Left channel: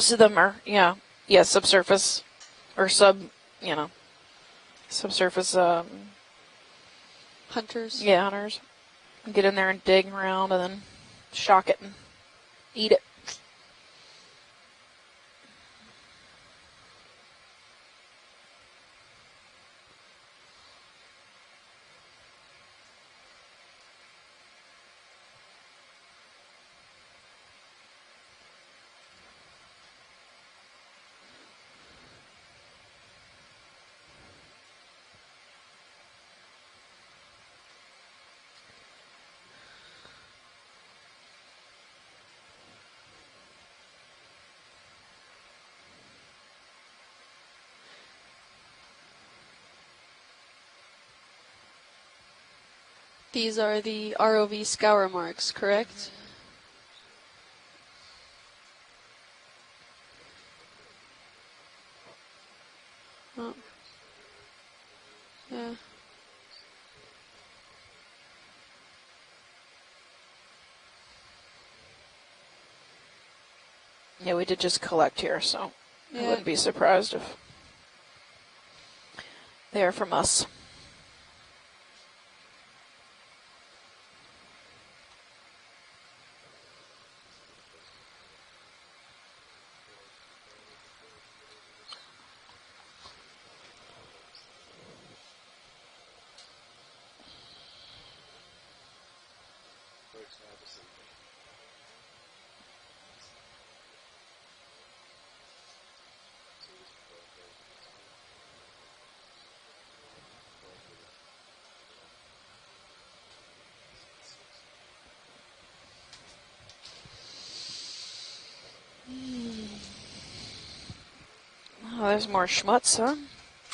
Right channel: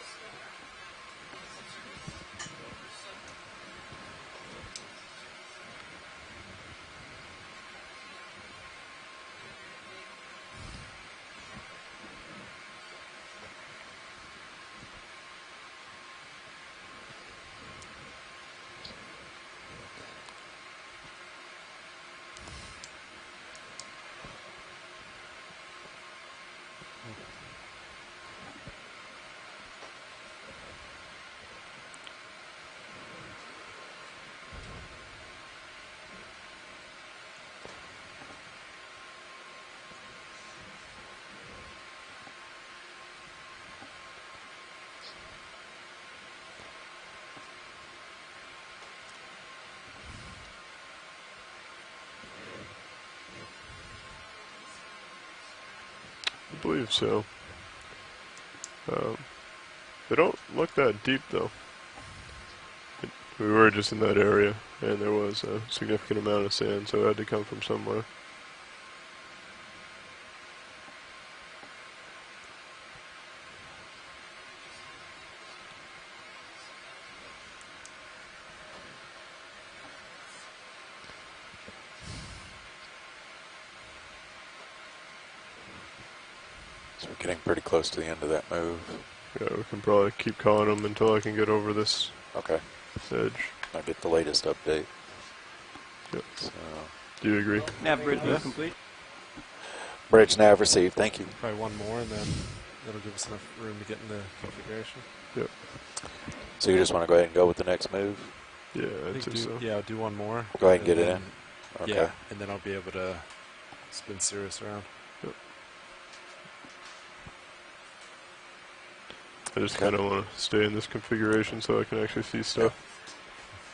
Most of them are, yeah, subsurface or subsurface. Hunters. Yeah, hunters. Get in there and dig around and then shock it and eat it. These are the ROV scour marks, correct? I believe so. They don't look that deep though. We were just in that area and there was a significant amount of sand, so it had to come from somewhere. Yeah, we did just collect here, so I Yeah. wouldn't be surprised if they're from us. So we're getting pretty close to the end of that move. Yeah, we can probably keep calling them until I can get over this Okay. edge. I'll get the latest update. Yep. So, Do you agree? Nav bridge is complete. bridge nav received, thank you. Probably one more, and then that'll give us enough room to get in the configuration. Yep. So you just want to go ahead and go with the next move? Yeah, I I'd say think so. yeah, I'll do one more. Go ahead and get it then- in. Okay. Yeah, and then I'll be able to spin Cirrus around. I just kind of want to stay in this configuration so I can There's actually more see stuff. shots, huh?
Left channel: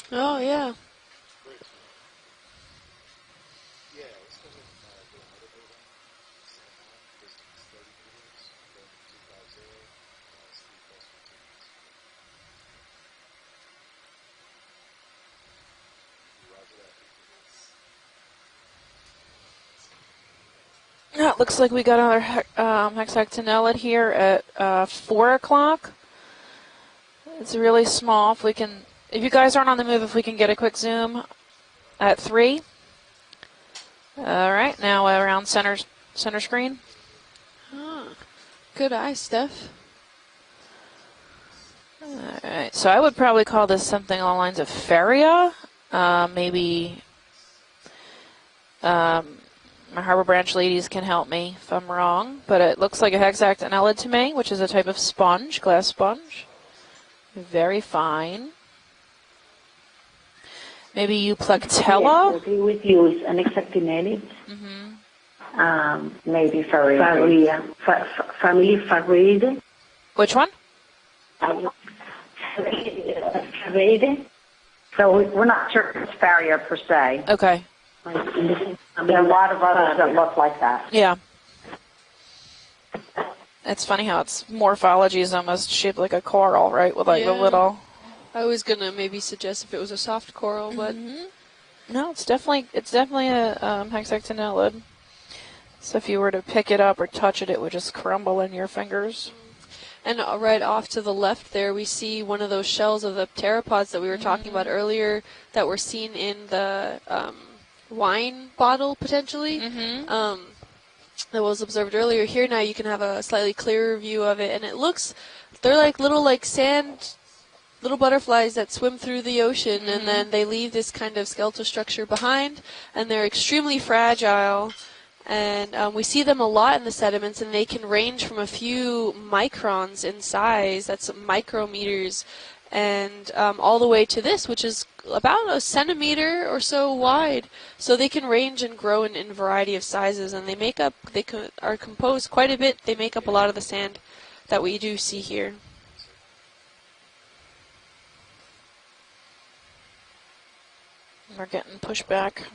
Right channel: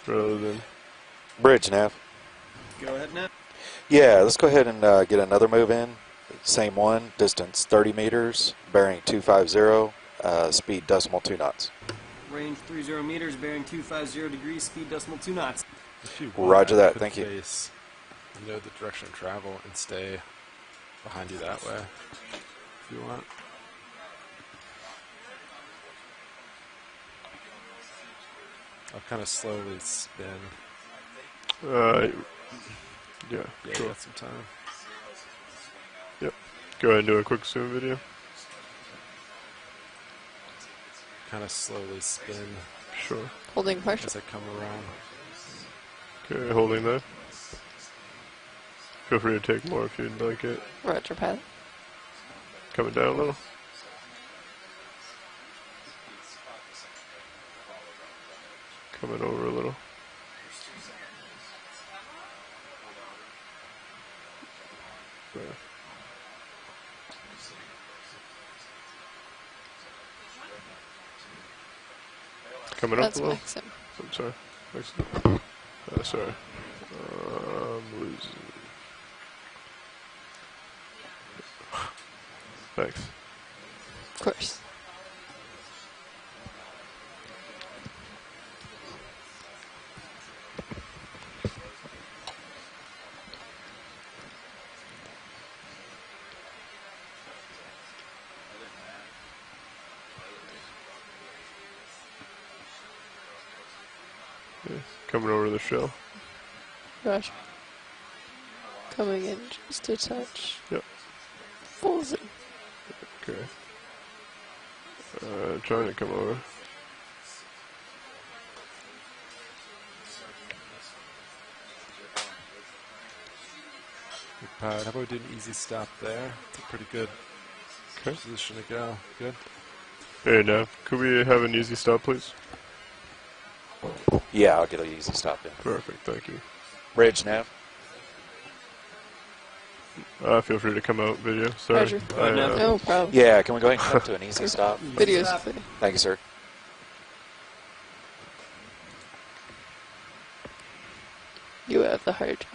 rather Oh, than- yeah. Bridge nav. Go ahead, Nav. Yeah, let's go ahead and get another move in. Same one, distance 30 meters, bearing 250, speed decimal 2 knots. Range 30 meters, bearing 250 degrees, speed decimal 2 knots. If you Roger want, I that, could thank you. face, know the direction of travel and stay. Yeah, it looks like we got another hexactinellid here at 4 o'clock. It's really small. If we can, if you guys aren't on the move, if we can get a quick zoom at 3. Yeah, sure. All right, now around center screen. Go ahead and do a quick zoom video. Good eye, Steph. Kind of slowly All spinning. right, so I would probably call Building this pressure. something along the lines of Feria. Okay, Maybe holding that. Feel free to take more. my Harbor feedback Branch here. ladies can Roger, help Pat. me if I'm wrong, but it Come looks like a down low. hexactinellid to me, which is a type of sponge, glass sponge. Very fine. Coming over a little. Maybe Euplectella. Yes, we would use an hexactinellid. Maybe family Farid. Which one? Coming up. Farid. Sorry. So we're not sure if it's barrier per se. Okay. There are a lot of others that look like that. Yeah. Thanks. It's funny how its morphology is almost shaped like a coral, right? With like the Yeah. little. I was gonna maybe suggest if it was a soft coral, but No, it's definitely a hexactinellid. So if you were to pick it up or touch it, it would just crumble in your fingers. and right off to the left there we see one of those shells of the pteropods that we were talking about earlier Coming over the that were shell. seen in the wine bottle potentially. Yep. That was observed earlier. Here now you can have a slightly clearer view of it, and it looks they're trying to like come little over. like sand little butterflies that swim through the ocean, and then they leave this kind of skeletal structure behind, and they're extremely fragile. And we see them a lot in the sediments, and they can range from a few microns in Hey, Nav, size, could that's we have an easy stop, micrometers, please? and all the way to this, Yeah, which I'll is get a easy about stop. a centimeter or so Bridge wide. nav. So they can range and grow in a variety of sizes, and they feel free make to up, come out they video. can Sorry. compose I quite a know. bit. They make Yeah, up a lot can of we the go ahead and sand come to an easy that we stop? do see here. Thank you, sir. We're getting pushed back.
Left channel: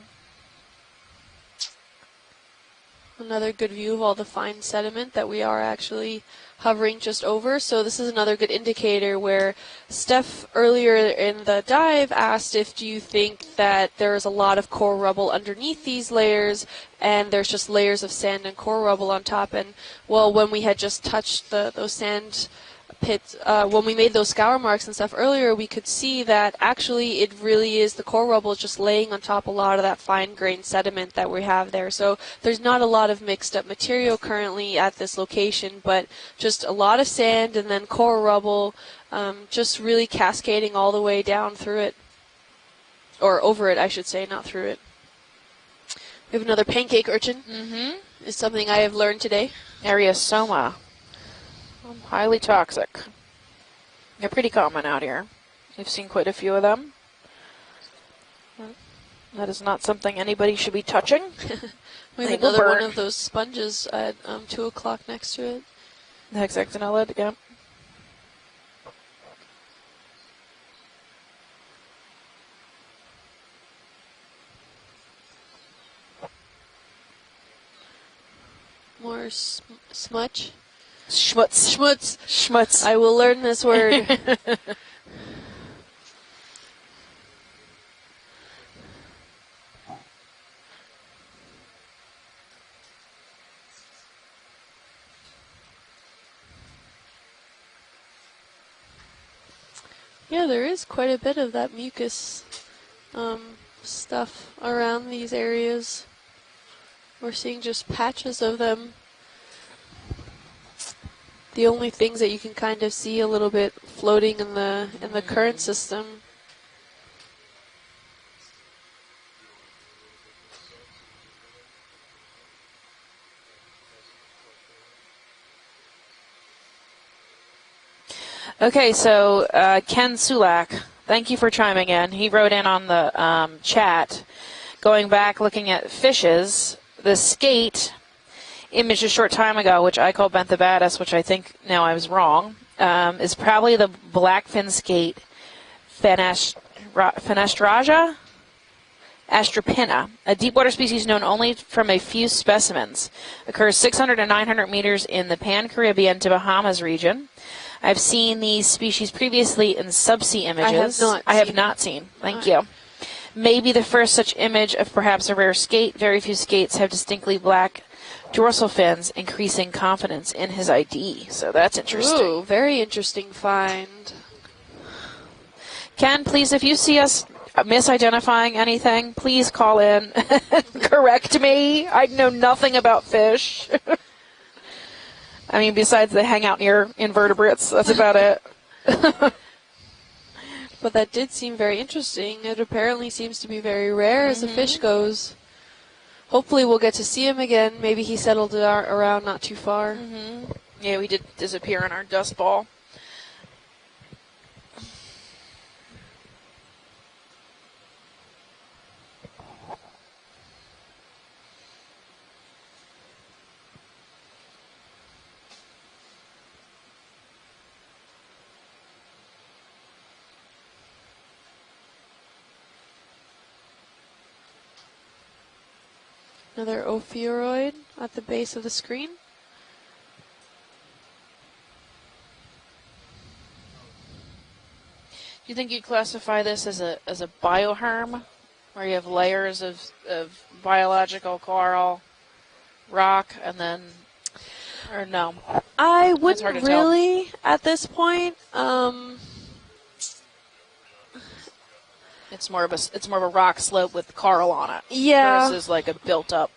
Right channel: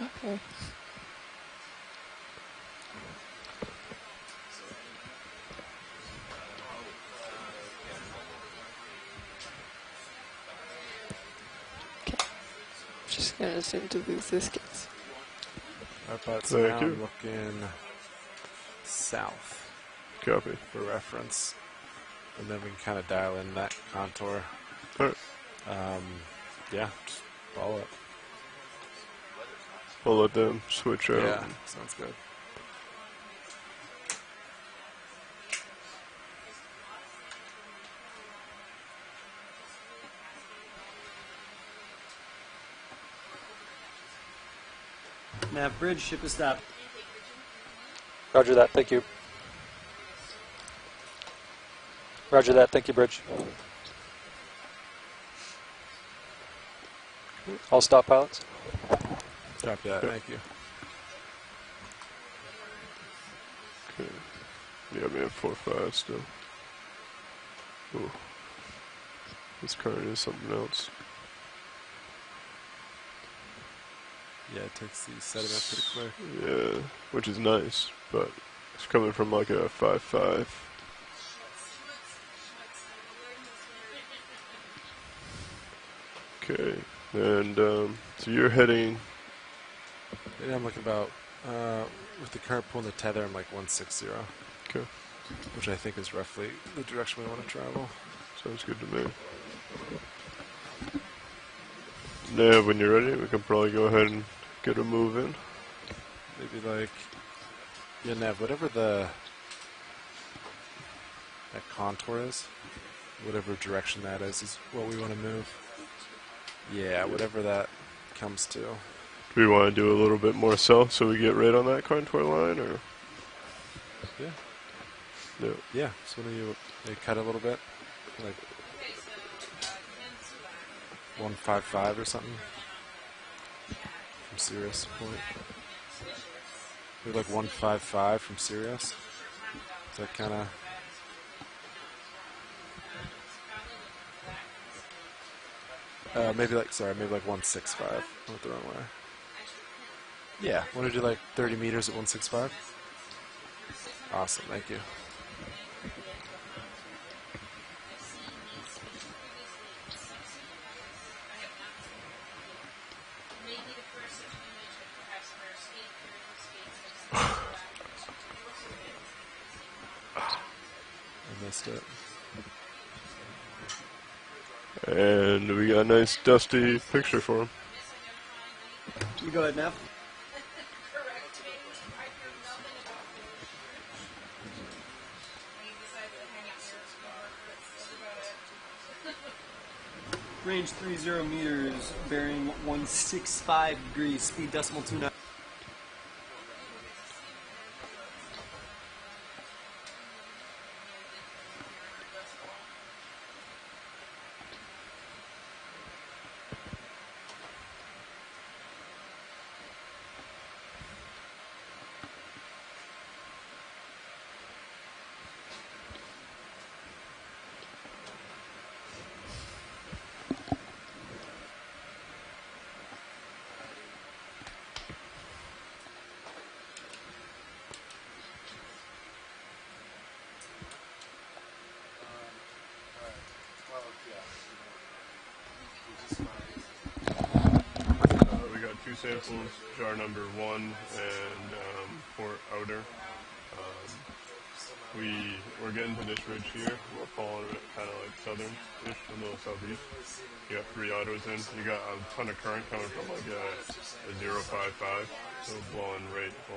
Another good view of all the fine sediment that we are actually hovering just over. So this is another good indicator where Steph earlier in the dive asked if do you think that there is a lot of coral rubble underneath these layers, Thank you. and there's just layers of sand and coral rubble on top. And Well, Copy. when we had For just touched reference. those sand And then we can kind of pits, dial in that when we made those contour. scour marks and stuff earlier, we could see that actually it really is the core rubble just laying on top a lot of that I'll let fine-grained them switch sediment out. that we have there. So there's not a lot of mixed-up material currently at this location, but just a lot of sand and then core rubble, just really cascading all the way down through it, or over it, I should say, not through it. Nav bridge, ship is We have another pancake urchin. Is Roger something that, I thank have you. learned today. Areosoma. Highly Roger that. toxic. Thank you, Bridge. They're pretty common out here. We've seen quite a few of them. All stop pilots. That is not Okay, something thank you. anybody should be touching. We have They will another one burn. of those sponges at 2 o'clock Yeah, we have next to it. 4-5 still. The hexactinella, yeah. Ooh. This current is something else. Yeah, it takes the sediment pretty quick. Yeah, which is nice, but it's coming Or from like a 5-5. smudge. Schmutz. Schmutz. Schmutz. I will learn this word. Okay, and so you're heading. Yeah, I'm looking about, with the current pull and the tether, I'm like 160. Okay, Which I think is roughly the direction we want to travel. sounds good to me. Yeah, there is quite a bit of that mucus Yeah, when you're ready, we can probably go ahead and stuff get a around move these in. areas. Maybe like We're seeing just yeah, patches of whatever them. The The only things that you contours, can kind of see a little whatever bit direction that floating is in is the what we wanna do. current system. yeah, whatever that comes to. Do we want to do a little bit more south so we get right on that contour line, or? Yeah. No. Yeah. So when you cut a little bit. Like, Okay, so Ken Sulak, thank you for 155 chiming or in. He something. wrote in on the chat, from Sirius. going back, looking at fishes. The Like skate 155 from Sirius. image a short time ago, which I called Kinda. Benthobatus, which I think now I was wrong, is probably the blackfin skate Maybe like, sorry, maybe like 165. Fenestraja Went the wrong way. astrapina, a deep-water Yeah, species maybe like known only 30 meters from a at few 165. specimens. Occurs 600 to Awesome, 900 thank you. meters in the Pan-Caribbean to Bahamas region. I've seen these species previously in subsea images. I have not seen. seen. Thank you. Maybe the first such image of perhaps a rare skate. Very few skates have distinctly black dorsal fins, increasing confidence in his ID. So that's interesting. Ooh, very interesting find. And we got a nice Ken, please, if dusty you see picture us for him. misidentifying anything, please call in. Correct me. I know nothing about fish. I mean, besides they hang out near invertebrates, that's about it. But that did seem very interesting. It apparently seems to be very rare as a fish goes. Hopefully we'll get to see him again. Maybe he settled around not too far. Yeah, we did disappear in our dust ball. Another ophiuroid at the base of the screen. Do you think you'd classify this as a bioherm, where you have layers of biological coral, rock, and then, or no? I hard wouldn't to tell. really at this point. It's more of a rock slope with coral on it. Yeah. Versus like a built up.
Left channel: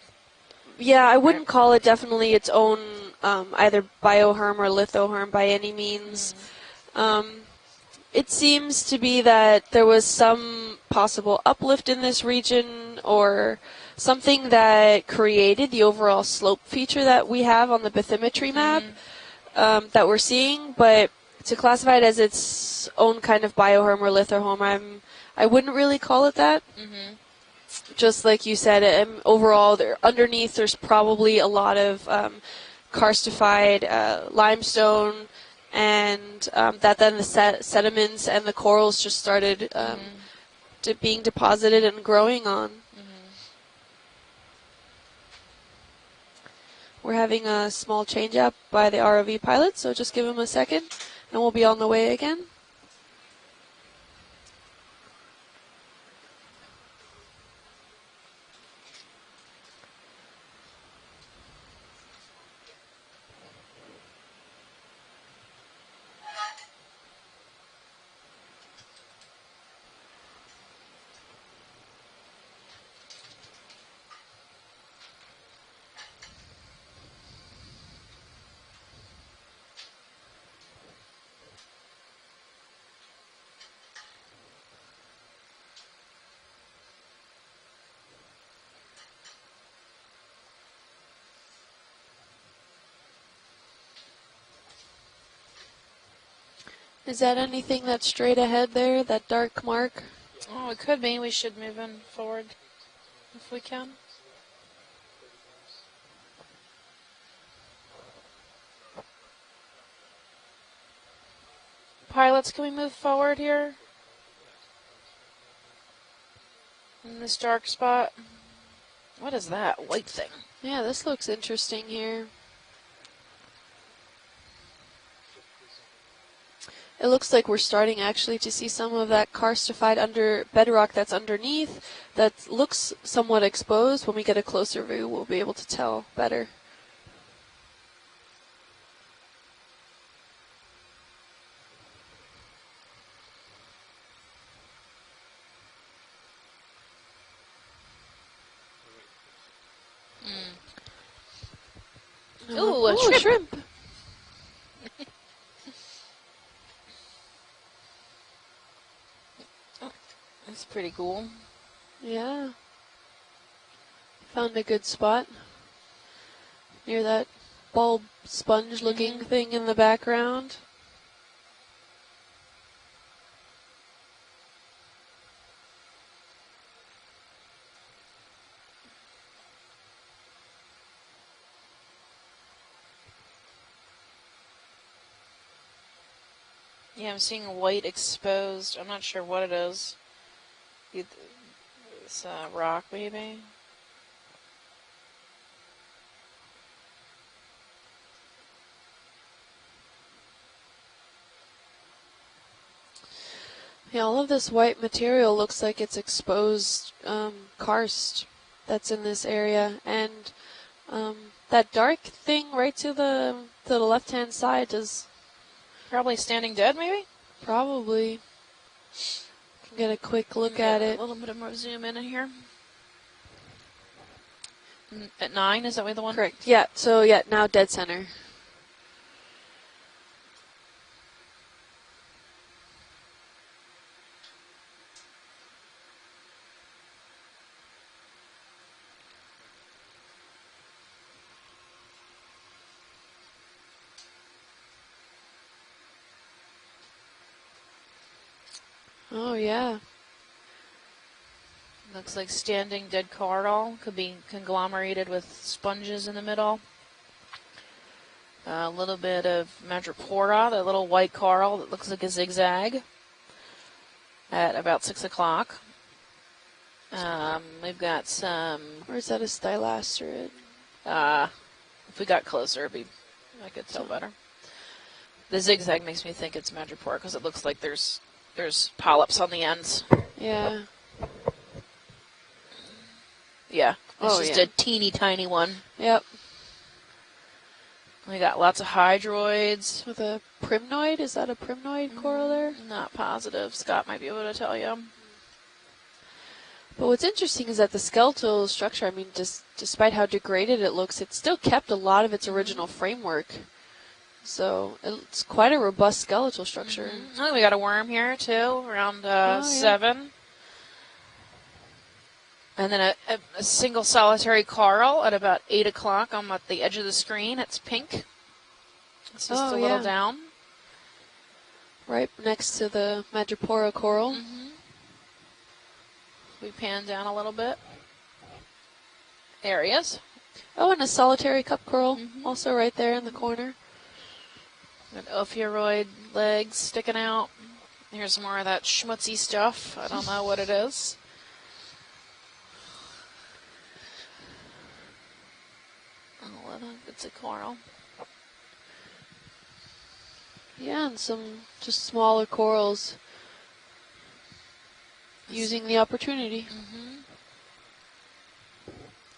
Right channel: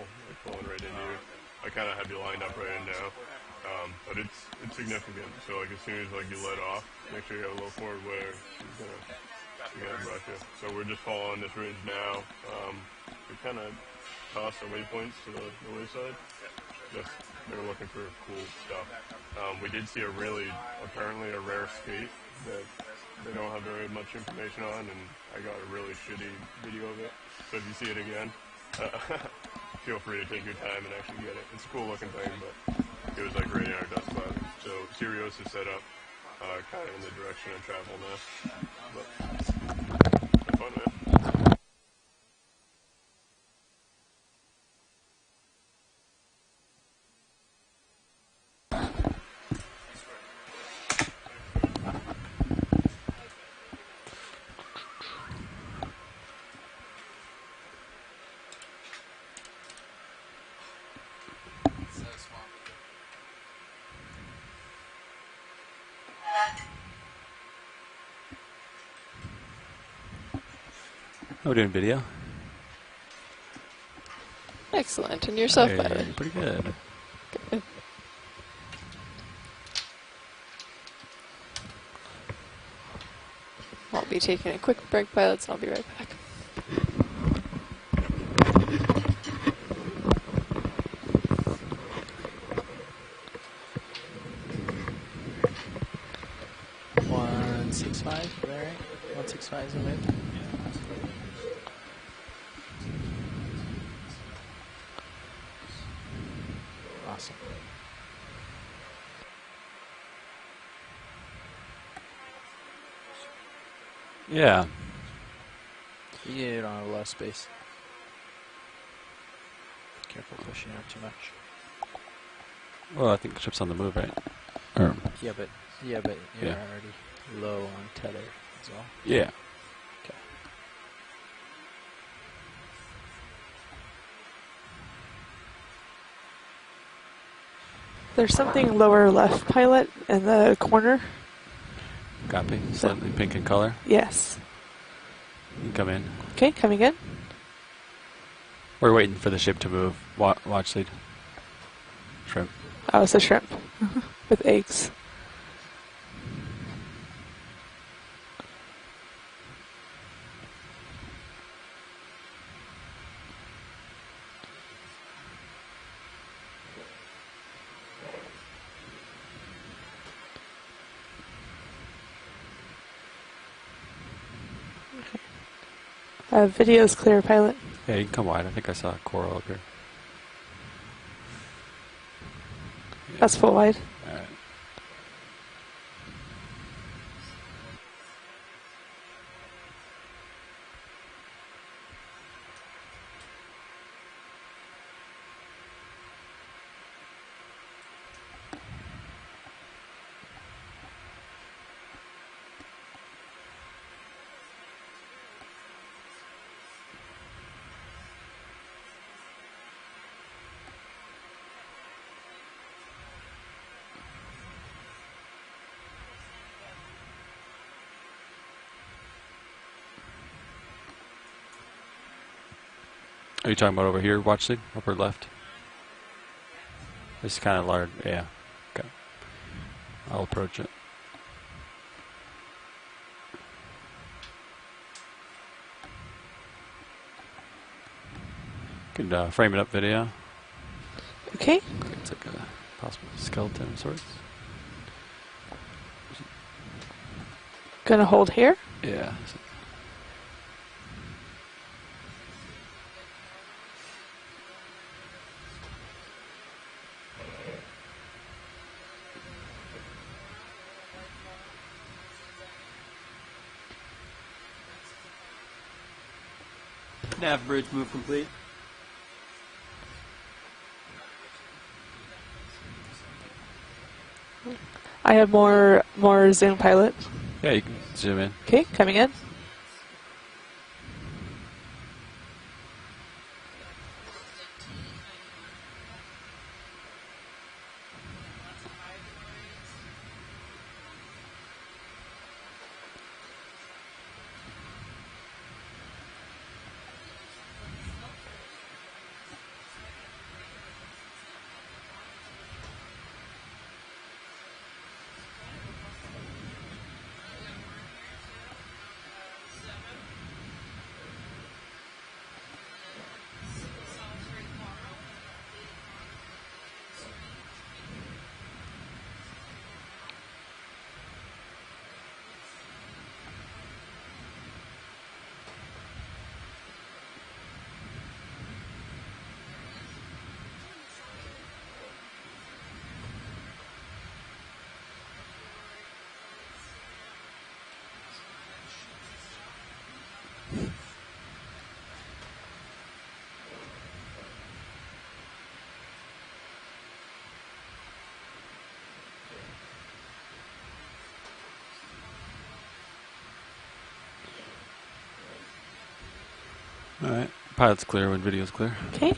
Yeah, I wouldn't call it definitely its own either bioherm or lithoherm by any means. It seems to be that there was some possible uplift in this region or something that created the overall slope feature that we have on the bathymetry map that we're seeing, but to classify it as its own kind of bioherm or lithoherm, I wouldn't really call it that. Just like you said, and overall, underneath there's probably a lot of karstified limestone, and that then the sediments and the corals just started being deposited and growing on. We're having a small change up by the ROV pilot, so just give him a second, and we'll be on the way again. We're doing video. Excellent. And yourself, Hey, Byron? pretty good. Good. I'll be taking a quick break, pilots, and I'll be right back. Is that anything that's straight ahead there, that dark mark? Oh, it could be. We should move in forward if we can. Awesome. Pilots, can we move forward here? Yeah. Yeah, don't have a lot of In this space. dark spot. What is that white thing? Yeah, this looks interesting here. Well, I think the ship's on the move, right? Or Yeah, but you're Yeah. already. It looks like low we're on starting tether. actually to see some of Yeah. that karstified under bedrock that's underneath that looks somewhat exposed. When we get a closer view, we'll be able to tell better. There's something lower left, pilot, in the corner. copy. Slightly pink in color. Yes. You can come in. Okay, coming in. We're waiting for the ship to move. Watch lead. Shrimp. Ooh, Oh, a it's a shrimp. shrimp with eggs. That's pretty cool. Yeah. Found a good spot. Near that bulb sponge looking thing in the background. Video's clear, pilot. Yeah, you can come wide. I think I saw a coral up here. That's full wide. All right. Yeah, I'm seeing white exposed. I'm not sure what it is. It's rock, maybe. Yeah, all of this white material looks like it's exposed karst that's in this area, and that dark thing right to the left-hand side is Probably standing dead, maybe? probably. Get a quick look at it. A little bit of more zoom in here. Are you talking about over here, watch lead? Upper left? At 9, is that way the one? Correct. Yeah. So yeah, It's now kinda dead large. center. Yeah. Okay. I'll approach it. Could frame it up video. Okay. It's like a possible skeleton of sorts. Gonna hold here. Yeah. Oh yeah. Looks like standing dead coral. Could be conglomerated with sponges in the middle. A little bit of madrepora, that little white coral that looks like a zigzag. At about 6 o'clock. Nav bridge We've move got complete. some. Or is that a stylasterid? If we got closer, I could tell better. I have The zigzag more makes me think it's zoom, pilot. madrepora, 'cause it looks Yeah, you like can there's zoom in. Okay, coming in. polyps on the ends. Yeah. Yeah, it's Oh, just yeah. a teeny tiny one. Yep. We got lots of hydroids. With a primnoid? Is that a primnoid coral there? Not positive. Scott might be able to tell you. But what's interesting is that the skeletal structure, I mean, just despite how degraded it looks, it still kept a lot of its original framework. So it's quite a robust skeletal structure. I think we got a worm here too, around yeah. 7. And then a single solitary coral at about 8 o'clock on the edge of the screen. It's pink. It's just Oh, a little yeah. down. Right next to the madrepora coral. We pan down a little bit. There he is. Oh, and a solitary cup coral also right there in the corner. With ophiuroid legs sticking out. Here's more of that schmutzy stuff. I don't know what it is. It's a coral. Yeah, and some just smaller corals using the opportunity. All right. Pilot's clear when video's clear. Okay.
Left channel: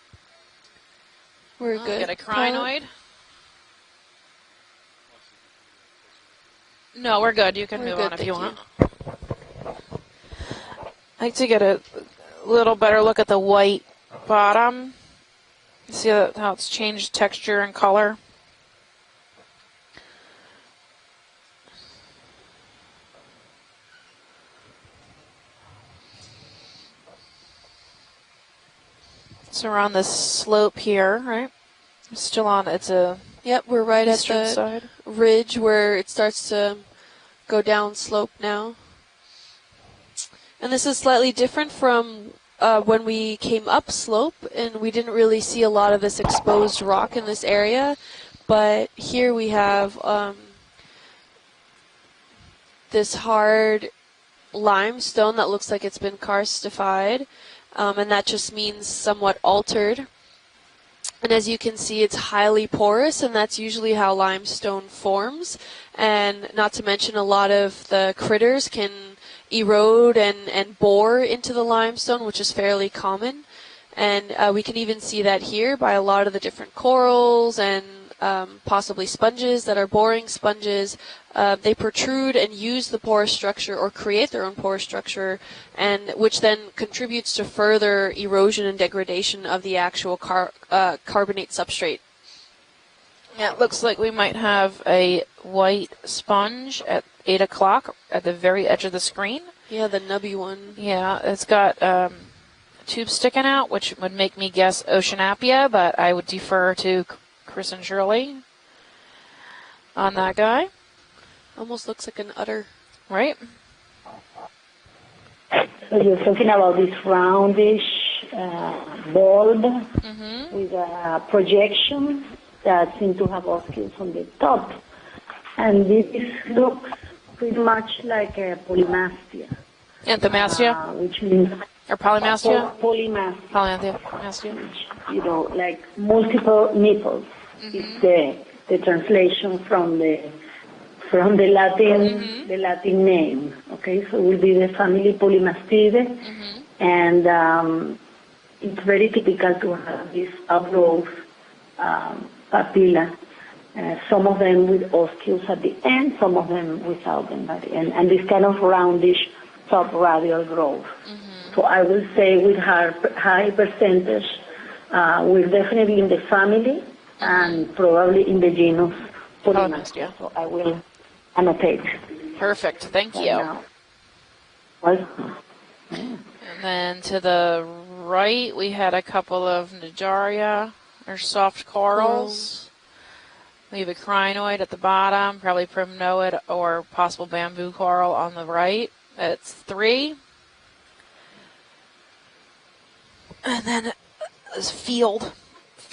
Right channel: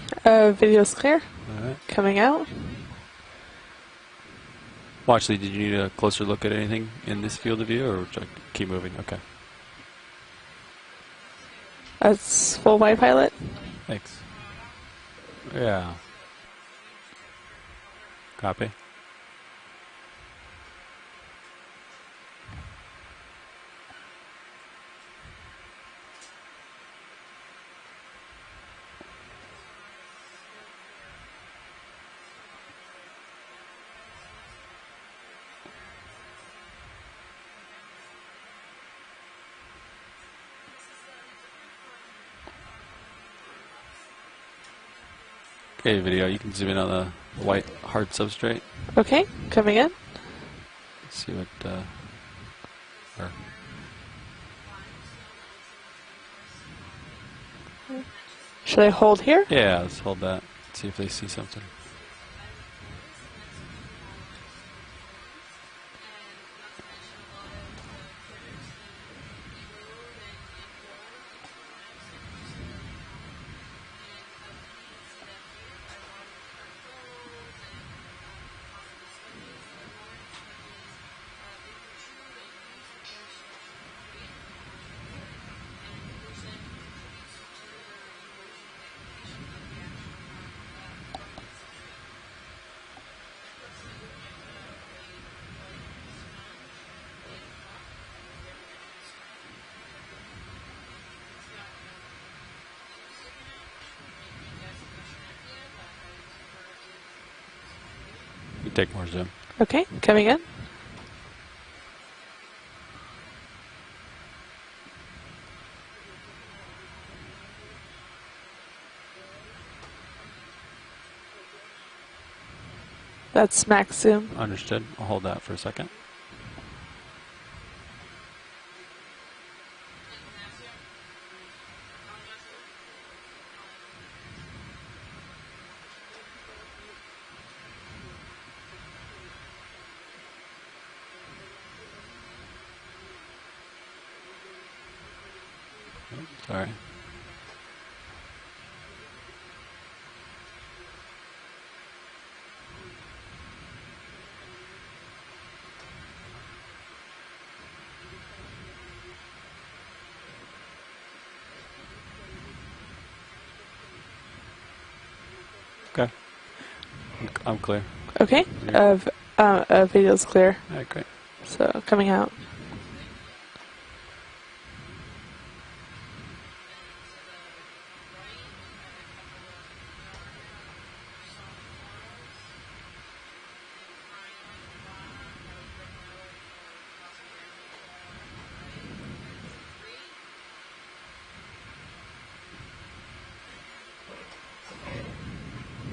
Video's clear. We're good. Coming out. Crinoid. Watch lead, did you need a closer look at anything? No, in we're this good. field You of can view, move or on if you want. Keep moving, okay. like to get a That's little better look pilot. at the white Thanks. bottom. Yeah. See how it's changed texture and color. Copy. So we're on this slope here, right? Still on, it's a Yep, we're right at eastern the side. ridge where it starts to go down slope now. And this is slightly different from when we came up slope, and we didn't really see a lot Okay, of this video. exposed Another rock in this white area. hard substrate. But Okay, here we coming in. have Let's see what. this hard limestone that looks like it's been karstified, and that just means Should I hold somewhat here? Yeah, altered. let's hold that. See if they see And as you something. can see, it's highly porous, and that's usually how limestone forms. And not to mention, a lot of the critters can erode and bore into the limestone, which is fairly common. And we can even see that here by a lot of the different corals and possibly sponges that are boring sponges. They protrude and use the porous structure or create their own porous structure, and which then contributes to further erosion and degradation of the actual carbonate substrate. Yeah, it looks like we might have a white sponge at 8 o'clock at the very edge of the screen. Yeah, the nubby one. Yeah, it's got tubes sticking out, which would make me guess Oceanapia, but I would defer to Chris and Shirley You take more zoom. Okay, on coming that in. guy, Almost looks like an udder. right? So you're talking about this roundish bulb with a projection that seems to have That's optics max on zoom. the top. Understood. I'll hold that for a And second. this looks pretty much like a polymastia, Anthomastia which means or polymastia? polymastia, Polyanthomastia. you know, like multiple nipples. It's the translation from the Latin name. Okay, so it will be the family Polymastidae, Sorry. and it's very typical to have these outgrowth papilla. Some of them with osculus at the end, some of them without them at the end, and this kind of roundish subradial growth. So I will say with high percentage, we're definitely in the family and clear. probably in the Okay, genus. video's clear. Okay, great. Annotate. So, coming out. Perfect, thank you. Well, And then to the right, we had a couple of Nidaria, or soft corals. We have a crinoid at the bottom, probably primnoid or possible bamboo coral on the right. It's 3. And then this field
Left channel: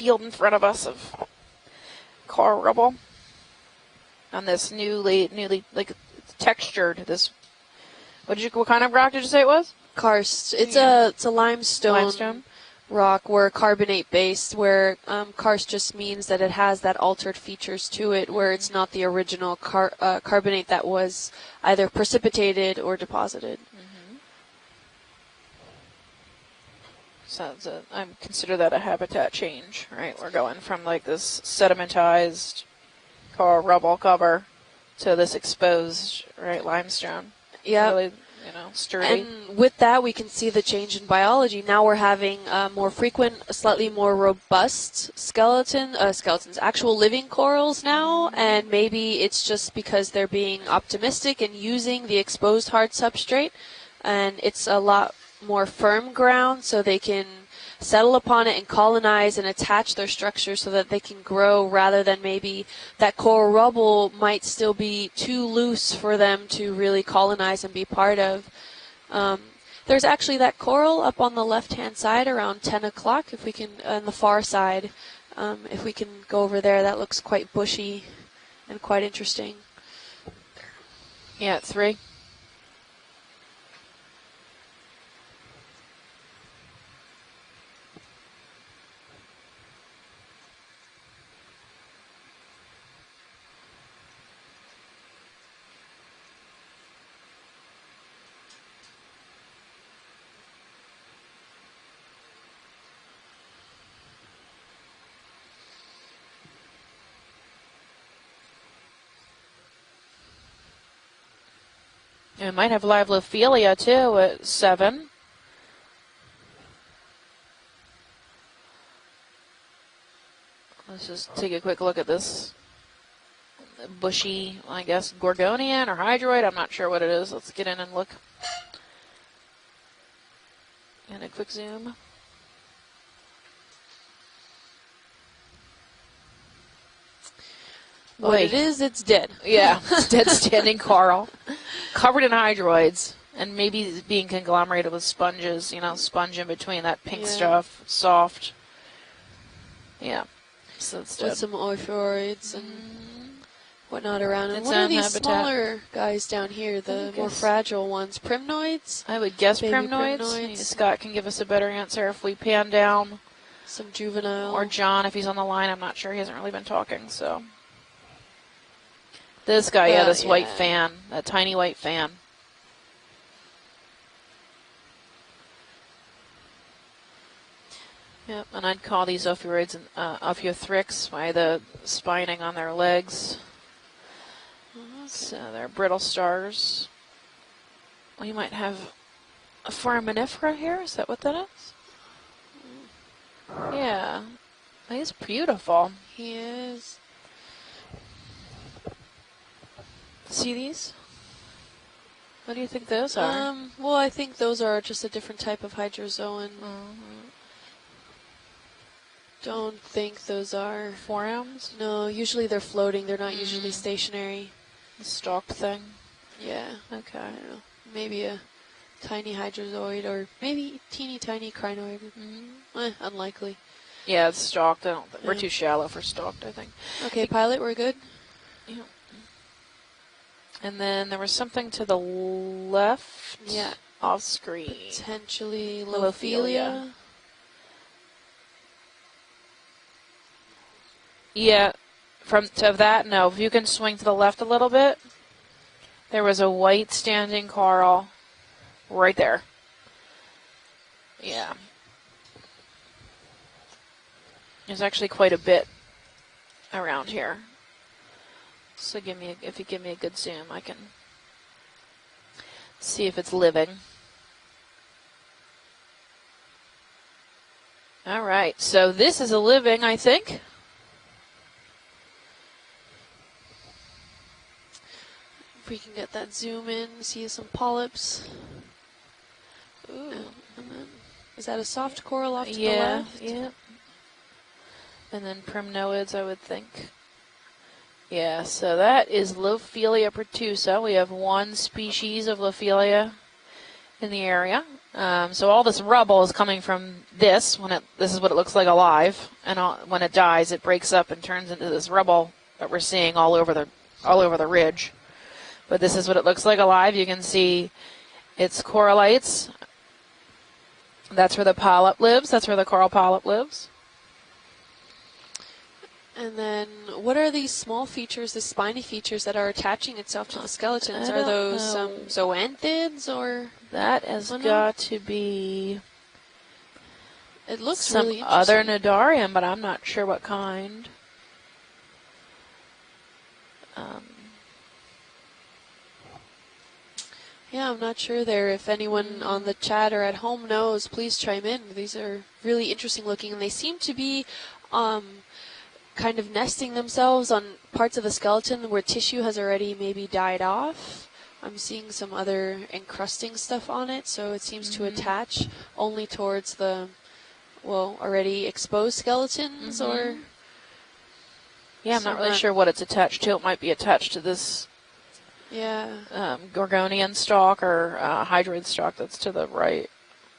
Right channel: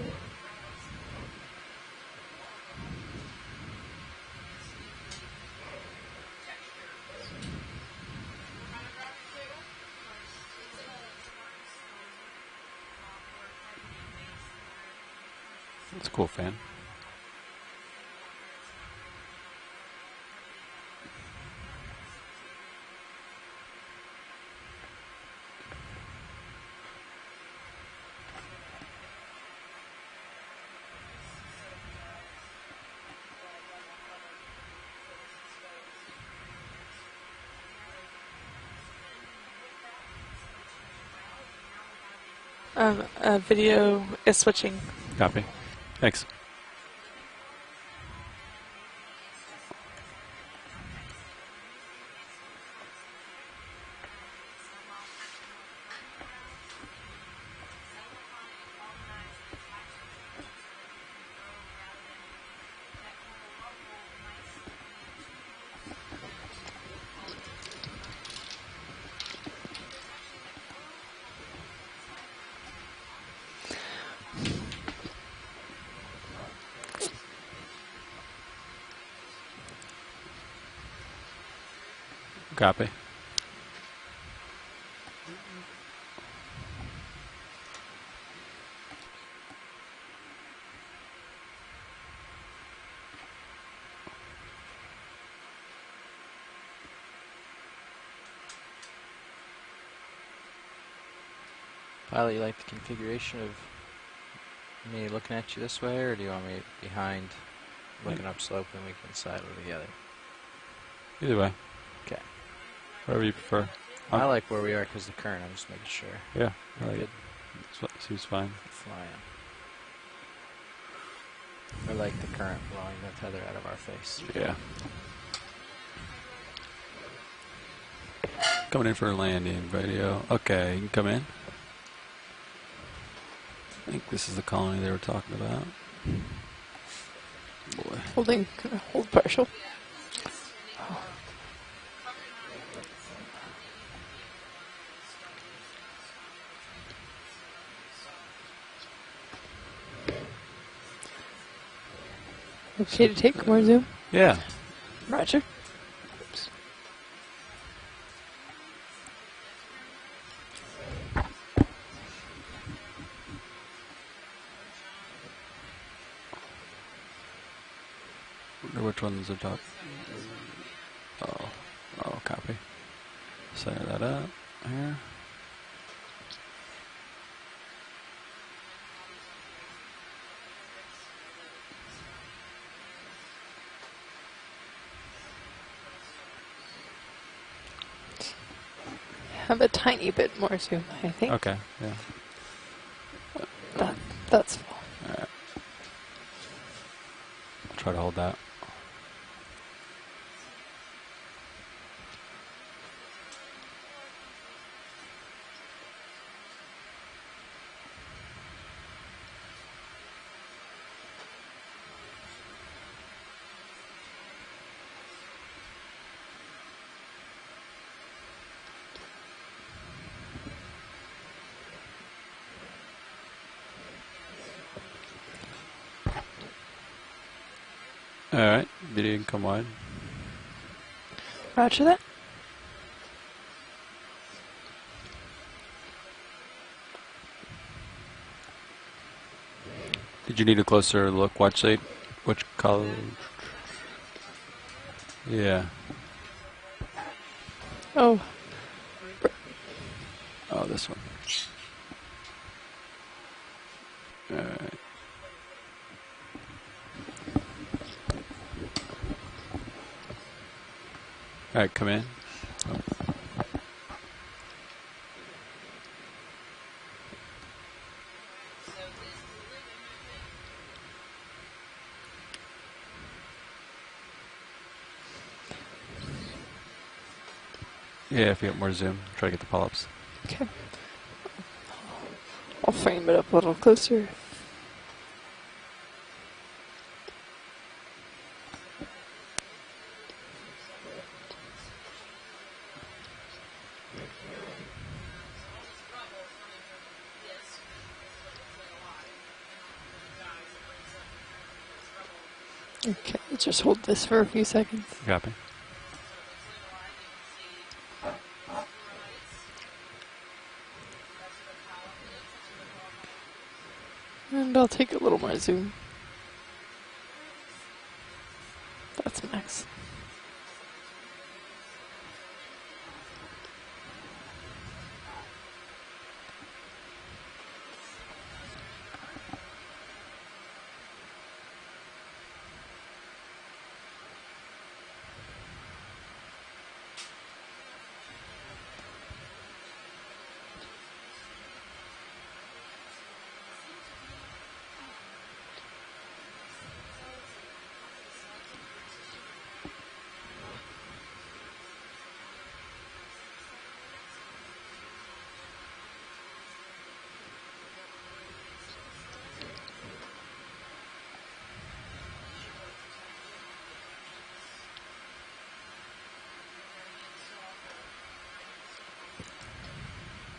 in front of us of coral rubble. On this newly like textured, this, what kind of rock did you say it was? Karst. It's a limestone rock, where carbonate based, where karst just means cool, that yeah. it has that altered features to it, where it's not the original carbonate that was either precipitated or deposited. So I consider that a habitat change, right? We're going from like this sedimentized coral rubble cover to this exposed, right, limestone. Yeah. Really, sturdy. And with that, we can see the change in biology. Now we're having more frequent, video slightly more is switching. robust Copy. skeletons, actual living corals now, and maybe it's just because they're being optimistic and using the exposed hard substrate, and it's a lot more firm ground, so they can settle upon it and colonize and attach their structure so that they can grow, rather than maybe that coral rubble might still be too loose for them to really colonize and be part of. There's actually that coral up on the left-hand side around 10 o'clock, if we can, on the far side. If we can go over there, that looks quite bushy and quite interesting. Yeah, 3. Copy. Pilot, you like the configuration of me looking at you this way, or do you want me behind, looking upslope, and we can silo together? Either way. Okay. It might have live Where we Lophelia too I like where at we are 7. 'cause the current. I'm just making sure. Yeah, right. Good. Seems fine. Flying. Let's just take a quick I look like at the this current blowing the tether out of our face. bushy, Yeah. I guess, Gorgonian or Hydroid. I'm not sure what it is. Let's get in and look. Coming in for a landing video. Okay, you can come in. A quick zoom. I think this is the colony they were talking about. Boy. What it is, it's Old dead. partial. Yeah, it's dead standing coral. Covered in hydroids and maybe being conglomerated with sponges, you know, sponge in between that pink Yeah. stuff, soft. Yeah. So it's With dead. some ophioids and Okay to take more zoom. whatnot Yeah. around. And It's what are on these habitat. smaller guys down here, the more guess. fragile ones? Primnoids? I would guess Baby primnoids. primnoids. Scott can give us a better answer if we pan down. Some juvenile? Or John, if he's on the line. I'm not sure. He hasn't really been talking, so. Wonder which ones are talking. This guy, yeah, Well, this white yeah. fan. That tiny white fan. Oh, copy. Center that up here. Yep, and I'd call these ophioids ophiothrix by the spining on their legs. So they're brittle stars. We might have Have a tiny bit foraminifer more here. zoom. Is that I what think. that Okay, is? yeah. Yeah, That's he's beautiful. He is. Try to hold that. See these? What do you think those are? Well, I think those are just a different type of hydrozoan. Don't think those are Forams? No, usually they're floating. They're not usually stationary. A stalked thing? Yeah. Okay. I don't know. Maybe a tiny hydrozoid or maybe teeny tiny crinoid. Unlikely. Yeah, it's stalked. We're Yeah. too shallow for stalked, I think. Okay, pilot, we're good. All right, video can come wide. And then there was something Roger to that. the left. Yeah. Off screen. Potentially Lophelia. Lophelia. Did you need a closer look? White Yeah. shade? From Which to color? that, no. If you can swing to the left a little bit, Yeah. there was a white standing coral oh, right there. Oh, this one. Yeah. All right. There's actually quite a bit around here. So if you give me a good zoom, I can All right, come in. see if it's living. All right, so this is a living, I think. If we can get that zoom in, see some polyps. Yeah, if you get more zoom, try to get the polyps. Ooh. okay. Is that a soft coral off to Yeah. the I'll frame it up a little closer. And then primnoids, I would think. Yeah, so that is Lophelia pertusa. We have one species of Lophelia in the area. So all this rubble is coming from this. This is what it looks like alive, and when it dies, it breaks up and turns into this rubble that we're seeing all over Just hold this all for a over the few ridge. seconds. Copy. But this is what it looks like alive. You can see its corallites. That's where the polyp lives. That's where the coral polyp lives. And I'll take a little more zoom. And then, what are these small features, the spiny features that are attaching itself to the skeletons? I Are don't those know. zoanthids or? That has Oh, no. got to be It looks some really other interesting. nidarium, but I'm not sure what kind. Yeah, I'm not sure there. If anyone on the chat or at home knows, please chime in. These are really interesting looking, and they seem to be kind of nesting themselves on parts of the skeleton where tissue has already maybe died off. I'm seeing some other encrusting stuff on it, so it seems to attach only towards the, well, already exposed skeletons or... Yeah, I'm not really Someone- sure what it's attached to. It might be attached to this Yeah. Gorgonian stalk or hydroid stalk that's to the right.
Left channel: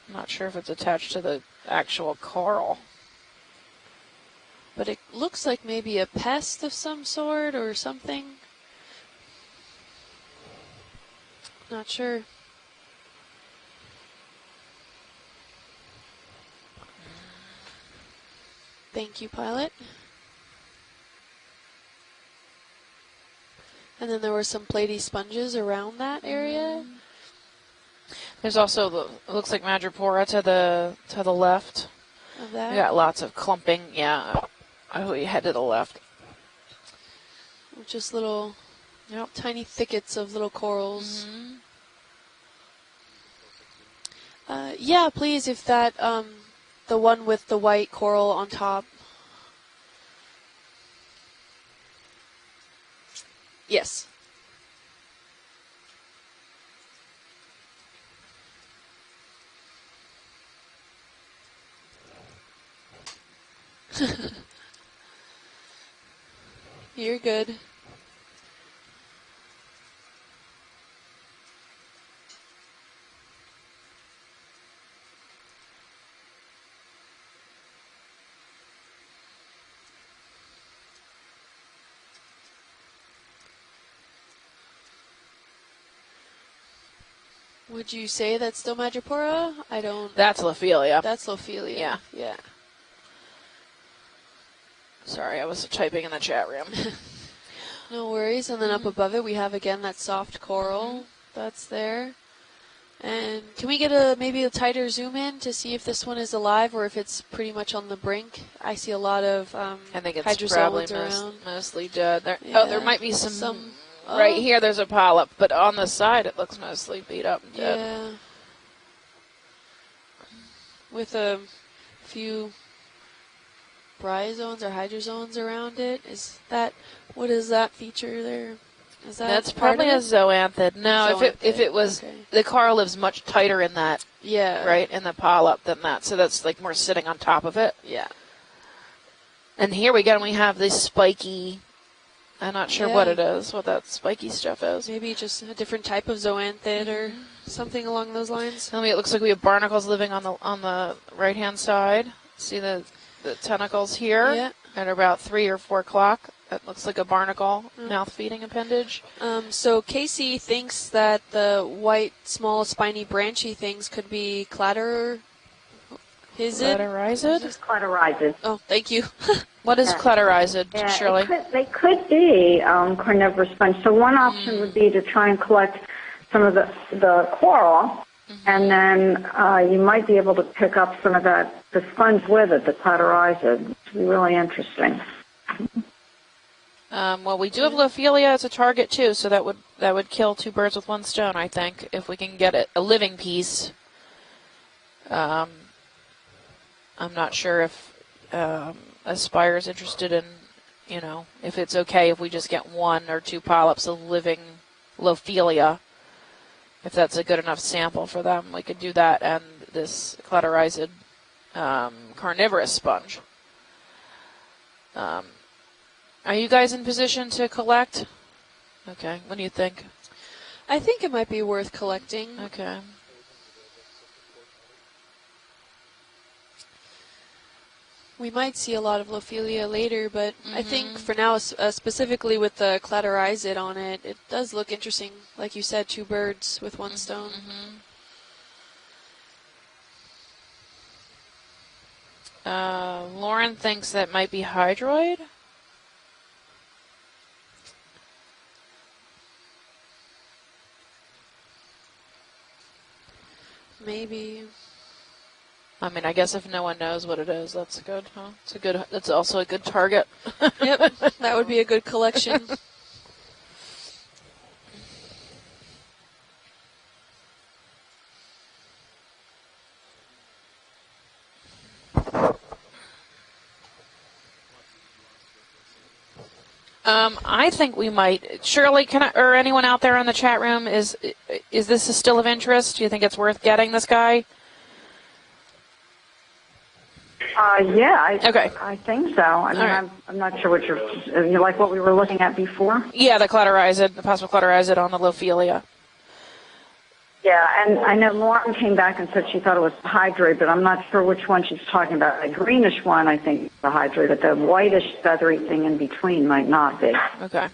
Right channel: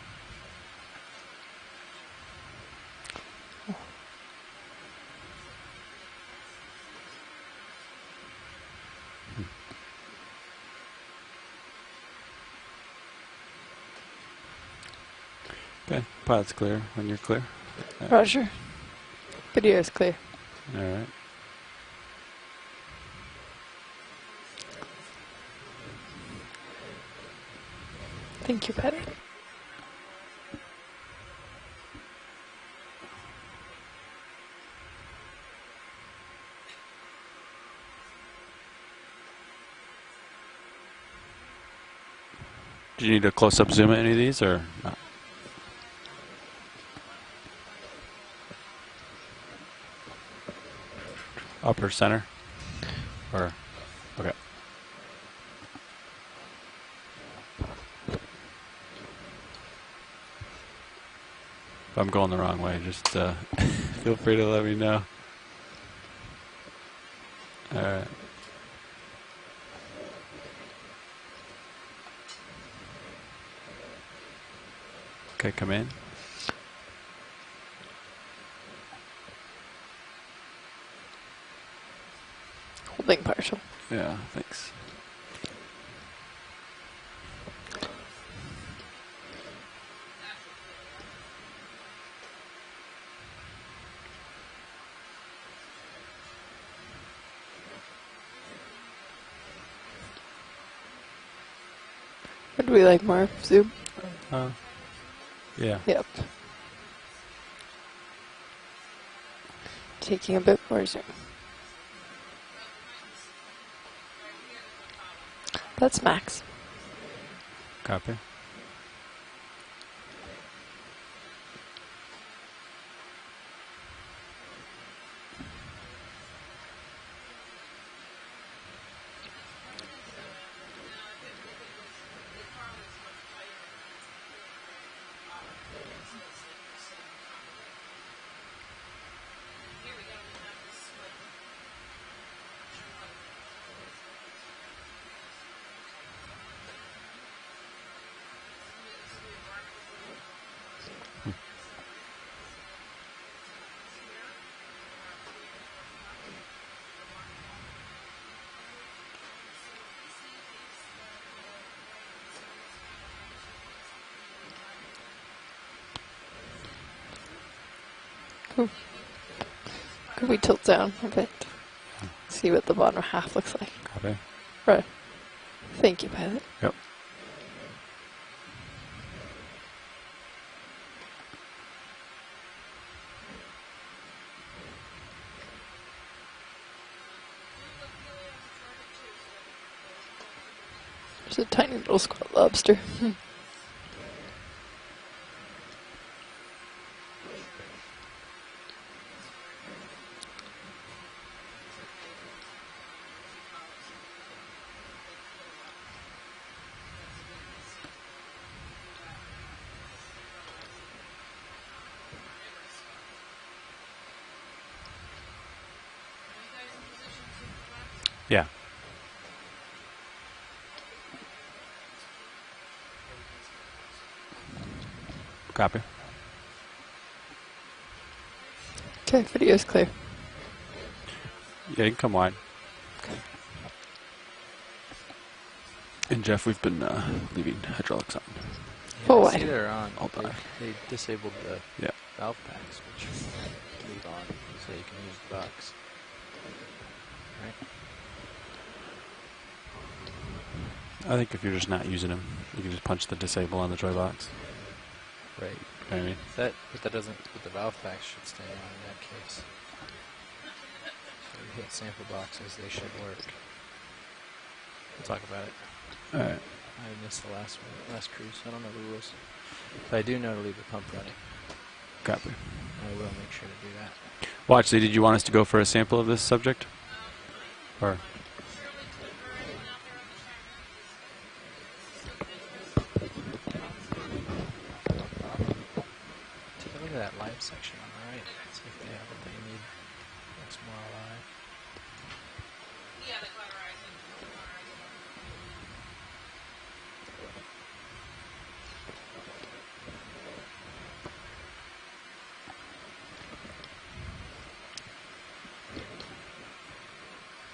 I'm not sure if it's attached to the actual coral. But it looks like maybe a pest of some sort or something. Not sure. Okay, pilot's clear when you're clear. Roger. Thank you, pilot. Video is clear. All right. And then there were some platy sponges around that area. There's Thank you, also, Patty. it looks like Madrepora to the left. Of that. We got lots of clumping. Yeah, you head to the left. Just little Yep. tiny thickets of little corals. Do you need a close-up zoom at any of these, or? Yeah, please, if that, the one with the white coral on top. Upper center? Or? Yes. Okay. If I'm going the wrong way, just feel free to let me know. You're good. All right. Okay, come in. Holding partial. Yeah, thanks. Would you say that's still Magipora? I don't. That's Lophelia. That's Lophelia. Yeah. Yeah. Sorry, I was typing in the chat room. No worries. And then up above it, we have again that soft coral that's there. Would we like more And zoom? can we get maybe a tighter zoom in to see Yeah. if this one is alive or if it's pretty much on the brink? I see a lot of I think it's Hydrozoans probably around. mostly dead. There, Yeah. Oh, there might be some oh, right here. There's a polyp, but on the That's side nice. it looks mostly beat up and dead. Yeah. Copy. With a few bryozoans or hydrozoans around it. What is that feature there? Is that That's part probably a of it? zoanthid. No, if it was, Okay. the coral lives much tighter in that, Yeah. right, in the polyp than that. So that's like more sitting on top of it. Yeah. And here we go, and we have this spiky, I'm not sure what Yeah. it is, what that spiky stuff is. Maybe just a different type of zoanthid or something along those lines. Tell me, it looks like we have barnacles living on the right-hand side. See the tentacles here Yeah. at about 3 or 4 o'clock. That looks like a barnacle mouth-feeding appendage. So Casey thinks that the white, small, spiny, branchy things could be clatter. Is it? Clatterizid? Just cauterizes. Oh, thank you. What is Yeah. clatterizid, Yeah, Shirley? They could See be what the bottom carnivorous half sponge. So one option would be to try and collect Thank you, Pat. some of the coral, and then you might be able to pick up some of the sponge with it, the clatterizid. It's really interesting. Well, we do have Lophelia as a target too, so that would kill 2 birds with 1 stone. Keep I that think little if we can lobster. get it a living piece. I'm not sure if Aspire is interested in, if it's okay if we just get 1 or 2 polyps of living Lophelia. If that's a good enough sample for them, we could do that and this clatterizid carnivorous sponge. Are you guys in position to collect? Yeah. Okay. What do you think? I think it might be worth collecting. Okay. Copy. We might see a lot of Okay, video's Ophelia clear. later, but I think for now, specifically wide. with the clatterizid on it, it does look interesting. Like you said, 2 And birds Jeff, we've with been 1 stone. leaving hydraulics on. Full I see wide. they're on. All They, die. they disabled the Yeah. valve. Lauren thinks that might be hydroid. Box. Right. I think if you're just not using them, you can just punch the disable on the joy box. Maybe. Right. I mean, Okay. I guess if That- no one if that knows what it doesn't- is, the that's valve good. patch Huh? should It's a stay good. That's also a good target. Yep, that would be a good Same collection. things, They should work. We'll talk about it. All right. I missed the last cruise. I don't know the rules. But I do know to leave the pump running. Okay. I will make sure to do that. Well, actually, did you want us to go for a sample of this subject? I think we Or- might. Shirley, or anyone out there in the chat room, is this still of interest? Do you think it's worth getting this guy? Look at that light. Yeah, Okay. I think so. I mean, All right. I'm not sure what you like what we were looking at before. Yeah, the clatterizid, the possible clatterizid on the Lophelia. Yeah, and I know Lauren came back and said she thought it was hydroid, but I'm not sure which one she's talking about. The greenish one, I think, is the hydroid, but the whitish feathery thing in between might not be. Okay.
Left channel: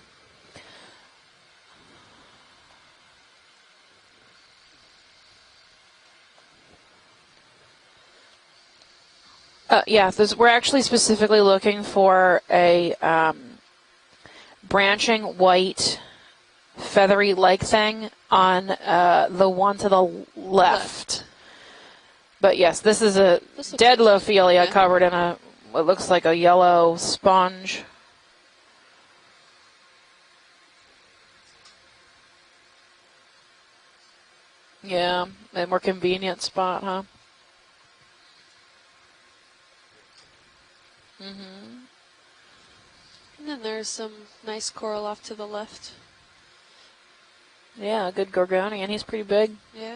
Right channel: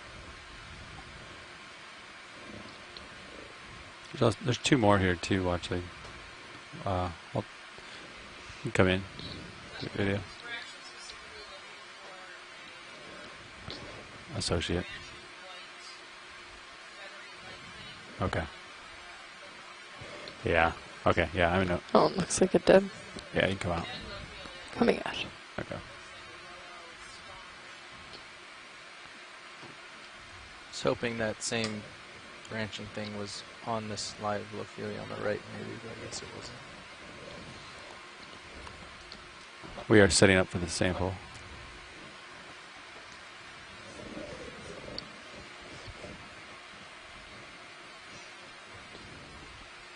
There's 2 more here too, actually. You can come in. Yeah, Yeah. we're actually specifically looking for a Associate. branching white feathery-like thing Okay. on the one to the Yeah. left. Okay. Yeah, I know. Oh, it looks But like yes, it this is Yeah, a you can come on. dead Lophelia Yeah. covered in a Okay. what looks like a yellow sponge. I was hoping that same branching thing was on this live look here. Yeah, Right a more convenient spot, huh? We are setting up for the sample. And then there's some nice coral off to the left. Yeah, a good Gorgonian. He's pretty big. Yeah.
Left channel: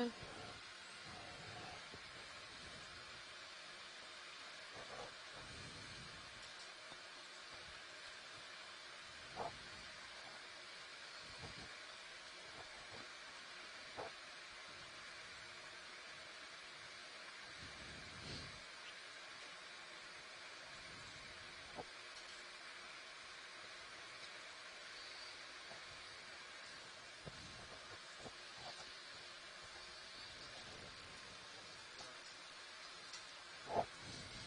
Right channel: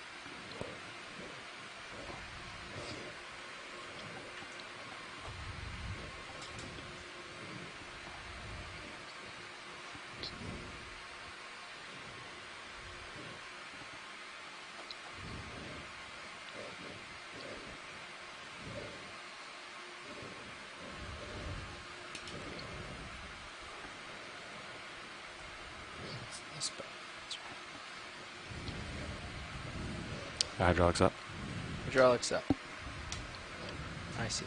Hydraulics up. Hydraulics up. I see.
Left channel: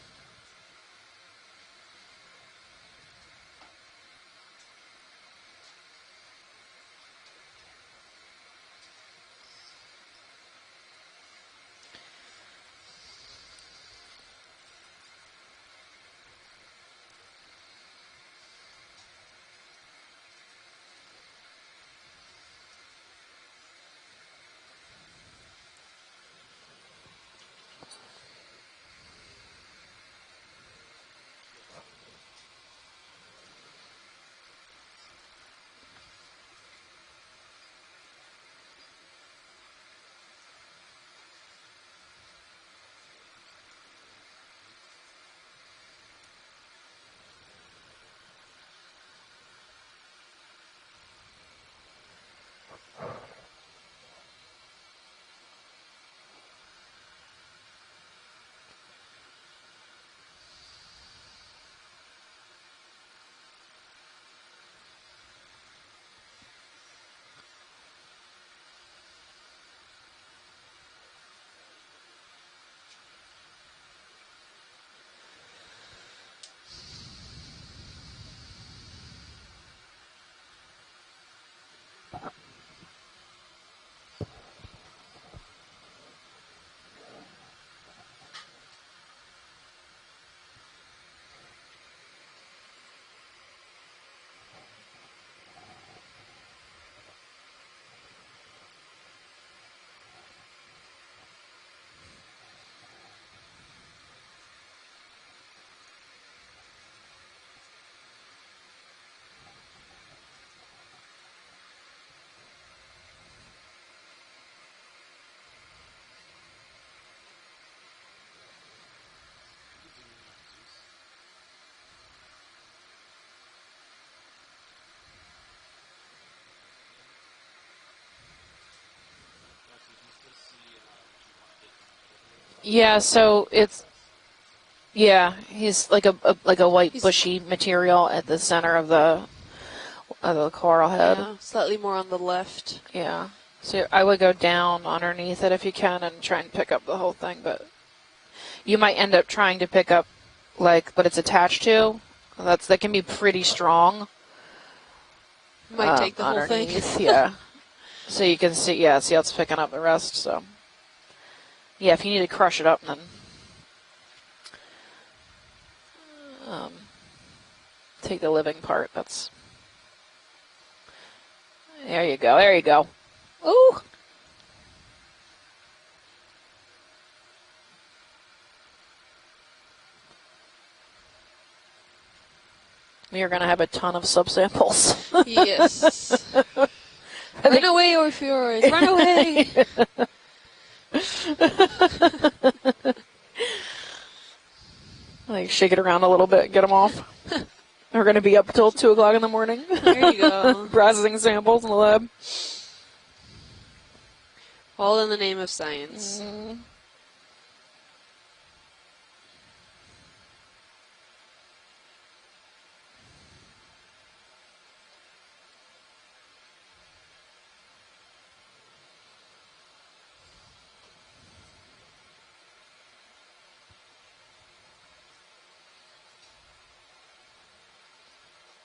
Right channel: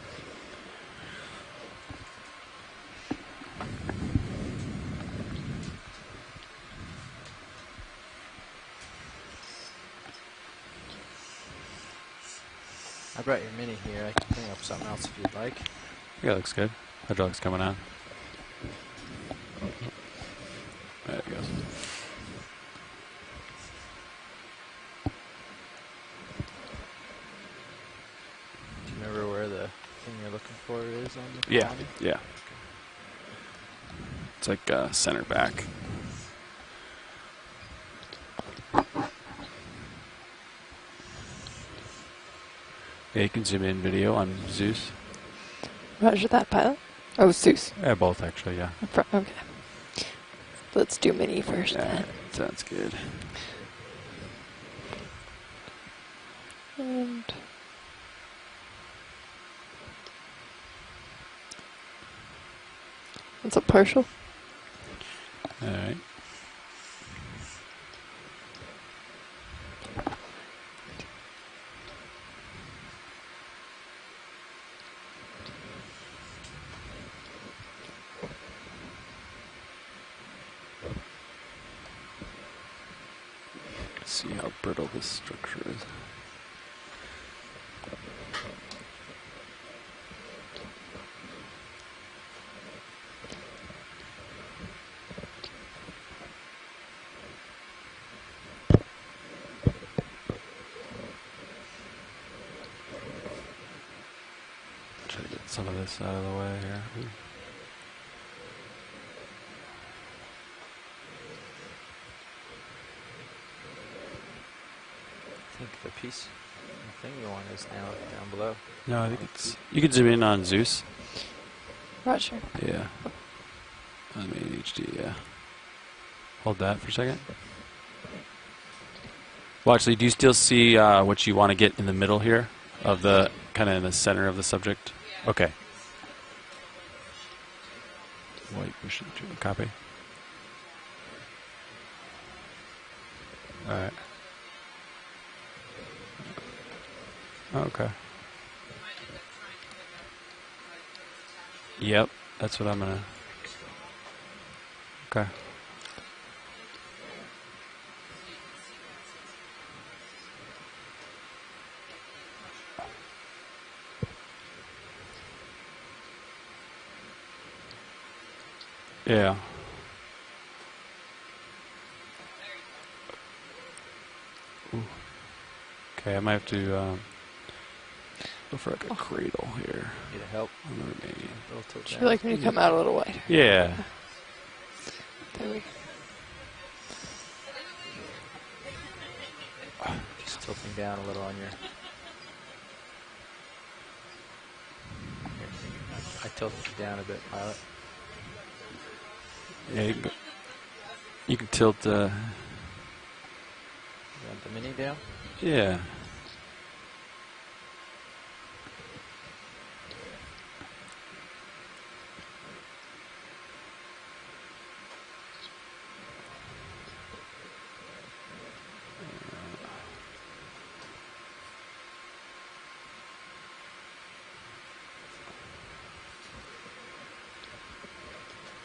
I brought your mini here. I can bring up something else if you'd like. Yeah, looks good. Hydraulics coming on. There it goes. Do you remember where the thing you're looking for is on the Yeah, quality? yeah. It's like center back. Yeah, you can zoom in video on Zeus. Roger that, pilot. Oh, Zeus. Yeah, both actually, yeah. Okay. Let's do mini first. Yeah, sounds good. And it's a partial. All right. See how brittle this structure is. Try to get some of this out of the way here. I think the piece, the thing you want is now down below. No, I think it's. You can zoom in on Zeus. Roger. Yeah. I mean HD. Yeah. Hold that for a second. Well, actually, do you still see what you want to get in the middle here? Yeah, so kind of it's in the center of the subject. yeah. Okay. He's like a white bushy material at the center of the Copy. coral head. Yeah, slightly more on the left. Yeah. So Alright. I would go down underneath it if you can and try and pick up the whole thing, but Okay. you might end up trying to pick up like what it's attached to. Yep. That can be pretty strong. Okay. Might take the whole thing. Underneath, yeah. So you can see how it's picking up the rest. So yeah, if you need to crush it up, then take the living part. That's, Yeah. There you go. There you go. Ooh. Okay, I might have to go for like a cradle here. Need a help? On the remaining. Would you like me to come out a little way? You're going to have a ton of subsamples. Yes. Run away, Orpheus. Run away. Just tilting down a little. Like shake it around a little bit, get them off. We're going to be up till 2 o'clock in the morning. Yeah. There you go. Processing samples in the lab. All in the name of Yeah. science.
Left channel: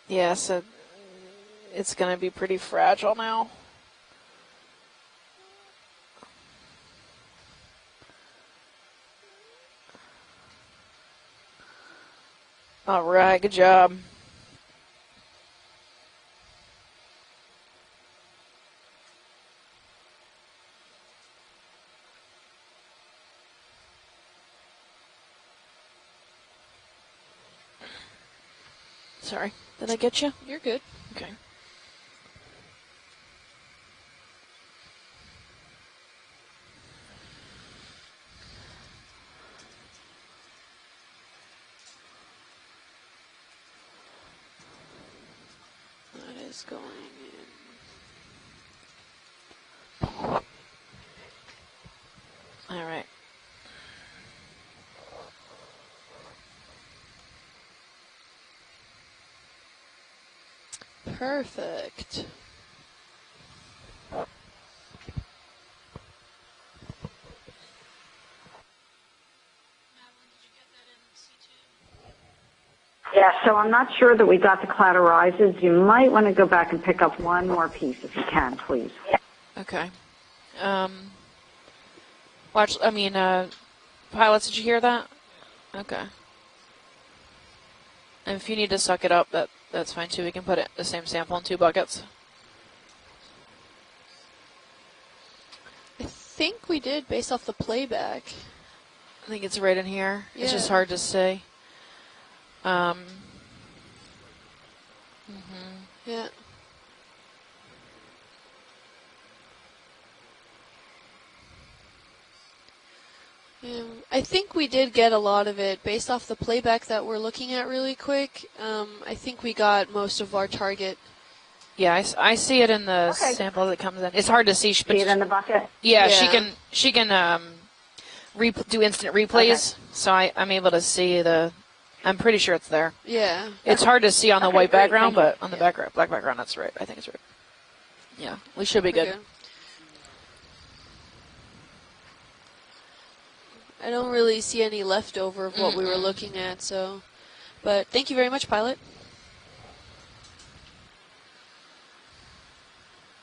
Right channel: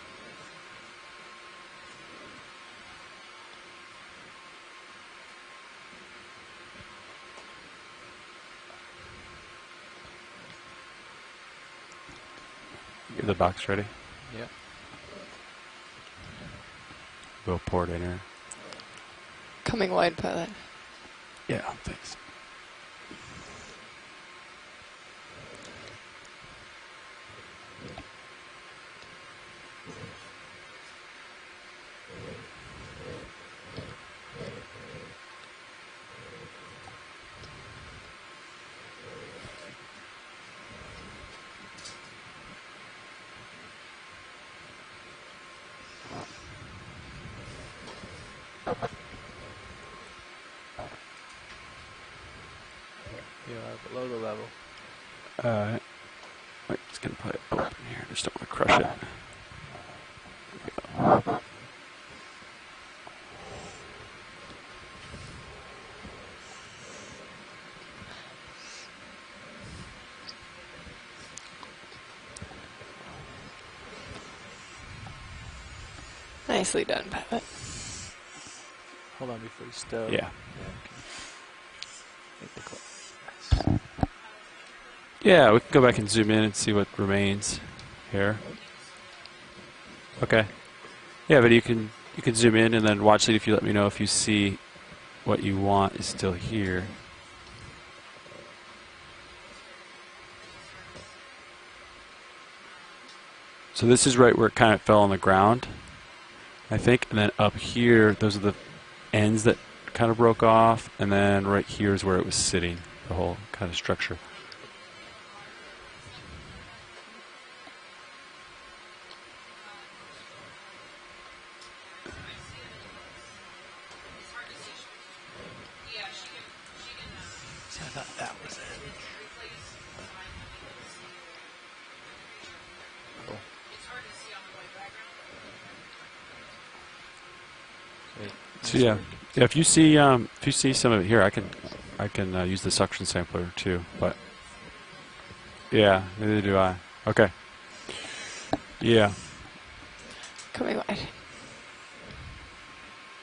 Yeah, so it's going to be pretty fragile now. All right, good job. Yeah. We'll pour it in here. Coming wide, pilot. Yeah, thanks. Sorry, did I get you? You're good. Okay. What is going All right. You are below the level. I'm just gonna put it open here. Just don't want to crush it. on? Perfect. Yeah, so I'm not sure that we got the cloud horizons. You might want to go back Nicely and pick done. up one more piece if you can, please. Hold on before Okay. you stow. Yeah. Pilots, did you hear that? Yeah, we can go back Okay. and zoom in and see what remains here. And if you need to suck it up, that's fine too. We Okay. can put it the same sample Yeah, in but two you buckets. can zoom in and then watch it if you let me know if you see what you want is still I think here. we did based off the playback. I think it's right in here. It's just Yeah. hard to see. So this is right where it kind of fell on the ground, Yeah. I think. And then up here, those are the ends that kind of broke off. And then right here is where it was sitting, the whole kind of structure. I think we did get a lot of it based off the playback that we're looking at really quick. I think we got most of our target. Yeah, I see it in the Okay. sample that comes in. It's hard to see. See it in the bucket? Yeah, Yeah. she can do instant replays. So I'm able to see I'm pretty sure it's there. Yeah. It's hard to see on the Okay, white great, background, thank you. but on the black background, that's right. I think it's right. Yeah, we should Yeah. be good. Yeah, if you see some of it here, I can use the suction sampler too. I don't but- really see any leftover of what we Yeah, were looking neither do at. I. So, Okay. but thank you very much, pilot. Yeah. Coming wide.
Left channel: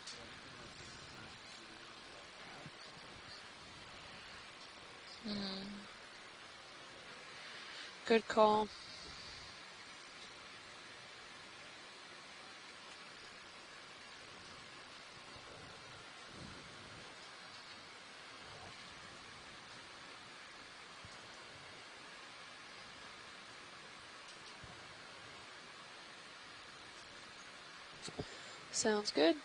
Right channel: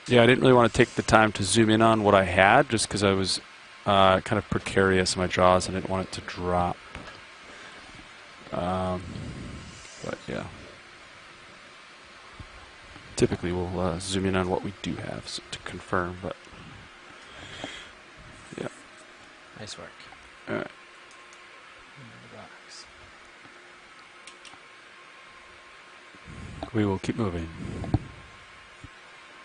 Yeah, I didn't really want to take the time to zoom in on what I had just because I was kind of precarious in my jaws and didn't want it to drop. Good call. But yeah. Typically we'll zoom in on what we do have to confirm, but yeah. Nice work. All right. Box. We will keep moving. Sounds good.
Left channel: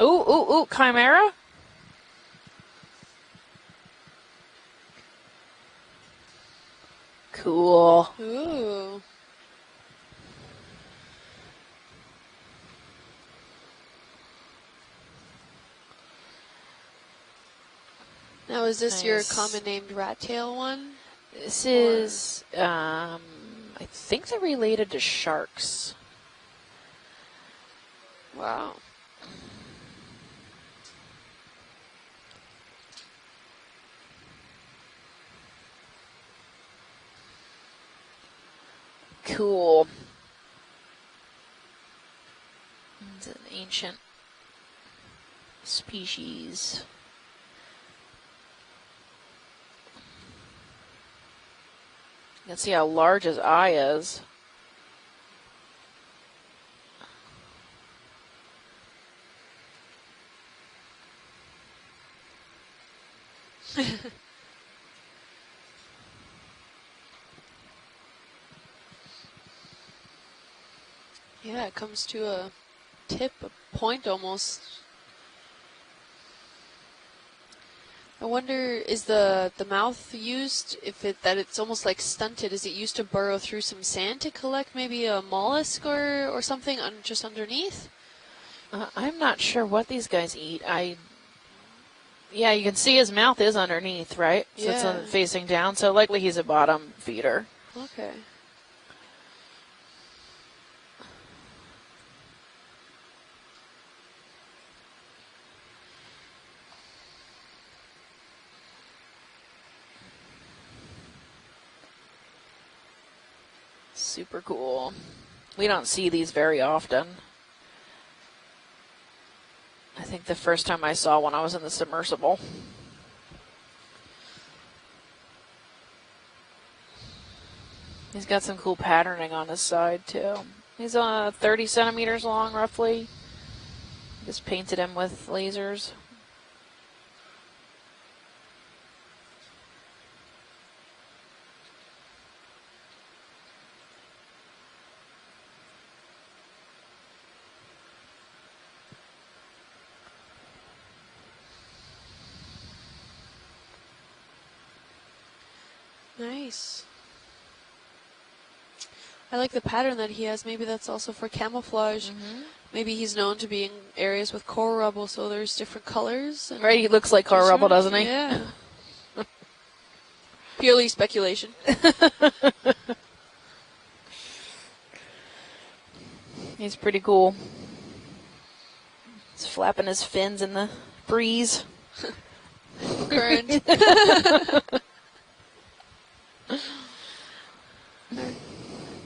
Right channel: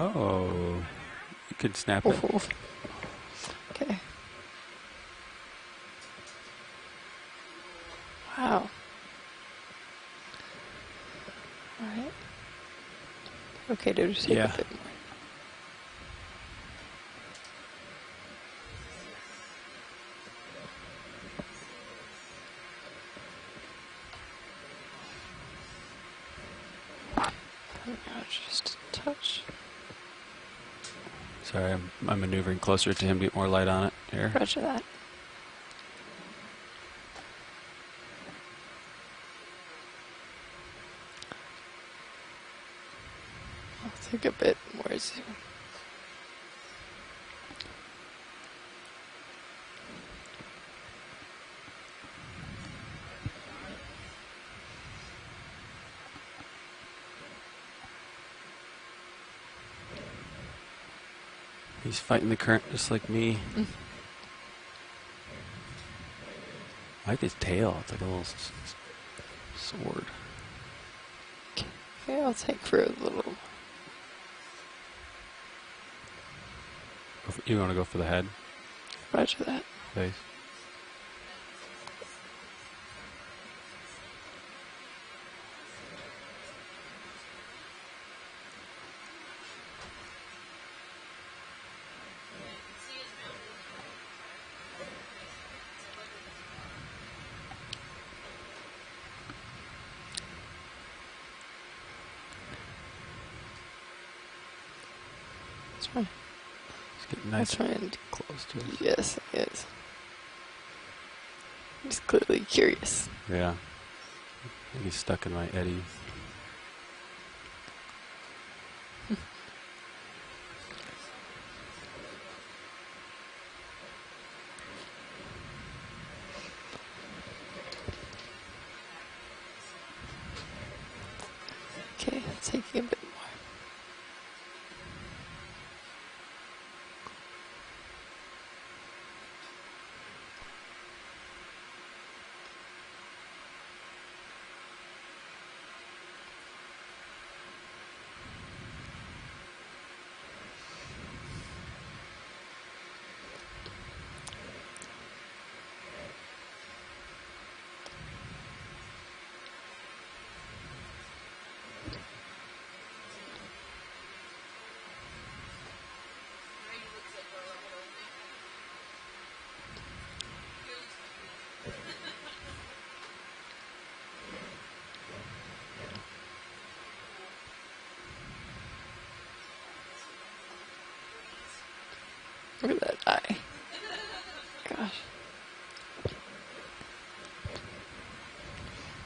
Ooh, Chimera? You can snap it. Okay. Cool. Ooh. Wow. All right. Okay, dude. Just take Yeah. a bit more. Now, is this your Nice. common named rat tail one? This is, I think they're related to sharks. Just touch. Sorry, I'm maneuvering closer to him to get more light on it here. Roger that. Cool. It's an ancient Take a bit more zoom. species. You can see how large his eye is. He's fighting the current just like me. I like his tail. It's like a little sword. Yeah, it comes to Yeah, I'll a take for a little. tip, a point almost. You want to go for the head? I wonder, is Roger the mouth Okay. used, that it's almost like stunted, is it used to burrow through some sand to collect maybe a mollusk or something just underneath? I'm not sure what these guys eat. Yeah, you can see his mouth is underneath, right? So it's Yeah. facing down, so likely he's a bottom feeder. Okay. That's fine. It's getting nice I'll try and close to it. yes, yes. He's clearly curious. Yeah, Super cool. he's stuck in my We don't see these very often. think the first time I saw one, I was in the submersible. He's got some cool patterning on his side, too. He's 30 centimeters long, roughly. Just painted him with lasers. Nice. I like the pattern that he has. Maybe that's also for camouflage. Mm-hmm. Maybe he's known to be in areas with coral rubble, so there's different colors. Right, he looks like coral rubble, doesn't he? Yeah. Purely speculation. He's pretty cool. He's flapping his fins in the breeze. Current.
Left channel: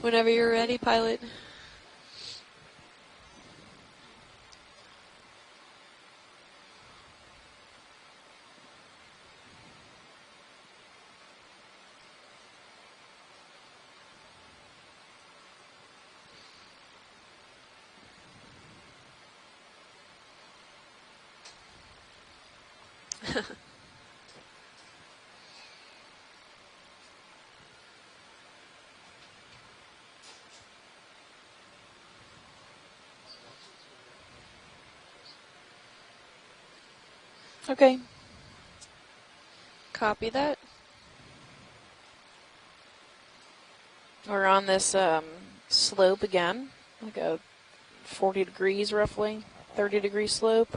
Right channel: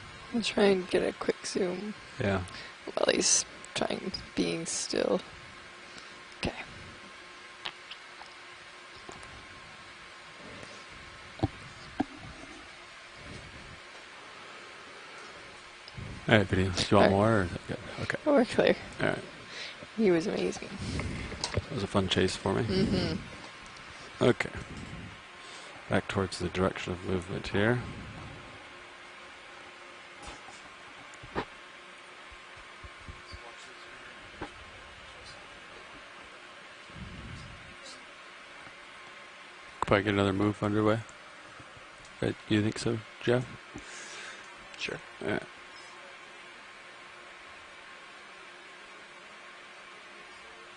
Whenever you're ready, pilot. Quick zoom. Yeah. While he's being still. Okay. All right, video. Do you want more? Or is that good? Okay. We're clear. All right. He was amazing. That was a fun chase for me. Mm-hmm. Okay. Back towards the direction of movement here. Okay. Probably get Copy another that. move underway. You think so, Joe? We're on this Yeah. slope again, like a 40 degrees roughly, 30-degree slope.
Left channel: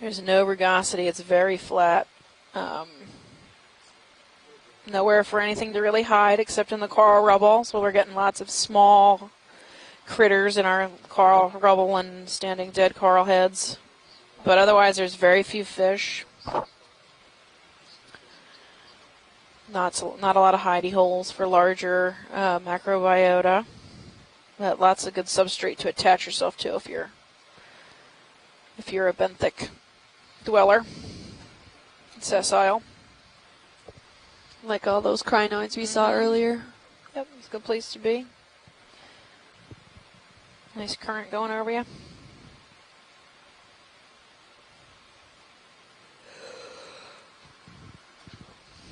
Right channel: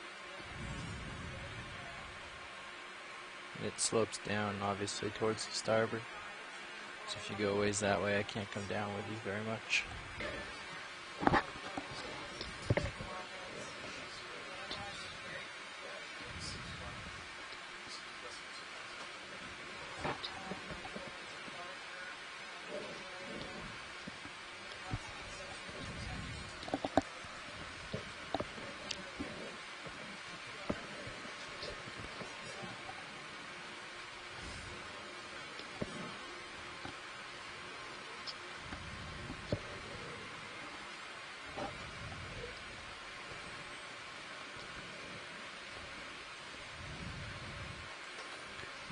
There's no rugosity. It's very flat. It slopes down, obviously. Nowhere for towards the anything to starboard. really hide except in the So coral if you go rubble. ways So we're that getting way, I lots can't of come down small very much. critters in our coral rubble and standing dead coral heads. But otherwise, there's very few fish. Not a lot of hidey holes for larger macrobiota. But lots of good substrate to attach yourself to if you're a benthic dweller, sessile. Like all those crinoids we saw earlier. Yep, it's a good place to be. Nice current going over you.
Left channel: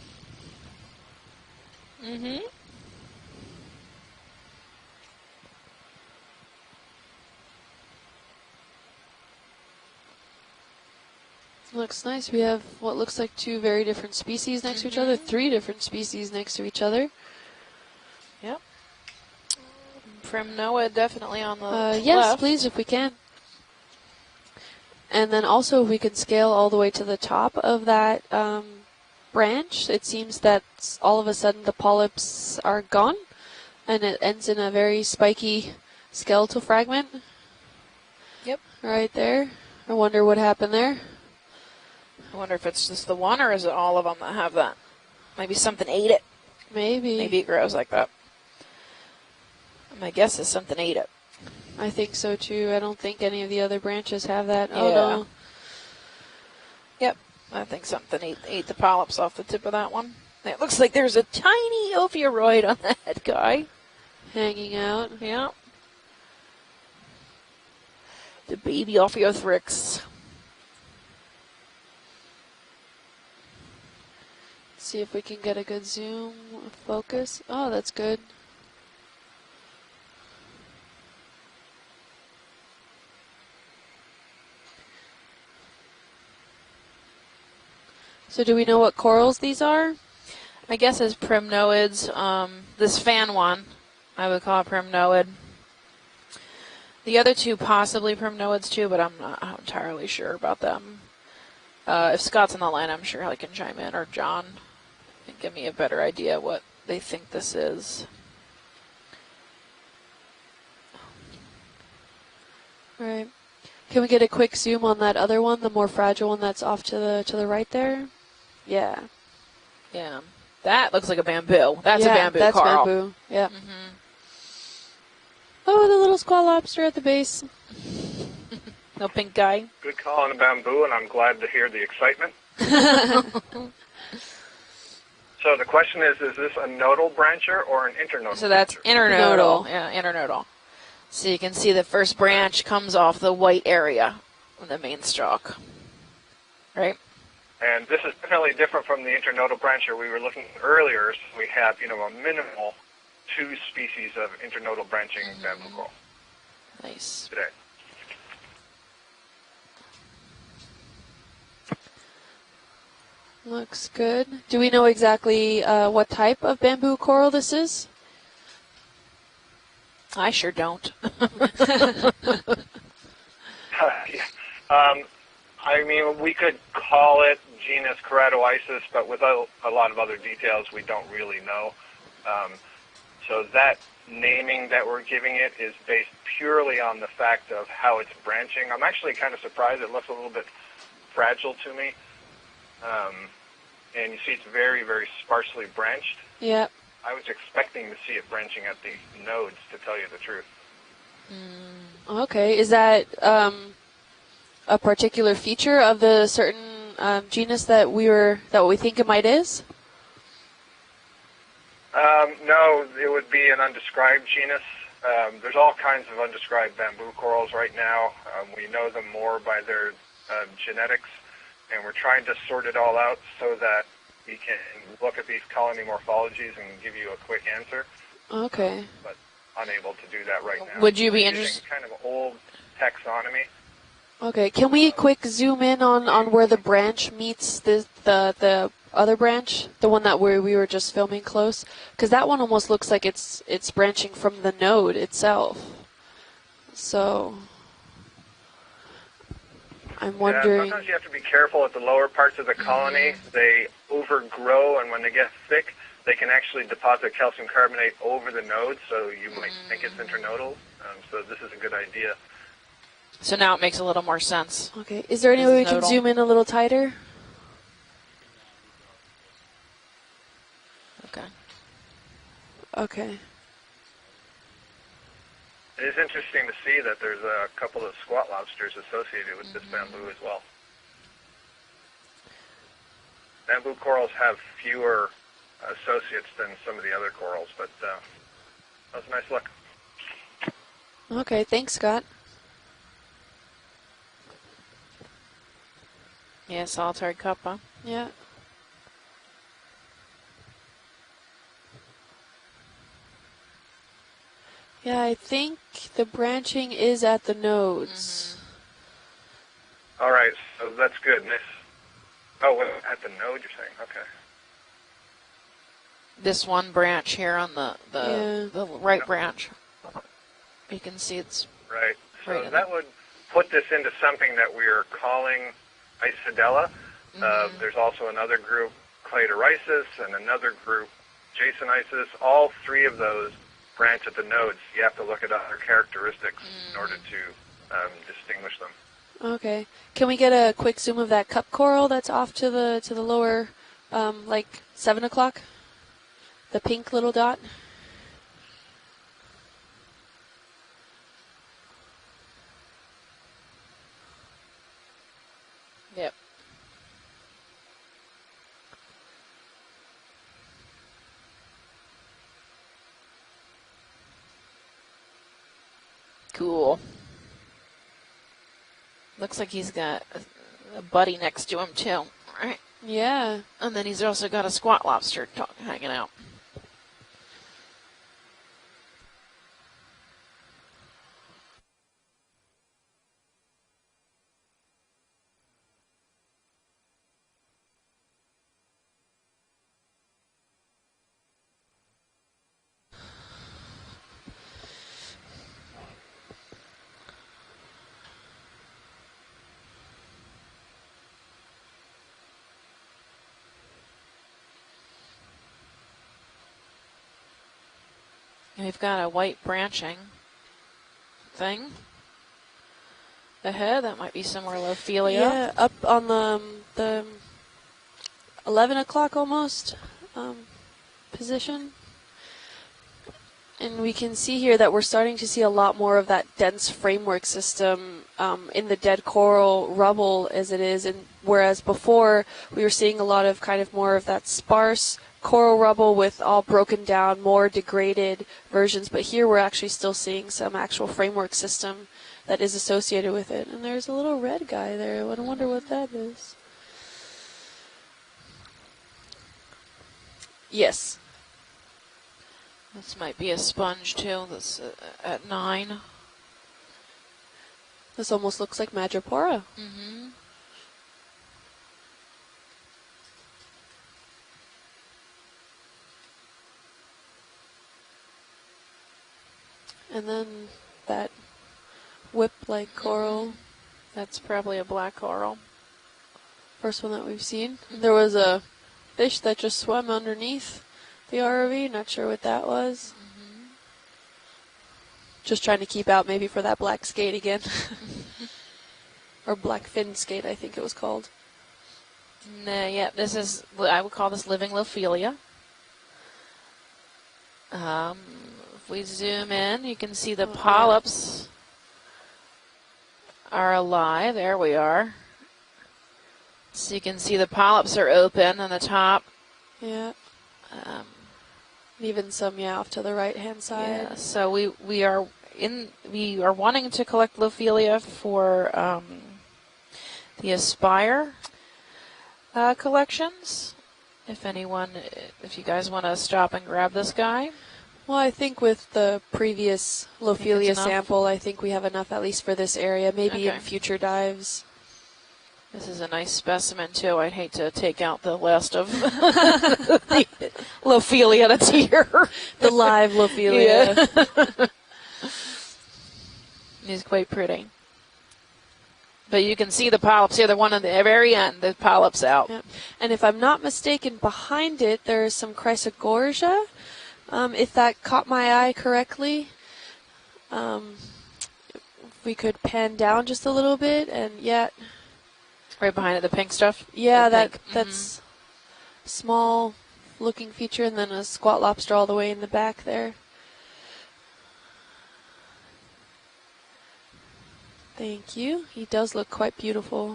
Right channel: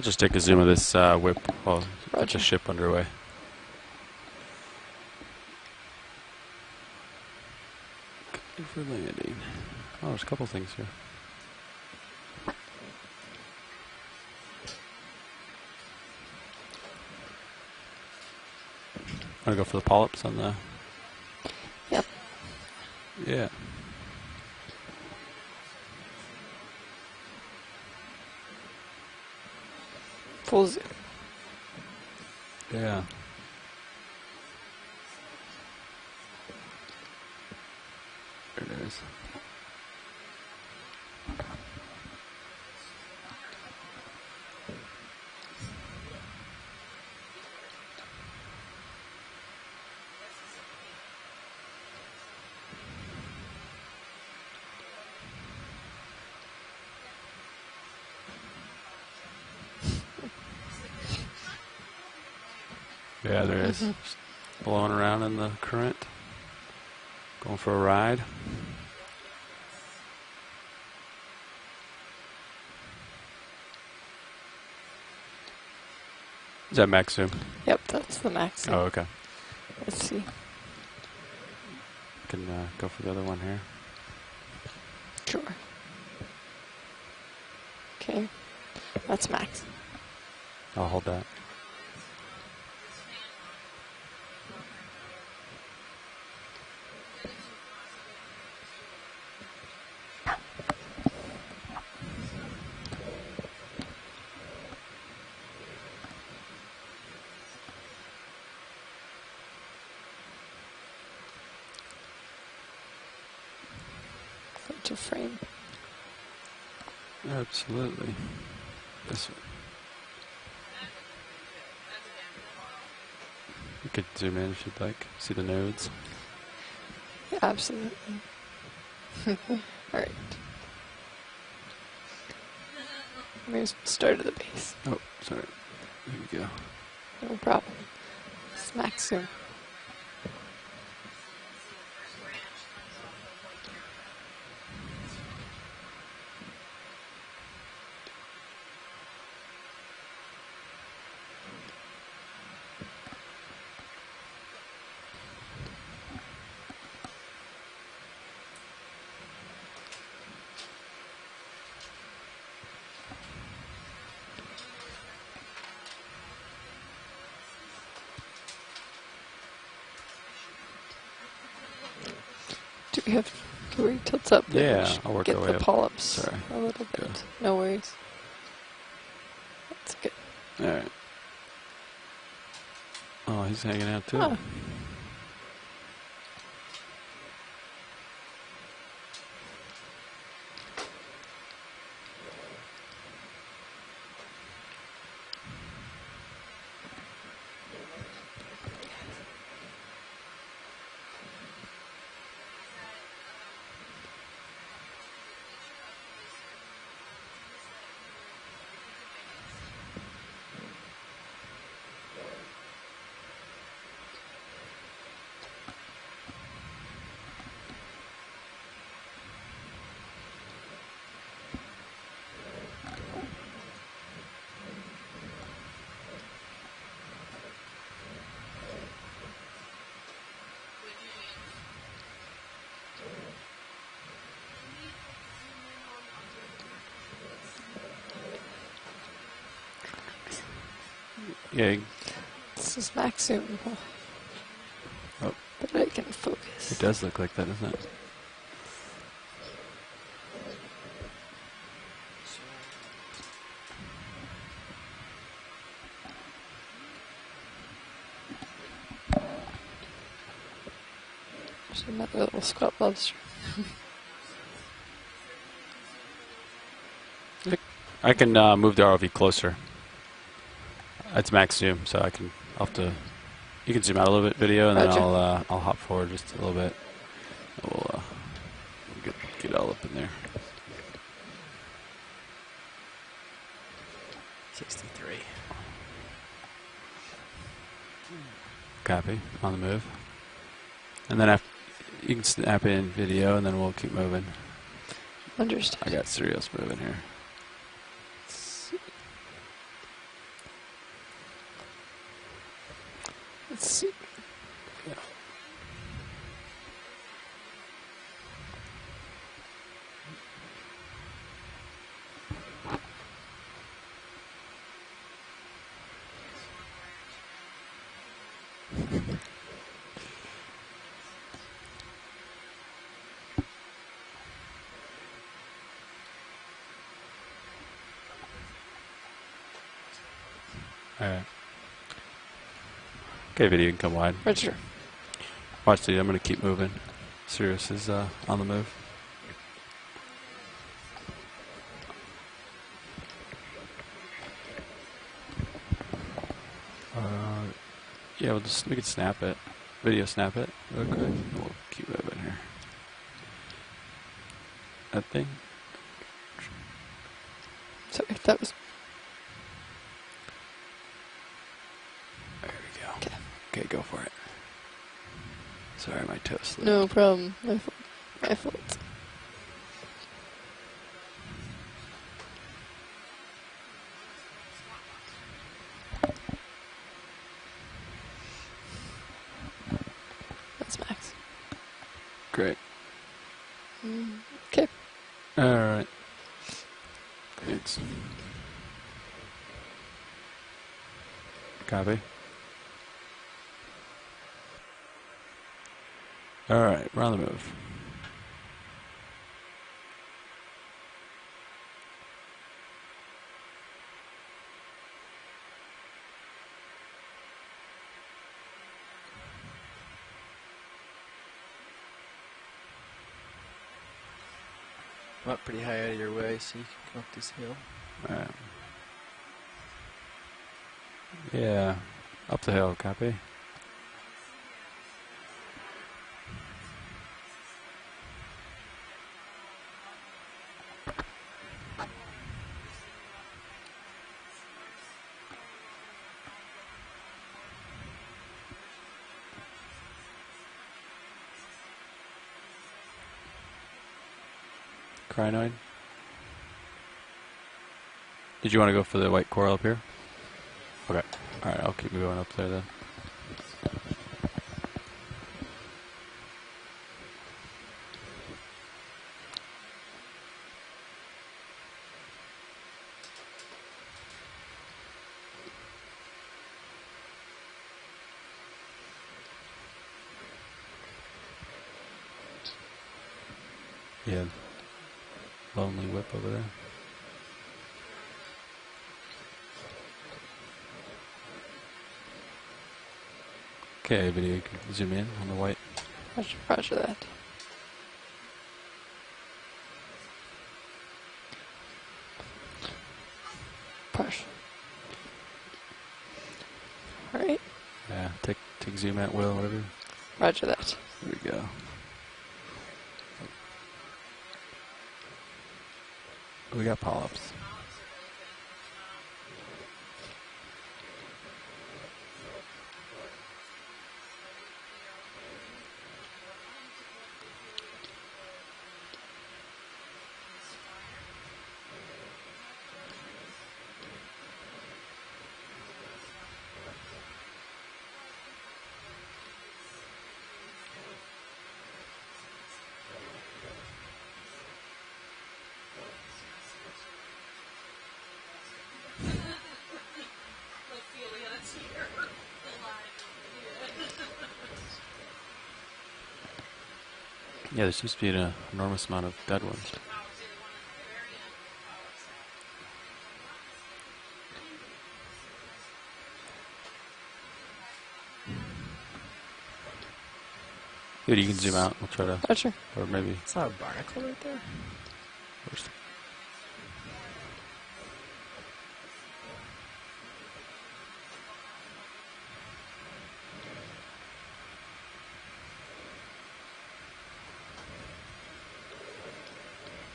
Just take a zoom of this whip while that's a ship underway. Good for landing. Oh, there's a couple things here. Looks nice. We have what looks like two very different species next to each other, three different species next to each other. Yep. Want to go for the polyps? On From NOAA, definitely on the yes, left. please, if we can. Yeah. And then also, if we could scale all the way to the top of that branch, it seems that all of a sudden the polyps are gone, and it ends in a very spiky skeletal fragment. Yep. Right there. I wonder what happened there. I wonder if it's just the one or is it all of them that have that? Maybe something ate it. Maybe. Maybe it grows like that. My guess is something ate it. I think so too. I don't think any of the other branches have that. Oh Yeah. no. Yep. I think something ate the polyps off the tip of that one. It looks like there's a tiny ophiuroid on that guy. There it is. Hanging Blowing out. around in the current. Going for a ride. The baby ophiothrix. See if we can get a good zoom. Is that max focus. zoom? Oh, Yep, that's that's good. the max. Oh, okay. Let's see. Can go for the other one here. Sure. Okay. So do we know what corals fine. these are? My guess hold is on. primnoids. This fan one, I would call it primnoid. The other two possibly primnoids too, but I'm not entirely sure about them. If Scott's on the line, I'm sure he can chime in, or John can give me a better idea what they think this is. Right. Can we get a quick zoom on that other one, the more fragile one that's off to the right there? Absolutely. Yeah. This one. Yeah, that looks like a bamboo. That's yeah, a bamboo, that's Carl. bamboo. Yeah. You could zoom in if you'd like. See the nodes. Oh, the little squat lobster at the base. Absolutely. No pink guy. Good call on the bamboo, and I'm glad to hear the excitement. Started the base. Oh, sorry. So the question is this a nodal brancher or an internodal? So that's internodal. Yeah, internodal. So you can see the first branch comes off the white area of the main stalk. Right? And this is definitely different from the internodal brancher we were looking at earlier. So we have, a minimal 2 species of internodal branching bamboo coral. Nice. Today. Looks good. Do we know exactly what type of bamboo coral this is? I sure don't. Do we have tilts up? Yeah, I'll work get our the way up. I mean, we could call it No worries. genus Keratoisis, but without a lot of other details, Yeah. we don't really know. Oh, So he's that hanging out too. naming that we're giving it is based purely on the fact of how it's branching. I'm actually kind of surprised. It looks a little bit fragile to me. And you see it's very, very sparsely branched. Yep. I was expecting to see it branching at the nodes, to tell you the truth. Okay. Is that a particular feature of the certain genus that we think it might is? No, it would be an undescribed genus. There's all kinds of undescribed bamboo corals right now. We know them more by their genetics, and we're trying to sort it all out so that we can look at these colony morphologies and give you a quick answer. Okay. But unable to do that right now. Would you be Using interested? kind of old taxonomy. Okay. Can we quick zoom in on where the branch meets the other branch, the one that we were just filming close? Yeah. Because that one almost looks like it's branching from the node itself. I can focus. It does So- look like that, doesn't it? I'm Yeah, wondering. sometimes you have to be careful at the lower parts of the colony. They overgrow, and when they get thick, they can actually deposit calcium carbonate over the nodes, so you might think it's internodal. So this is a good idea. Little squat lobster. So now it makes a little more sense. Okay. Is there any This way we is can nodal. zoom in a little tighter? I can move the ROV closer. It's max zoom, so I'll have to. Okay. You can zoom out a little bit, video, and then Roger. I'll hop It is forward just a interesting little to bit. see that there's a couple of squat lobsters associated with get this all up in bamboo there. as well. Bamboo corals have fewer associates than some of the other corals, but Copy. nice look. On the move. And Okay. then Thanks, Scott. you can snap in video, and then we'll keep moving. Understood. I got cereals Yeah, moving solitary cup, huh? Yeah. Let's see. Yeah, I think the branching is at the nodes. all right, so that's good. Nice. Oh, wait, at the node, you're saying? Okay. This one branch here on the right branch. You can see it's Right. So Right. that would put this into something that we are calling Isidella. There's also another group, Cladorisis, and another group, All right. Jasonisis. All 3 of those Okay, video, you can go branch wide. at the nodes. You have to look at other Watch the, I'm going to characteristics keep moving. in order to Sirius is on the distinguish move. them. Okay. Can we get a quick zoom of that cup coral that's off to the lower, like 7 o'clock? The pink little dot. Yeah, we can snap it. Video snap it real quick. We'll keep moving here. That thing? Yep. Sorry, that was. There we go. Okay, go for it. Sorry, my toes. Cool. No problem. My fault. looks like he's got a buddy next to him too. Right. Yeah. And then he's also got a squat lobster hanging out. That's Max. Great. Okay. All right. Thanks. Copy. All right, we're on the move. We've got a white branching thing ahead. That might be somewhere Lophelia. Yeah, up on the All right. 11 o'clock almost position. Yeah, up the hill, copy. And we can see here that we're starting to see a lot more of that dense framework system in the dead coral rubble as it is, and whereas before we were seeing a lot of kind of more of that sparse coral rubble with all broken down, more degraded versions, but here we're actually still seeing some actual framework system that is associated with it. And there's a little red guy there. I wonder what that is. Did you want to go for the white coral up here? Yes. Okay. All right, I'll keep going up there then. This might be a sponge too. This at 9. This almost looks like Madrepora. Mm-hmm. And then that whip-like coral. That's probably a black coral. Lonely whip over there. First one that we've seen. There was a fish that just swam underneath the ROV. Not sure what that was. Okay, video, you can zoom in. Just trying to keep out maybe for that black skate again. Or black fin skate, I think it was called. Yeah, this is, I would call this living Lophelia. All right. Yeah, take we zoom in, you can see the polyps there you go. are alive. There we are. We So got you can polyps. see the polyps are open on the top. Yeah. Even some, off to the right-hand side. Yeah, so we are wanting to collect Lophelia for the Aspire collections. If you guys want to stop and grab this guy. Well, I think with the previous Lophelia sample, I think we have enough at least for this area, maybe in future dives. This is a nice specimen, too. I'd hate to take out the last of the Lophelia that's here. The live Lophelia. Yeah. He's quite pretty. Yeah, there seems to be an enormous amount of But you can see the polyps here, the one at the very end, the polyps out. Yeah. And if I'm not mistaken, behind it, there is some Chrysogorgia. If that caught my eye correctly. Dude, you can zoom out. We'll try we to could pan down just a little bit, and right behind it, the pink stuff. Yeah, that's small looking feature, and then a squat lobster all the way in the back there. Thank you. He does look quite beautiful.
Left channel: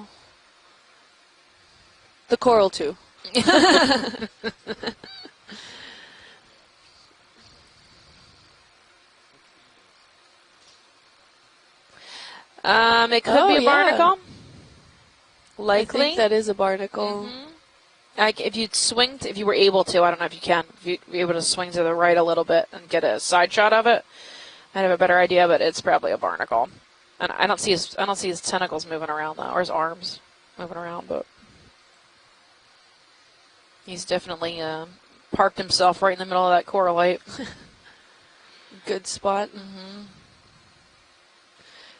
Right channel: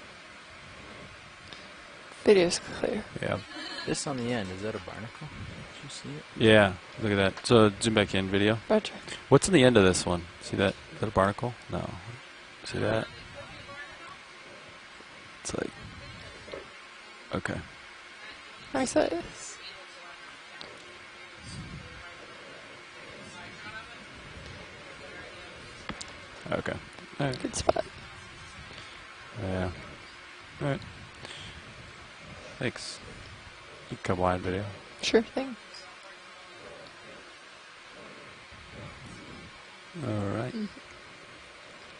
The coral too. Yeah. Just on the end, is that a barnacle? You see it? Yeah, look at that. So zoom back in, video. Roger. What's in the end of this one? See that? Is that a barnacle? No. It could be a barnacle. Likely. I think that is a barnacle. Okay. If you swing, if you were able to, I don't know if you can, if you'd be able to swing to the right a little bit and get a side shot of it, I'd have a better idea. But it's probably a barnacle. Okay. And I don't see his tentacles moving around though, or his arms moving around. But thanks. he's definitely parked himself right in the middle of that coralite. Good spot. All right.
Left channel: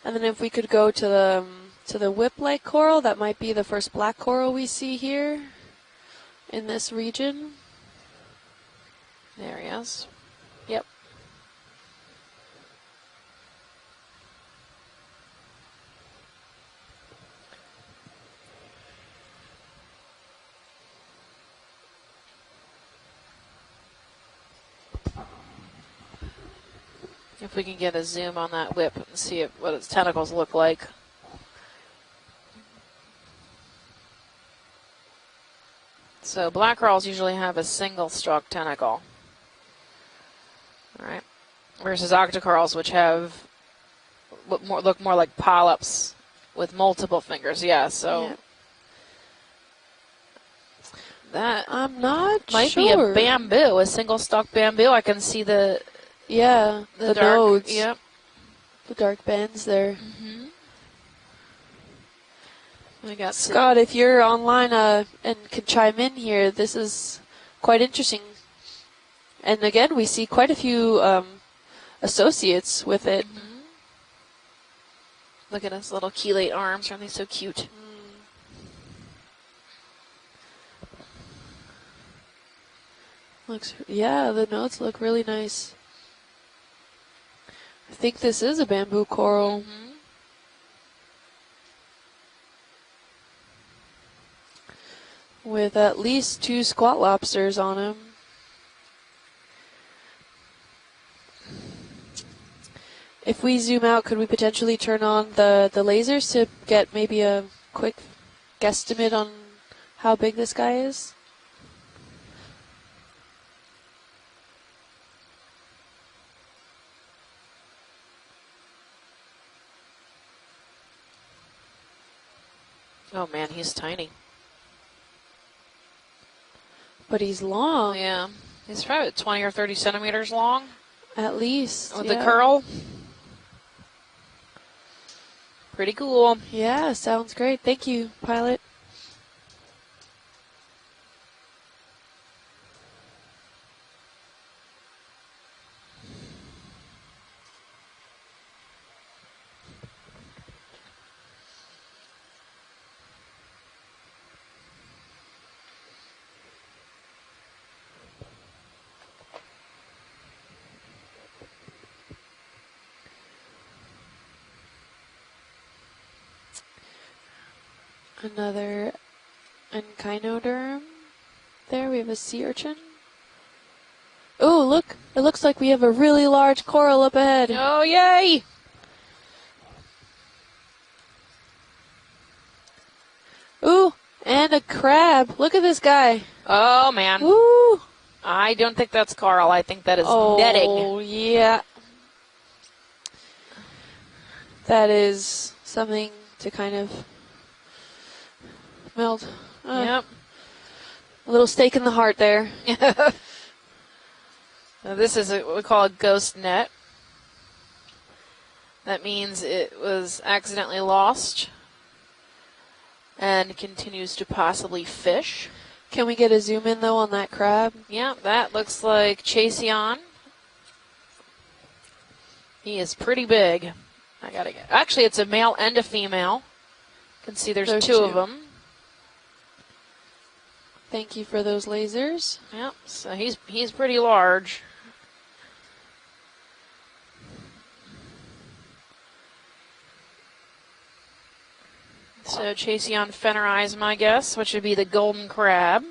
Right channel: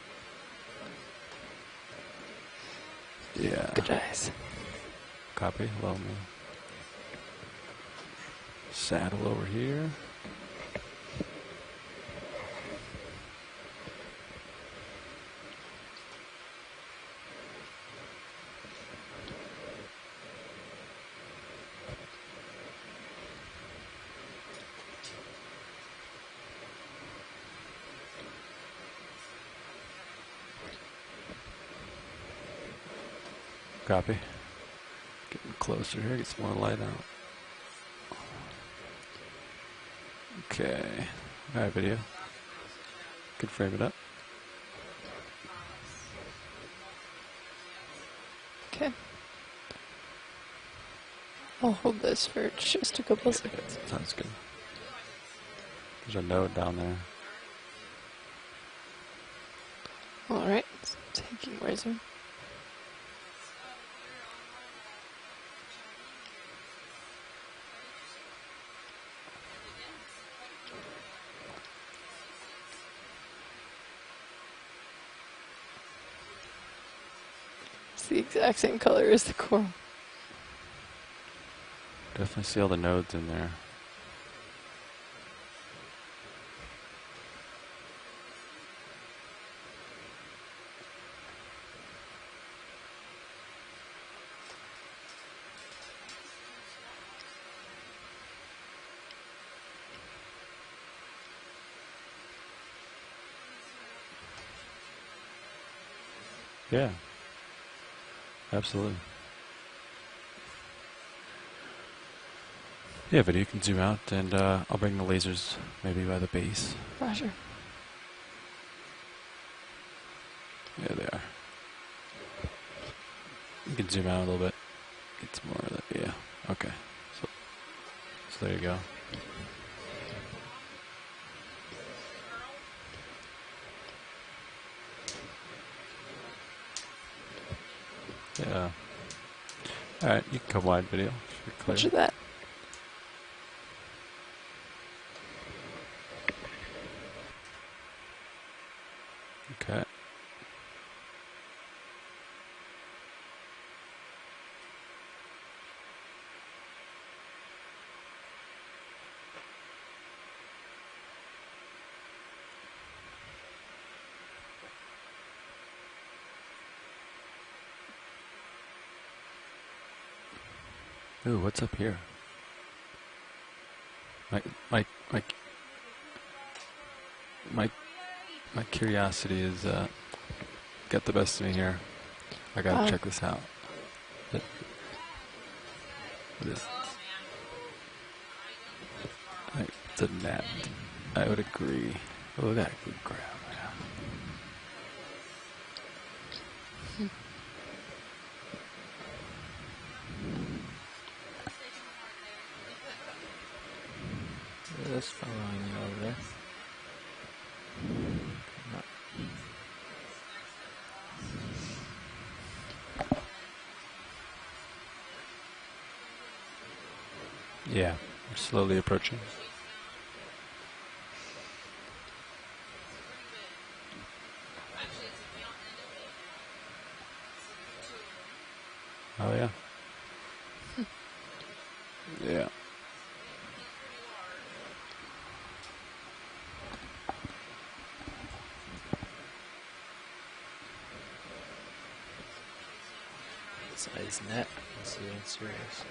And then if we could go to the whip-like coral, that might be the first black coral we see here. Copy. Well, in this region. Saddle over here. Yes. Yep. If we can get a zoom on that whip and see what its tentacles look like. Copy. Getting closer here. So black corals usually have a single stalk tentacle. Okay. Right. All right, video. Versus octocorals, which have Could frame it up. look more like polyps with multiple fingers. Yeah. So. Okay. That I'm not might sure. be a bamboo, a single stalk bamboo. I can see the the dark, nodes. Yep. The dark bands there. All right. Where's it? We got Scott, if you're online and could chime in here, this is quite interesting. And again, we see quite a few associates with it. Look at his little chelate arms. Aren't they so cute? It's the exact same color as the coral. Definitely see all the nodes in there. Yeah, the nodes look really nice. I think this is a bamboo coral. With at least 2 squat lobsters on him. If we zoom out, could we potentially turn on the lasers to get Yeah. maybe a quick Absolutely. guesstimate on how big this guy is? Yeah, but you can zoom out, and I'll bring the lasers maybe by the base. Roger. There they are. Oh man, he's You can tiny. zoom out a little bit. It's more of that. Yeah. Okay. But he's long. Yeah. So there you go. He's probably 20 or 30 centimeters long At least. with yeah. the curl. Pretty cool. Yeah, sounds great. Thank you, pilot. All right, you can come wide video. Should be clear. Roger that. Okay. Another Enchinoderm. Ooh, what's up There here? we have a sea urchin. My- Oh, look! my- It looks like we have a really large coral up ahead. Oh, yay! My curiosity is got the best of me here. I gotta check this out. Ooh, and a crab. Look at this guy. Oh, man. Woo! I don't think that's coral. I think that is Oh, netting. yeah. I agree. Oh, look at that good crab. That is something to kind of melt. Yep. A little stake in the heart there. Now this is what we call a ghost net. That means it was accidentally lost and continues to possibly fish. Can we get a zoom in though on that crab? Yeah. Yeah, that Slowly looks approaching. like Chaseon. He is pretty big. I gotta get. Actually, it's a male and a female. You can see there's two of them. Oh yeah. Thank you for those lasers. Yeah. Yep. So he's pretty large. So Chaseon fennerism, I guess, which would be the golden crab.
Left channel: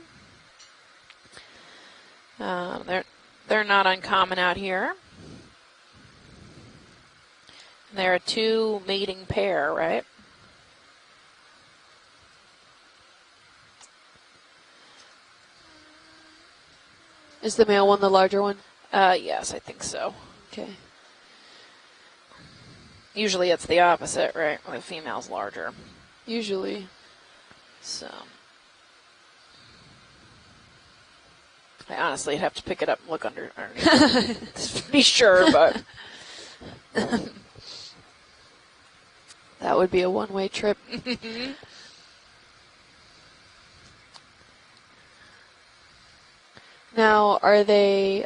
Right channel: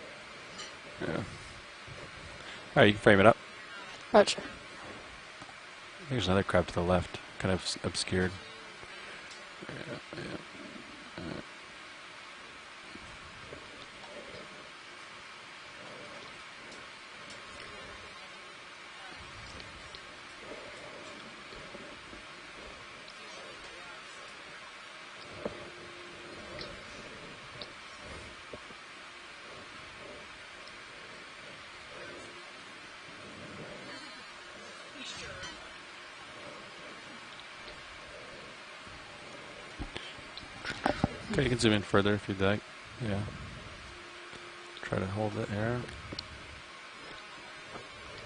Yeah. All right, you can frame it up. They're not uncommon out here. There's another crab to the left, kind of obscured. They're a two mating pair, right? Is the male one the larger one? Yes, I think so. Okay. Usually it's the opposite, right? The female's larger. Usually. So. I honestly have to pick it up and look under to be sure, but. That would be a one-way trip. Okay, you can zoom in further if you'd like. Yeah. Try to hold it here. Now, are they,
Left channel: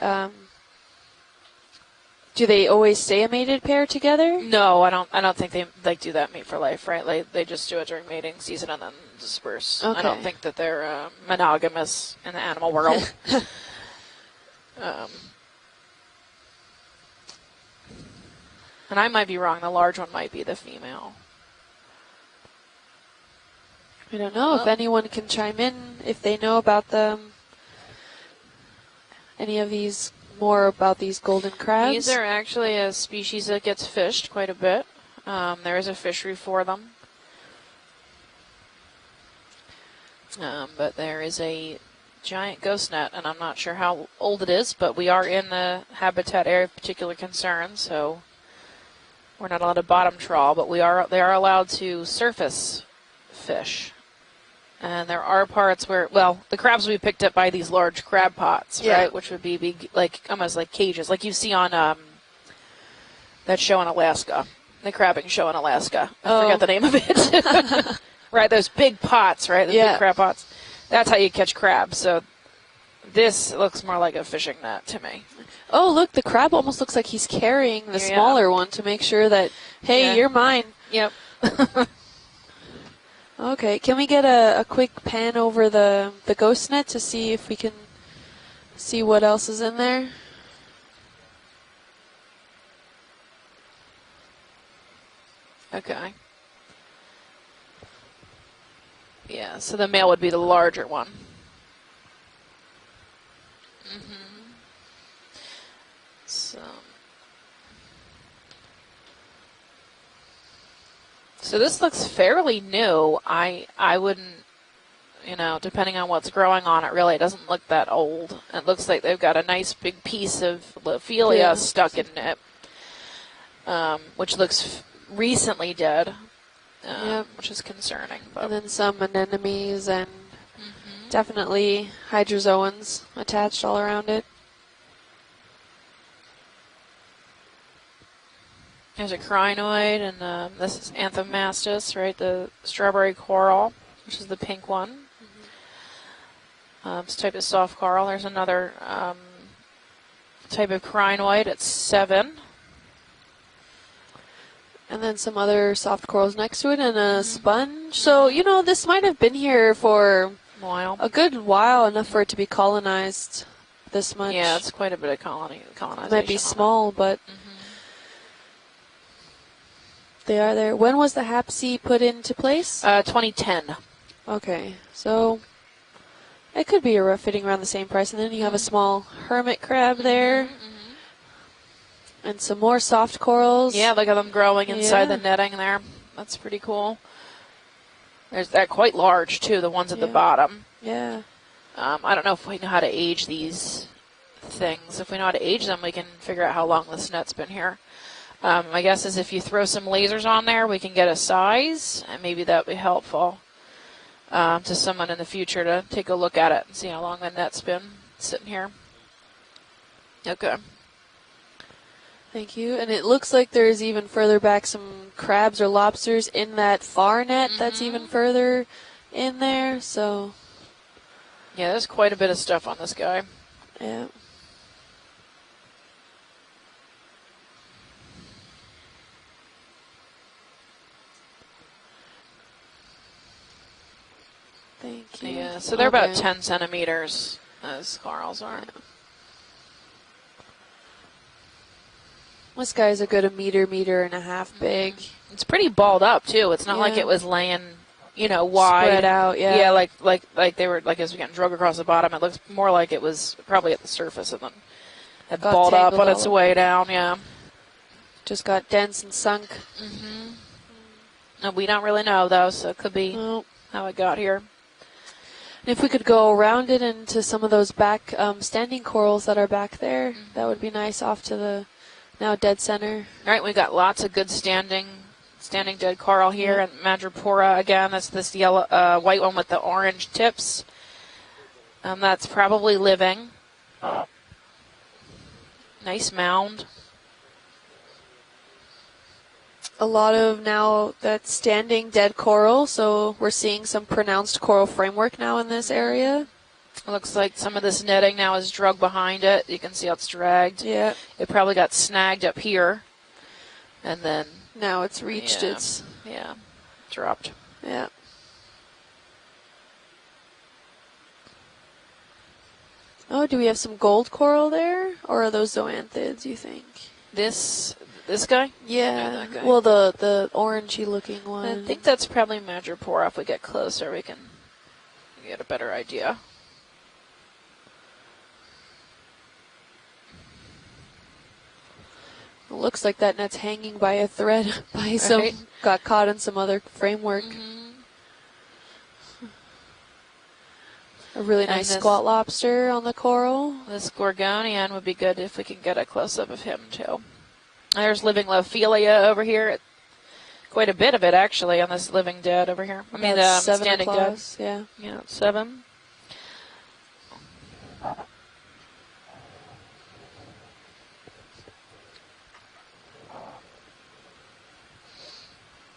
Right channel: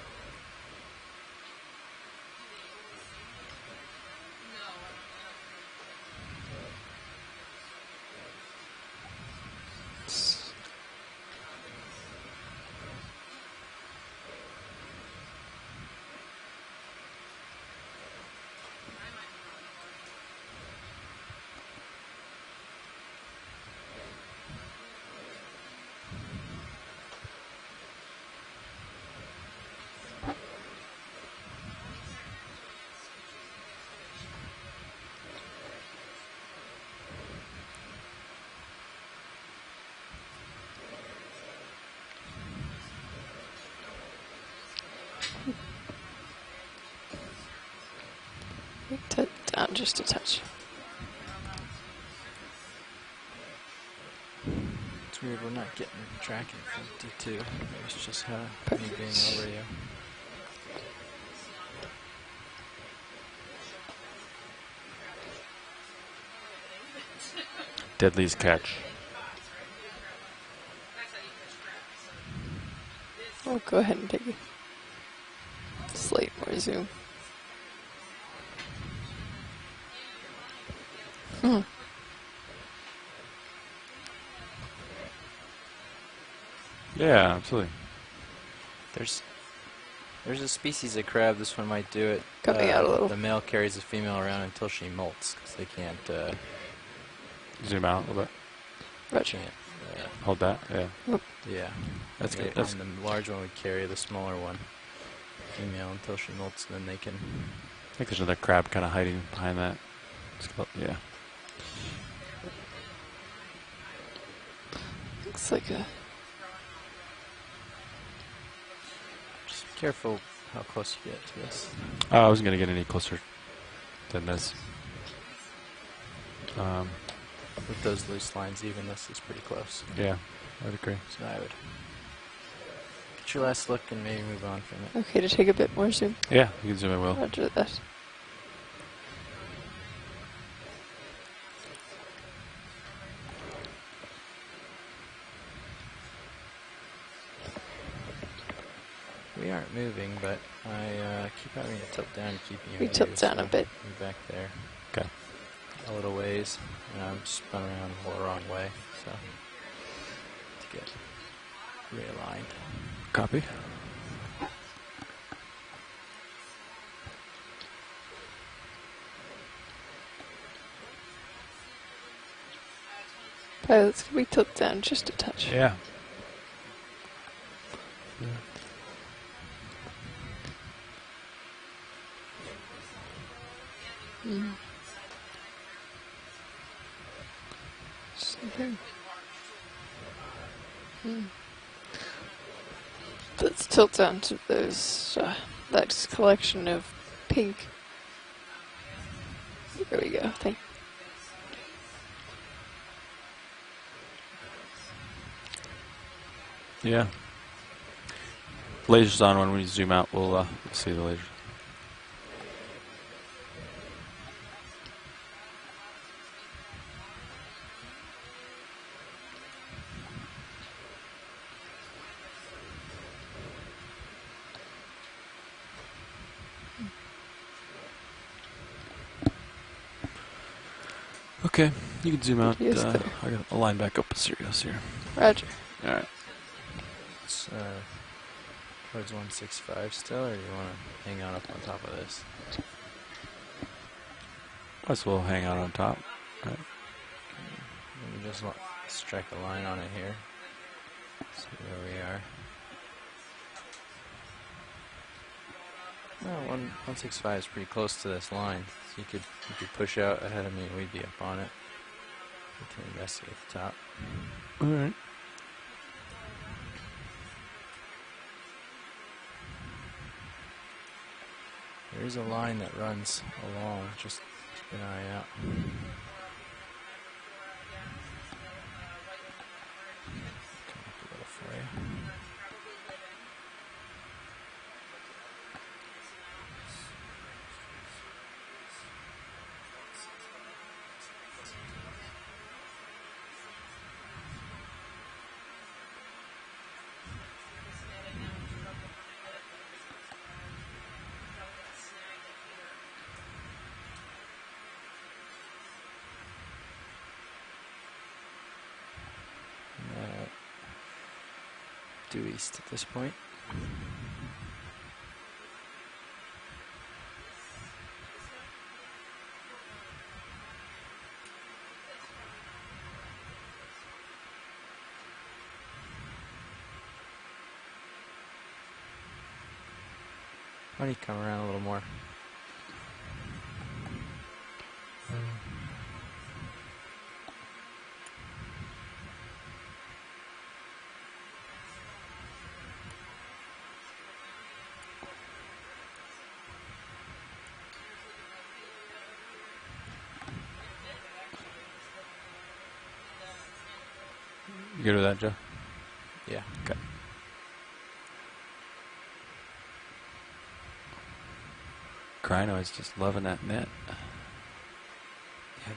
do they always stay a mated pair together? No, I don't think they like do that mate for life, right? Like they just do it during mating season and then disperse. Okay. I don't think that they're monogamous in the animal world. And I might be wrong. The large one might be the female. I don't know if anyone can chime in if they know about them. Any of these, more about these golden crabs? These are actually a species that gets fished quite a bit. There is a fishery for them. But there is a giant ghost net, and I'm not sure how old it is, but we are in the habitat area of particular concern, so we're not allowed to bottom trawl, but they are allowed to surface fish. And there are parts where, well, the crabs will be picked up by these large crab pots, right? Which would be like almost like cages, like you see on that show in Alaska, the crabbing show in Alaska. I forgot the name of it. Deadly's right, catch. those big pots, right? Those big crab pots. That's how you catch crabs. So this looks more like a fishing net to me. Oh, look, the crab almost looks like he's carrying the smaller one to make sure that, hey, you're mine. Yep. Okay, can we get a quick pan over the ghost net to see if we can see what else is in there? There's a species of crab. This one might do it. Coming out a little. The male carries the female around until she molts, because they can't. Zoom out a little bit. Roger. Yeah, so the male would be Hold the that, larger yeah. one. Yeah. That's good. And That's the large one would carry the smaller one, female, until she molts, and then they can. think there's another crab kind of hiding behind that. Yeah. So this looks fairly new. I wouldn't, you know, depending on what's growing on it, really, it doesn't look that old. It looks like they've got a nice big piece of Ophelia stuck in Oh, I it. wasn't going to get any closer. Which looks recently dead, yeah, which is concerning. And then some anemones and Yeah, I would agree. definitely hydrozoans attached all around it. Okay, to take a bit more zoom. Yeah, you can zoom in, Will. Roger that. There's a crinoid, and this is Anthomastus, right? The strawberry coral, which is the pink one. This type of soft coral. There's another we aren't moving, but type of crinoid at 7. We tilt down a bit. Back there. And then some other soft corals next to it and a sponge. So, you know, this might have been here for a good while, enough for it to be colonized. Copy. This much. Yeah, it's quite a bit of colonization. It might be small, but they are there. When was the HAPC put into place? 2010. We tilt down just a so touch. Yeah. it could be fitting around the same price. And then you have a small hermit crab there. And some more soft corals. Yeah, look at them growing inside the netting there. That's pretty cool. They're quite large, too, the ones at the bottom. Yeah. I don't know if we know how to age these Tilt down to things. If we know how to age them, we can figure out how long this net's been here. My guess is if you throw some lasers on there, we can get a size, and maybe that would be helpful to someone in the future to take a look at it and see how long the net's been sitting here. Lasers on when we zoom out. We'll Okay. see the laser. Thank you. And it looks like there's even further back some crabs or lobsters in that far net that's even further in there. So, yeah, there's quite a bit of stuff on this guy. yeah. Okay, you can zoom out. Yes, I got a line back up serious here. Yeah, so they're about 10 centimeters, as corals are. Towards 165 still, or do you want to hang on up on top of this? This guy's a good meter and a half big. Let's we'll hang It's on pretty top. balled up, too. It's not like it was laying, you know, wide. Spread out, yeah. Yeah, like they were, like as we getting drug across the bottom, it looks more like it was probably at the surface of them. It Got balled up tangled on its all way over. down, yeah. 165 is pretty close to this Just line. got dense You and could sunk. maybe push out ahead of me, we'd be up on it. No, we don't really know, though, so it could be Nope. how it got here. All right. And if we could go around it into some of those back standing corals that are back there, that would be nice off to the There's a now line dead that center. runs All right, we've got lots of good standing dead coral here, and Madrepora again. That's this yellow, white one with the orange tips. That's probably living. Nice mound. A lot of now that standing dead coral, so we're seeing some pronounced coral framework now in this area. It looks like some of this netting now is drug behind it. You can see how it's dragged. Yeah. It probably got snagged up here, and then now it's reached its dropped. Yeah. Due east at this point. Oh, do we have some gold coral there, or are those zoanthids? You think? This guy? Yeah. That guy. Well, the orangey looking one. I think that's probably Madrepora. If we get closer, we can get a better idea. Why don't you come around a little more? It looks like that net's hanging by a thread by some Right. got caught in some other framework. A really And nice this- squat lobster on the coral. This Gorgonian would be good if we could get a close-up of him, too. There's living Lophelia over here. Quite a bit of it, actually, on this living dead over here. I mean, About 7 standing dead. claws, yeah. You go to that. 7. Yeah. Okay. Crinoid's just loving that net.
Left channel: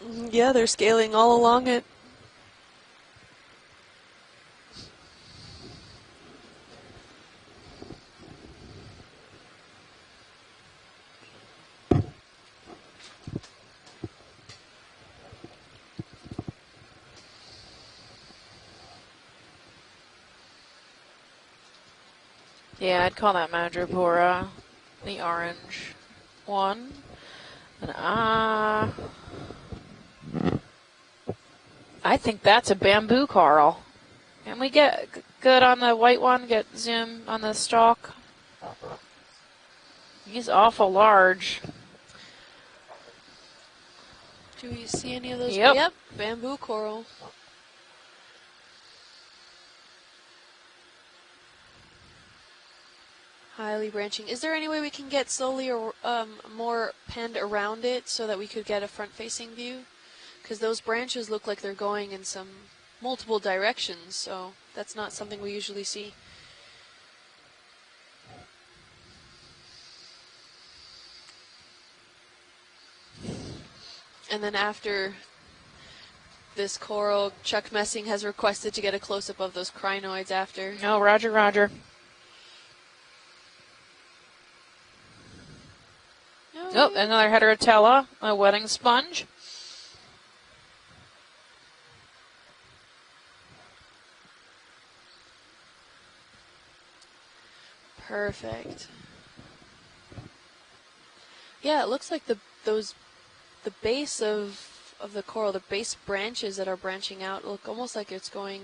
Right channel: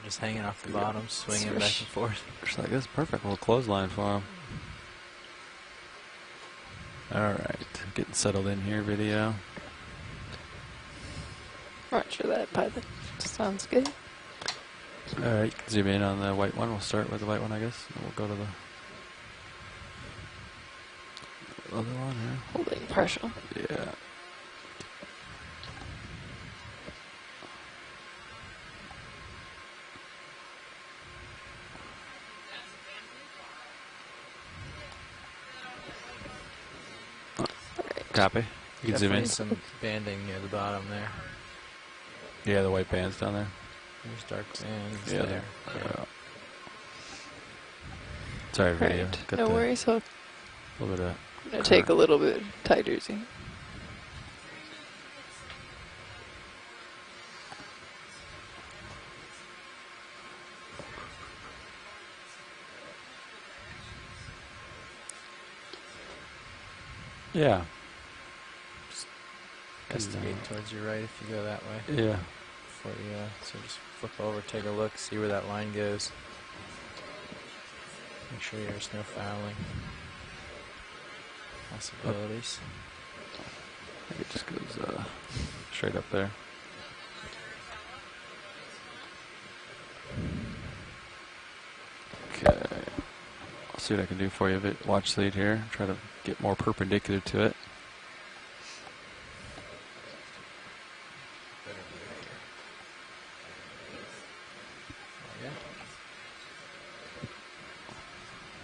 Just hanging Yeah, off they're the scaling bottom, all swinging along back it. and forth. Just like this, perfect little clothesline for him. All right, getting settled in here, video. Roger that, pilot. Sounds good. All right, zoom in on the white one. We'll start with the white one, I guess. And we'll go to the other one here. Hold it. Yeah, I'd Pressure. call that Madrepora. The orange one. And I think that's a bamboo coral. Can we get good on the white one? Get zoom on the stalk? Copy. You can zoom in. Some banding. He's awful large. Yeah, the white bands down there. There's dark Do you sand. see any of those? Yep. Yep, bamboo coral. Sorry, video. Right. Got No the worries. I'll little bit of gonna take a little bit tighter zoom. Highly branching. Is there any way we can get slowly or more penned around it so that we could get a front-facing view? Because those branches look like they're going in some multiple directions, so that's not something we usually see. Yeah. Estimate towards your right if you go that way. Yeah. Before you, so just flip over, And then take a look, after see where that line goes. this coral, Chuck Messing has requested to get a there's no close-up of fouling. those crinoids after. No, roger, roger. Possibilities. I think it just goes straight up there. Oh, another heterotella, a wedding sponge. Okay. I'll see what I can do for you. Watch lead here. Try to get more perpendicular to it. Perfect. Yeah, it looks like the base of the coral, the base branches that are branching out look almost like it's going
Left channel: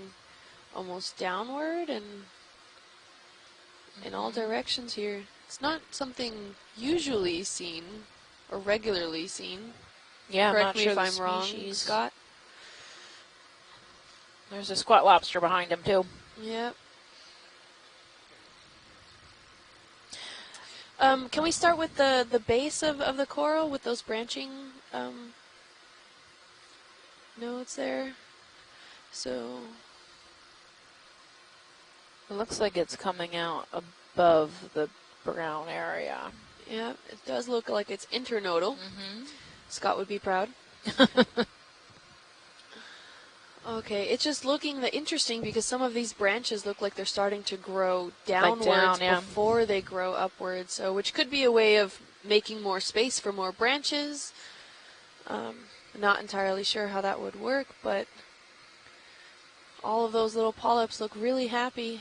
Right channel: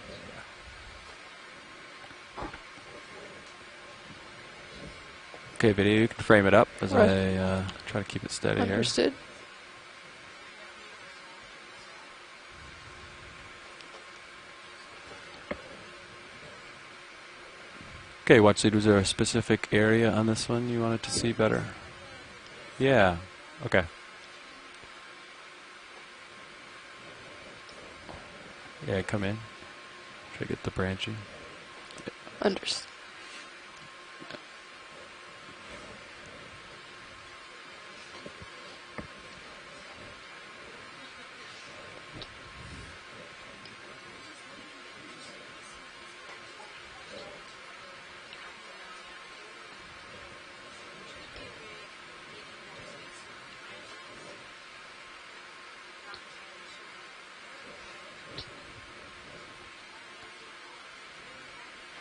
almost downward and in all directions here. It's Okay, not video. You can something frame it up as usually I seen. try to keep it steady. Or here. regularly seen. Yeah, I'm Correct not me sure if the I'm wrong, species. Scott. There's a squat lobster behind him too. Yep. Okay, watch lead. Was there a specific area on this one you wanted to see Can better? we start with the base Yeah. of the coral Okay. with those branching nodes there? Yeah, come in. So- Try to get the branching. It looks like it's coming out above the brown area. Yeah, it does look like it's internodal. Scott would be proud. Okay, it's just looking interesting because some of these branches look like they're starting to grow downwards yeah. before they grow upwards, so which could be a way of making more space for more branches. Not entirely sure how that would work, but all of those little polyps look really happy.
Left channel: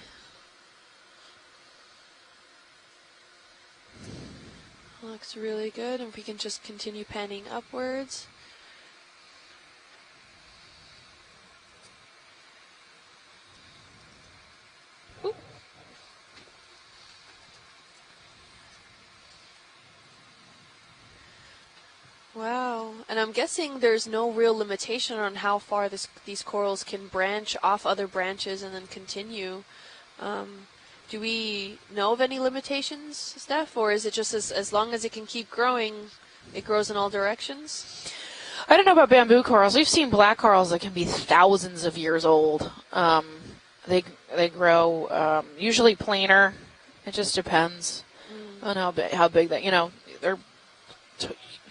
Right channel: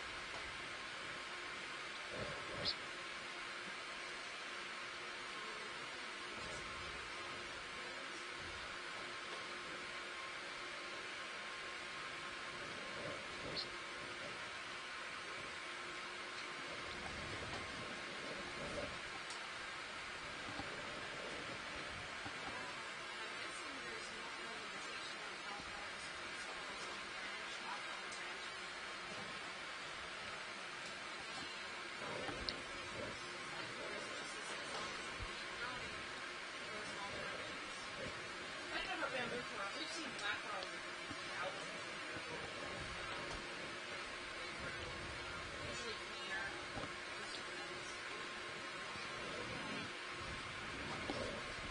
Looks really good, and if we can just continue panning upwards. Wow, and I'm guessing there's no real limitation on how far these corals can branch off other branches and then continue. Do we know of any limitations, Steph, or is it just as long as it can keep growing, it grows in all directions? I don't know about bamboo corals. We've seen black corals that can be thousands of years old. They grow usually planar. It just depends on how big that, they're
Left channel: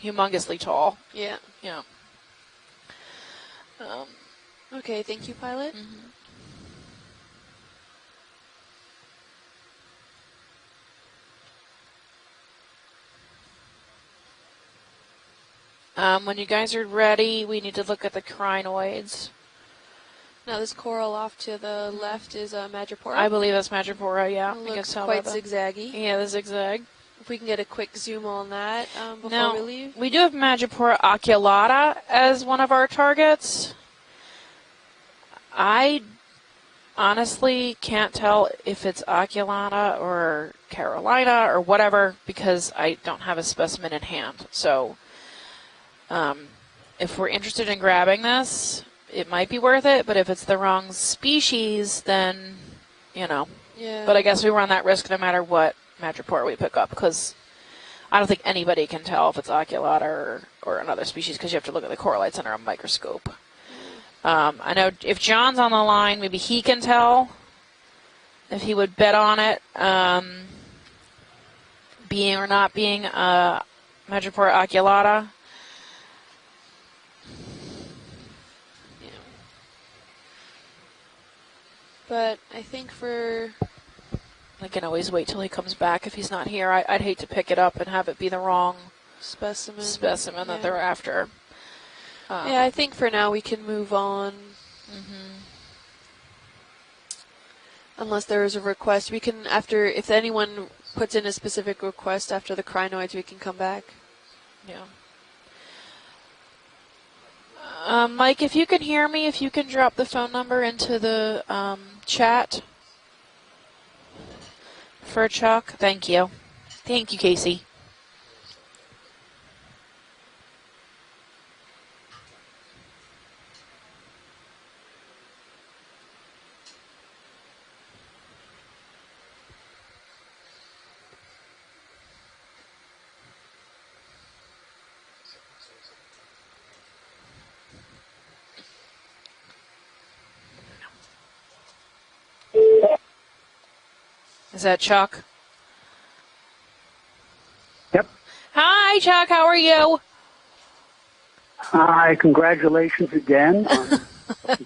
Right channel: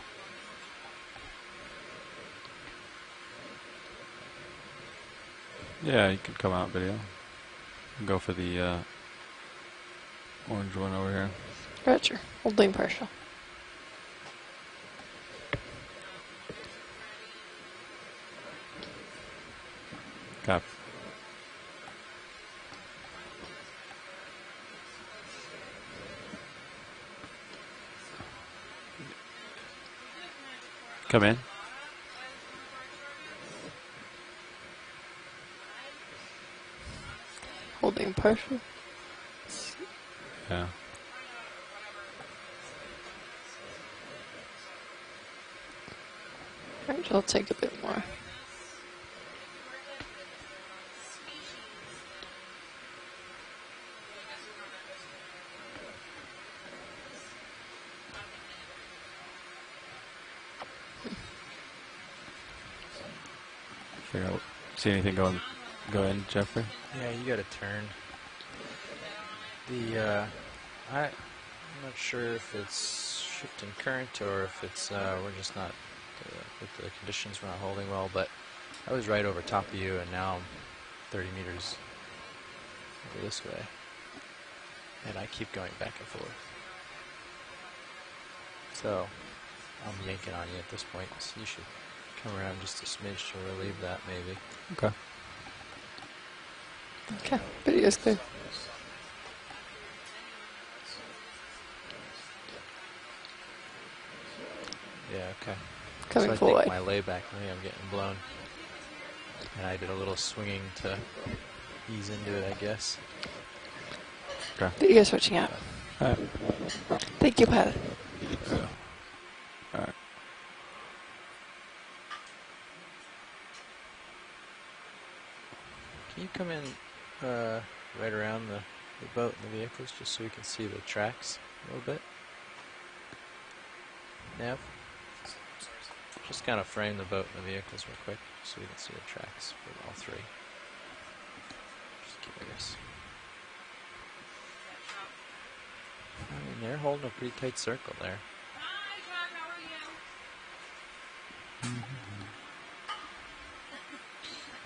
humongously tall. Yeah. Yeah. Okay, thank you, pilot. Yeah, you can come out video. And go for the orange one over here. Roger. Holding partial. When you guys are ready, we need to look at the crinoids. Now this coral off to the left is Madrepora. I believe that's Madrepora, yeah. It You can looks tell quite by the- zigzaggy. Yeah, the zigzag. If we can get a quick zoom on that before Now, we leave. we do have Madrepora Come in. oculata as one of our targets. I honestly can't tell if it's oculata or Carolina or whatever because I don't have a specimen in hand. So if we're interested in grabbing this, it might be worth it, but if it's the wrong species, then, Yeah. But I guess we run that risk no matter what Madrepora we pick up because I don't think anybody can tell if it's oculata or another species because you have to look at the coralites under a microscope. I know if John's on the line, maybe he can tell You got a turn. if he would bet on it. I'm not sure Being if or not it's being shifting current Madrepora or if it's, oculata. we're just not, the conditions were not holding well, but I was right over top of you, and now I'm 30 meters But I think for this way. I can always wait till he comes back if he's not here. I'd hate to pick it up and have it be the wrong specimen that they're after. Yeah, I think for now we can move on. Okay. Okay. Video's clear. Unless there is a request, we can if anyone puts in a specific request after the crinoids, we can come back. Yeah, okay. Coming so I full think way. my layback, maybe I'm getting Mike, if you can hear me, if you can I drop got a the little phone number swinging into the easy chat I guess. Video's for Chuck. Thank you. Thank you, Casey. Thank you, Pat. All right. Can you come in right around the boat and the vehicles just so we can see the tracks a little bit? Nav? Just kind of frame the boat and the vehicles real quick so you can see the tracks for all three. Is that Chuck? I mean, they're holding a pretty tight circle Yep. there. Hi, Chuck. How are you? Hi, congratulations again.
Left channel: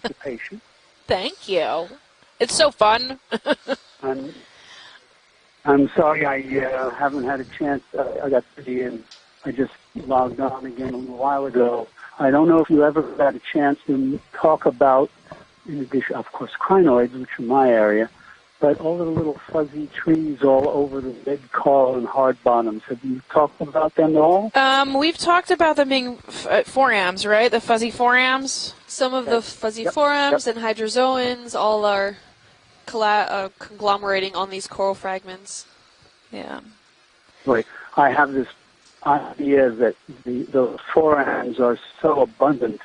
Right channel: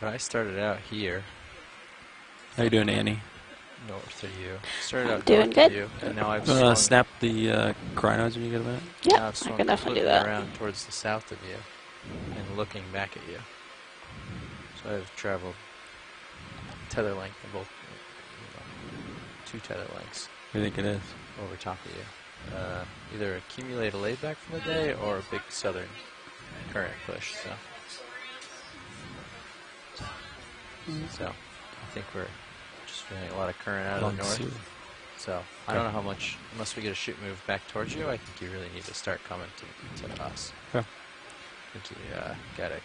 I started out here. Thank you. It's so fun. No, to you. Started out Doing good. I'm sorry I snap haven't the had a chance. I cryogs got when to you be get in. Yeah, Now it's I sort can of definitely do flipping that. around towards the a south while of you. ago. I don't know if you ever Looking back got at a chance to talk about, traveled. in addition, of course, crinoids, which are my area, but all the little fuzzy trees all over the big coral and hard bottoms. Have you talked about them at all? We've talked about them being forams, right? The fuzzy forams. Some of the fuzzy forams and hydrozoans all are conglomerating on these coral fragments. I don't know how much, Yeah. unless we get a shoot move Right. back towards you, I have we this really need to start coming idea that to us. the forams are so abundant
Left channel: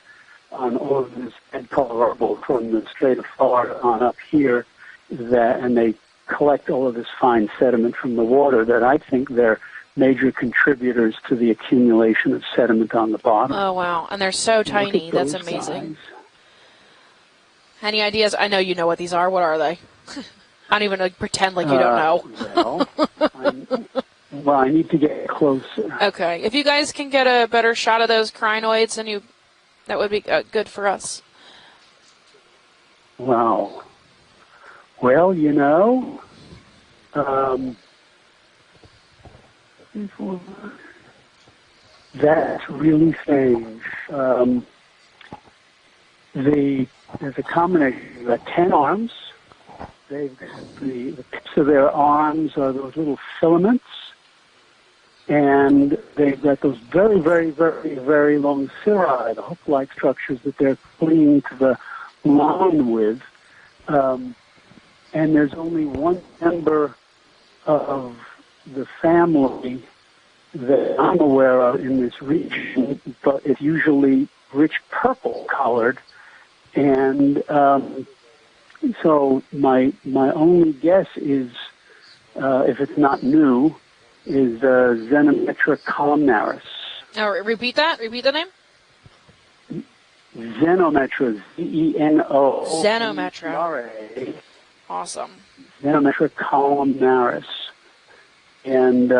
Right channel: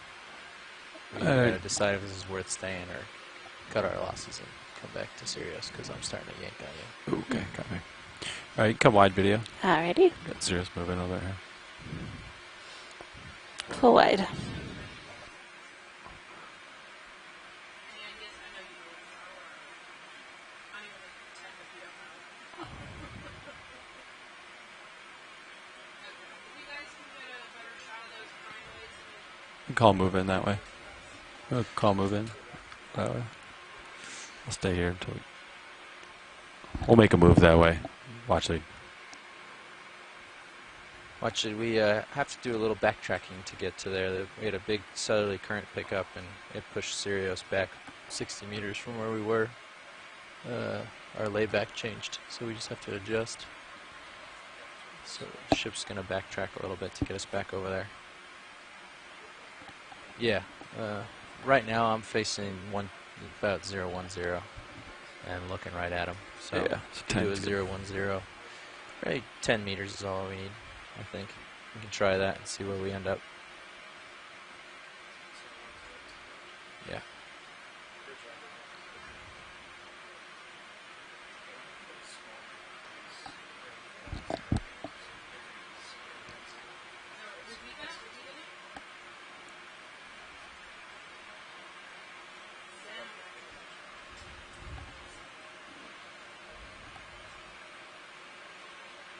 on all of the Colorado from the Strait of Florida on up here, that, and they collect all of this fine sediment from the water, that I think they're major contributors to the accumulation of sediment on the bottom. Oh, wow. And they're so tiny. That's amazing. Any ideas? I know you know what these are. What are they? I don't even pretend like you don't know. Well, I need to get closer. Okay. If you guys can get a better shot of those crinoids, then that would be good for us. Call move in. Wow. I'll stay here. Well, you know. We'll make a move that way. Watch it. Watch it. We have to do a little backtracking to get to there. We had a big southerly current pickup and push Sirius the back combination 60 of 10 meters from arms. where we were. Our layback So their changed, arms so we are just those have to little adjust. filaments, So and ship's gonna they've backtrack got a those little bit very, towards very, back over very, there. very long cirri, the hook-like structures Yeah. that they're clinging to Right the now I'm facing line with. about 010. And there's looking only right at one him. So member do a of 010. the 10 family meters is all we need. that I'm aware of in Try this that and see where we region, end up. but it's usually rich purple colored, and so my only guess is, if it's not new, is Xenometra columnaris. Oh, repeat that. Repeat the name. Xenometra, Z-E-N-O. Xenometra. Awesome. Xenometra columnaris. And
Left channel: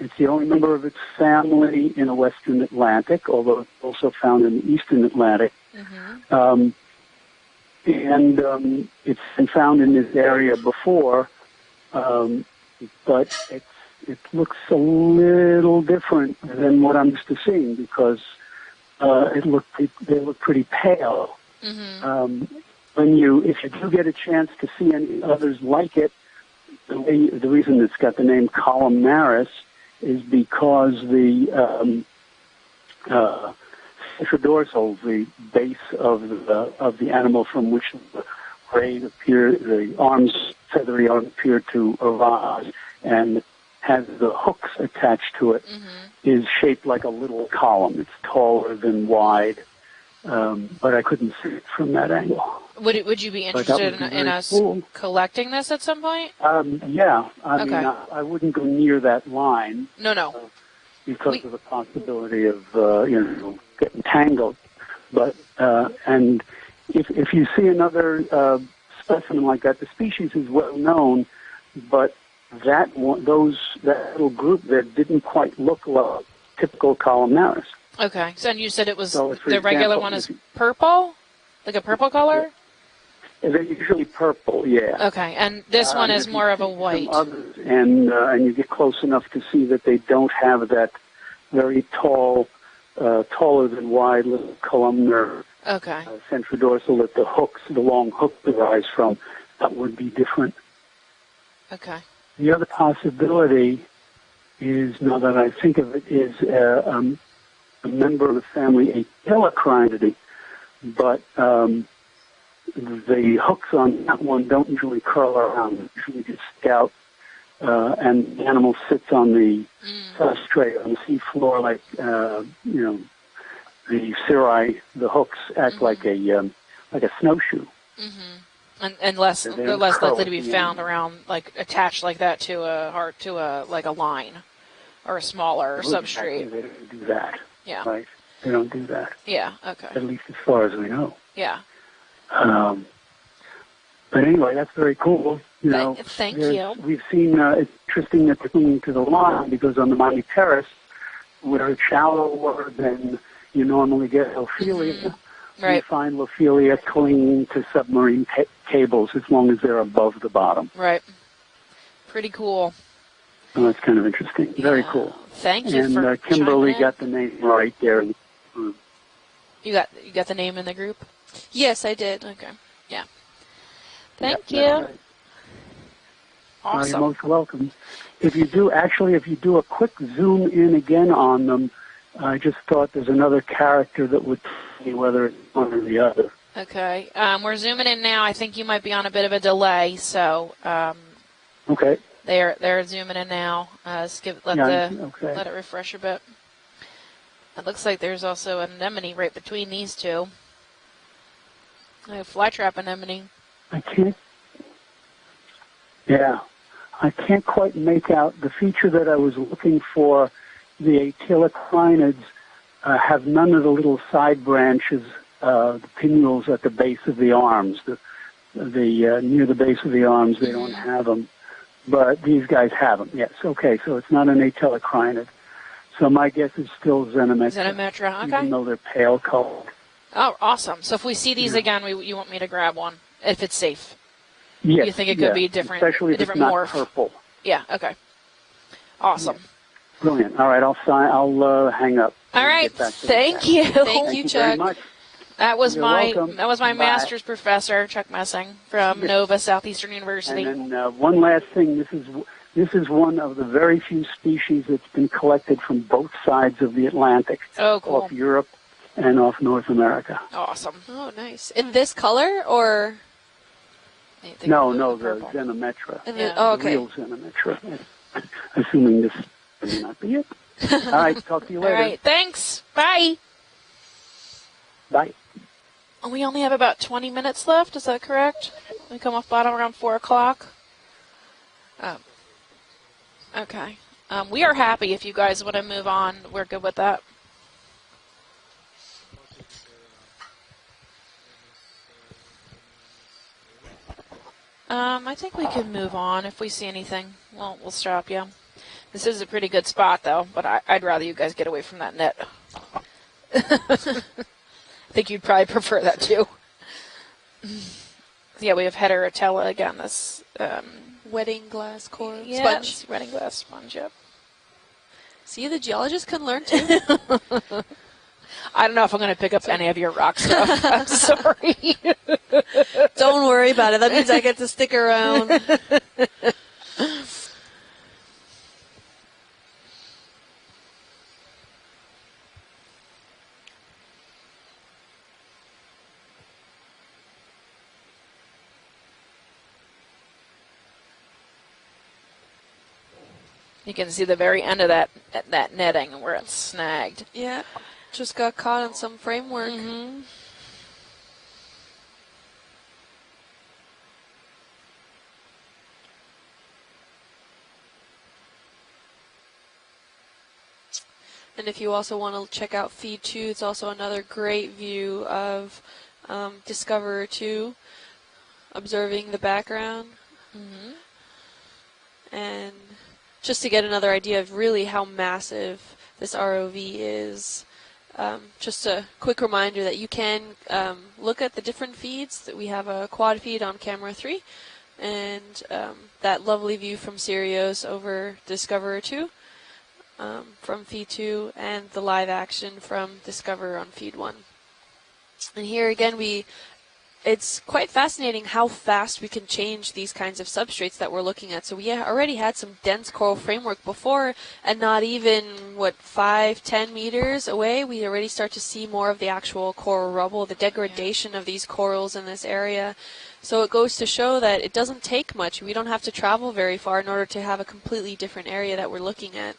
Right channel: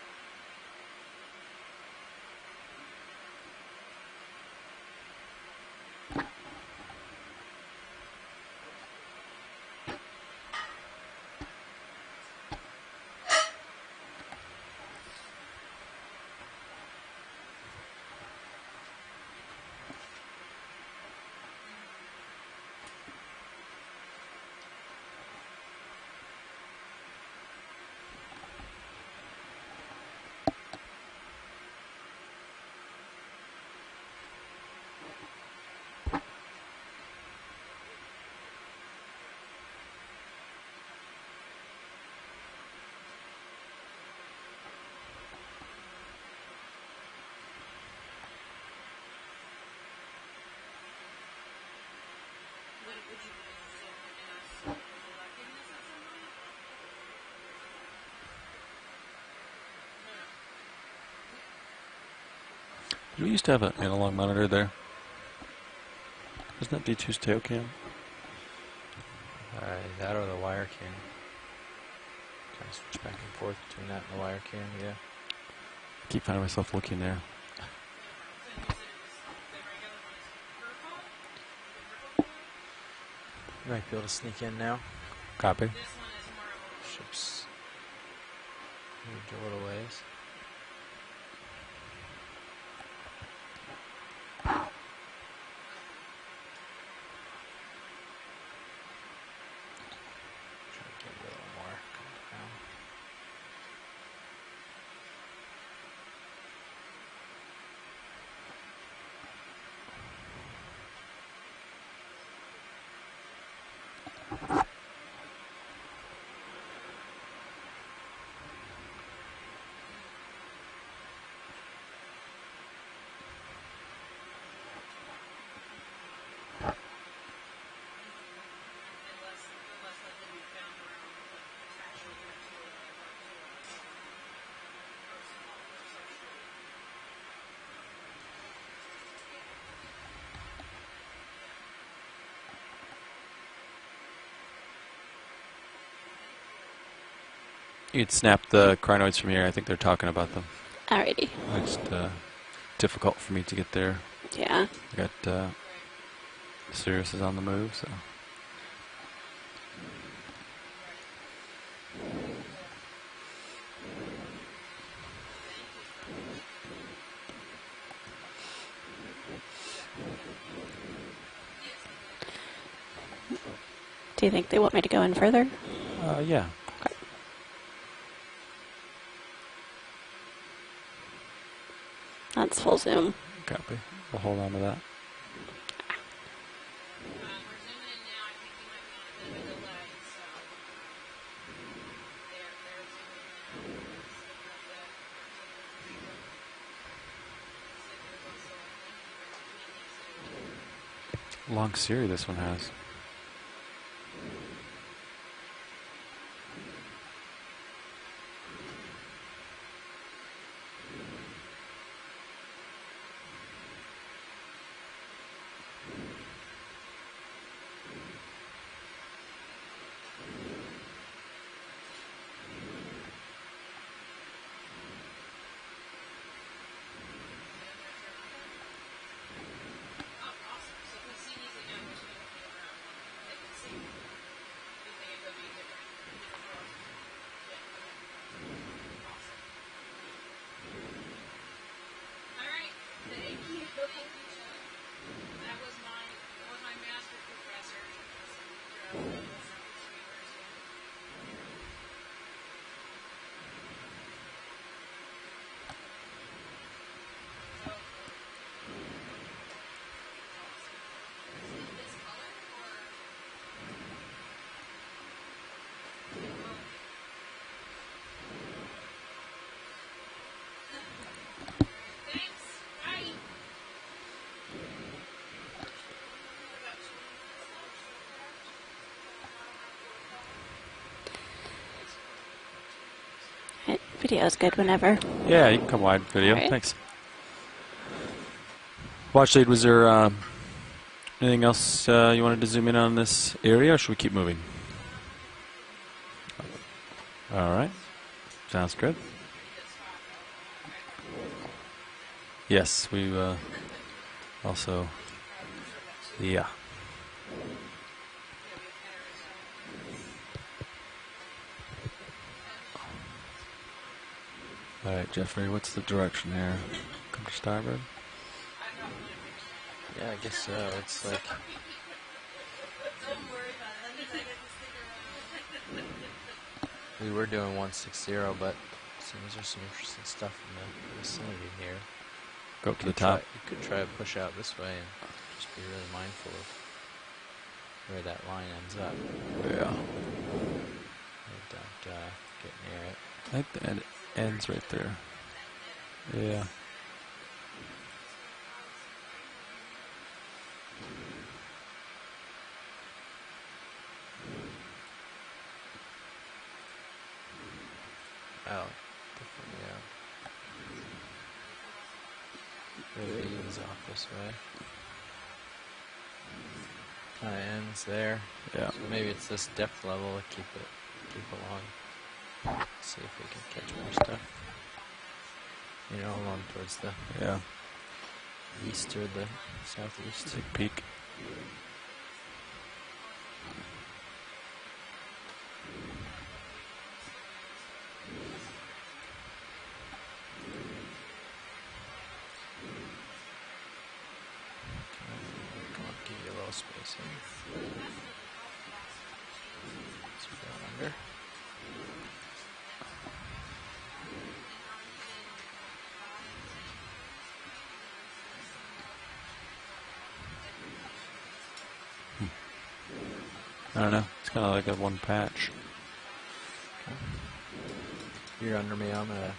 it's the only member of its family in the Western Atlantic, although it's also found in the Eastern Atlantic. Mm-hmm. It's been found in this area before, but it looks a little different than what I'm used to seeing, because they look pretty pale. Mm-hmm. If you do get a chance to see any others like it, the reason it's got the name columnaris is because the centrodorsal, the base of the animal from which the feathery arms appear to arise, and has the hooks attached to it, is shaped like a little column. It's taller than wide, but I couldn't see it from that angle. Would you be interested in us collecting this at some point? Yeah. I mean, Okay. I wouldn't go near that line. No. Because of the possibility of, We used to have getting an tangled. there. But, and if you see another specimen like that, the got species out of is the well known, but that little group there didn't quite look like typical columnaris. Okay. So, and you said it was So, for the regular example, one is purple, like a purple color. They're usually purple, yeah. Okay, and this one is more of a white. And you get close enough to see that they don't have that very tall, taller than wide little columnar centrodorsal that the long hook derives from. That would be different. Okay. The other possibility is, now that I think of it, is a member of the family Atelocrinidae, but the hooks on that one don't usually curl around. They usually just stick out, and the animal sits on the substrate, on the seafloor, like, the cirri, the hooks act like a snowshoe. Unless They're they're less likely to be curling, found around, like attached like that to like a line or a smaller substrate. They don't do that. Yeah. Right. They don't do that. Yeah. Okay. At least as far as we know. Yeah. But anyway, that's very cool. You know, thank you. We've seen It snapped the crinoids from here. I think they're because on talking the about Terrace, Alrighty. where it's shallower than difficult for me to you get normally there. get Ophelia. Right. You find Ophelia clinging to submarine cables as long as they're above the bottom. Right. Pretty cool. So that's kind of interesting. Very cool. Thank you for And Kimberly chiming in. got the name right there. You got the name in the group? Yes, I did. Okay. Yeah. Do you think you want me to go in further? Yeah. Awesome. You're most welcome. If you do a quick zoom in again on them, I just thought there's another character that would see whether it's one or the other. Okay. We're zooming in now. I think you might be on a bit of a delay, so Okay. they're zooming in now. Let it refresh a bit. It looks like there's also an anemone right between these two. Long series. This one has. Flytrap anemone. I can't. Yeah, I can't quite make out the feature that I was looking for. The atelocrinids have none of the little side branches, the pinnules at the base of the arms. Near the base of the arms, they don't have them, but these guys have them. Yes. Okay, so it's not an atelocrinid. So my guess is still Xenometra. Xenometra. Okay. Even though they're pale colored. Oh, awesome. So if we see these again, you want me to grab one if it's safe? Yes. You think it could be different? Especially if different it's not morph? purple. Yeah. Okay. Awesome. Brilliant. All right, I'll hang up. All right. Thank you. Thank you, Chuck. Very much. That was You're my welcome. master's professor, Chuck Messing, from Nova Southeastern University. And then one last thing. This is one of the very few species that's been collected from both sides of the Atlantic. Oh, cool. Off Europe and off North America. Awesome. Oh, nice. In this color or? No, the Xenometra. Oh, okay. The real Xenometra. Assuming this may not be it. All right, talk to you later. All right, thanks. Bye. Bye. We only have about 20 minutes left, is that correct? We come off bottom around 4 o'clock. Oh. Okay. We are happy if you guys want to move on. Video. With that. Watch lead, was there anything else you wanted to zoom in on this area, or should we keep moving? I think we can move on if we see anything. All right. We'll stop, yeah. Sounds good. This is a pretty good spot, though, but I'd rather you guys get away from that net. Yes, we also... I think you'd probably prefer that, too. Yeah. Yeah, we have Heterotella again, this... wedding glass coral sponge. Wedding glass sponge, yep. All right, Jeffrey, See, the geologist can learn, too. I don't know if I'm going to pick up any of your rock stuff. I'm sorry. Don't worry about it. That means I get to stick around. We were doing 160, but there's some interesting stuff in the vicinity here. Go up to the top. You could try to push out this way and just be really mindful of where that line ends up. Yeah. Don't get near it. You can see the very end of that netting where it's snagged. Yeah. Just got caught on some framework. Mm-hmm. And if you also want to check out Feed 2, it's also another great view of Discoverer 2. There. Observing the background. And just to get another idea of really how massive this ROV is. Just a quick reminder that you can look at the different feeds. That we have a quad feed on camera 3, and that lovely view from Sirius over Discoverer 2 from feed 2, and the live action from Discoverer on feed 1. And here again, it's quite fascinating how fast we can change these kinds of substrates that we're looking at. So we already had some dense coral framework before, and not even, 5-10 meters away, we already start to see more of the actual coral rubble, the degradation of these corals in this area. So it goes to show that it doesn't take much. We don't have to travel very far in order to have a completely different area that we're looking at.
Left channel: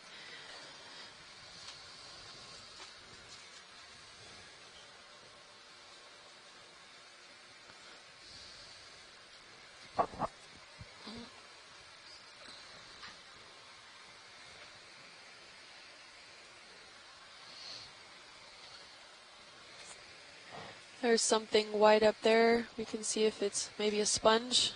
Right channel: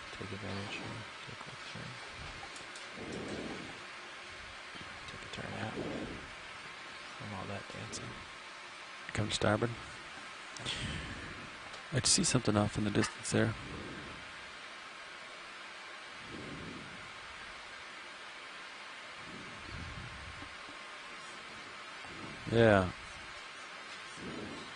Come on starboard. I see something off in the distance there. There's something white up there. Yeah. You can see if it's maybe a sponge.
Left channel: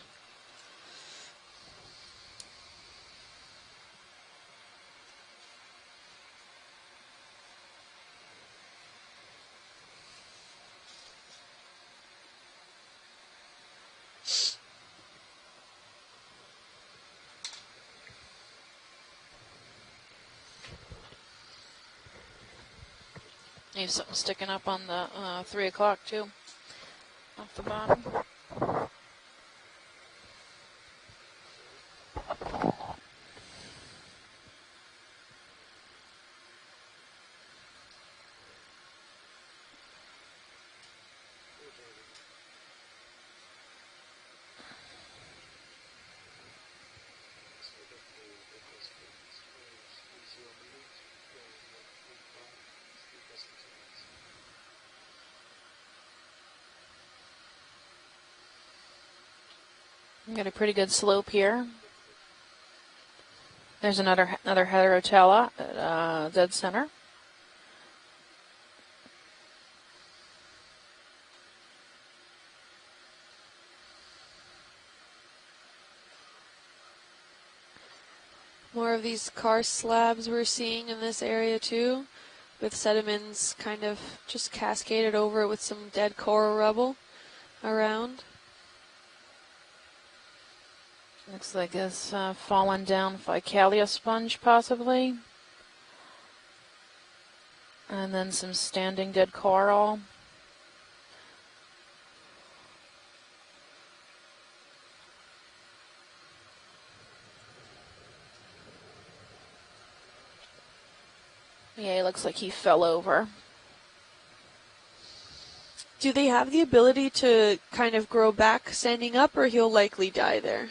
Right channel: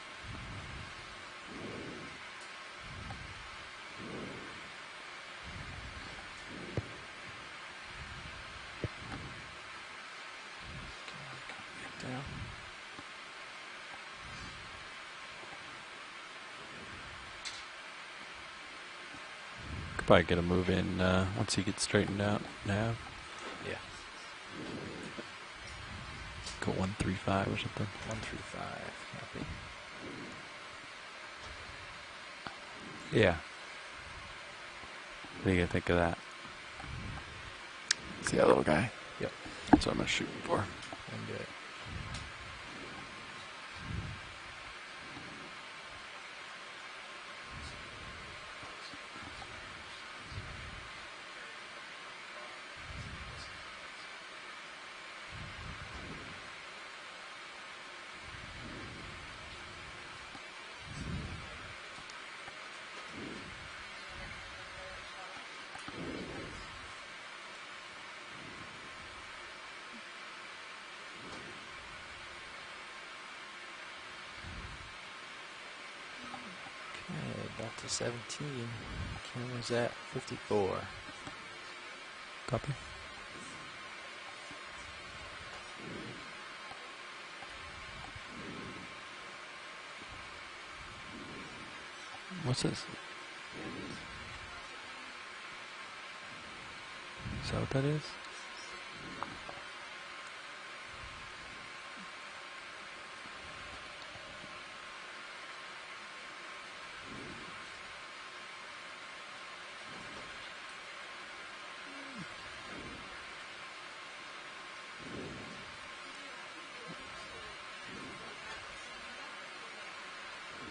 Could probably get a move in once he gets straightened out now. Yeah. Maybe something sticking up on the 3 o'clock too. Go 135 or something. 135. Yeah. What do you think of that? See that little guy? Yep. That's what I'm shooting for. And do it. We got a pretty good slope here. There's another heterotella dead center. Okay, back to 17. More of these car slabs we're seeing in this area too, with sediments kind of just cascaded over with some dead coral rubble around. Looks like it's fallen down Ficalia sponge, possibly. Is that what that is? And then some standing dead coral. Yeah, it looks like he fell over. Do they have the ability to kind of grow back standing up, or he'll likely die there?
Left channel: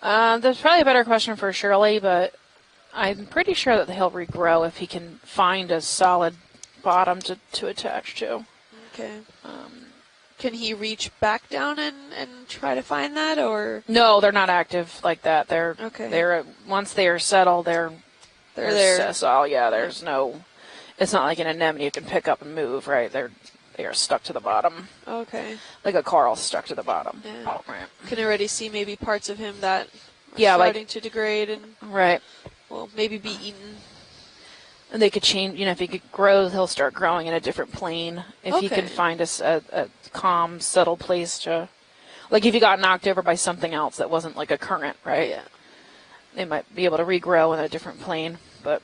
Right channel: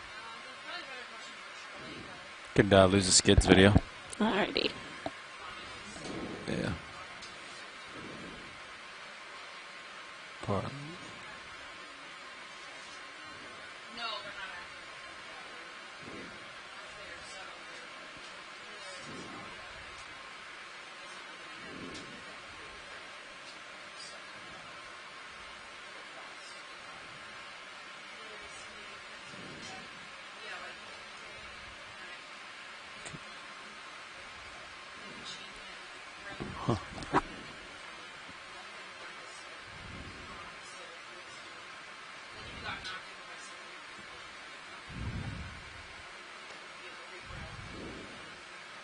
There's probably a better question for Shirley, but Could, I'm pretty sure that he'll regrow if he can find a solid bottom to attach to. Okay. Can he reach back down and try to find that, or? No, they're not active like that. They're okay. Once they are settled, they're there. So yeah, there's no. It's not like an anemone you can pick up and move, right? They are stuck to the bottom. Okay. Like a coral stuck to the bottom. Yeah. Right. Can already see maybe parts of him that are yeah, starting to degrade and right. Well, maybe be eaten. And they could change. You know, if he could grow, he'll start growing in a different plane. If he can find a calm, settle place to, like if he got knocked over by something else that wasn't like a current, right? Yeah. They might be able to regrow in a different plane, but.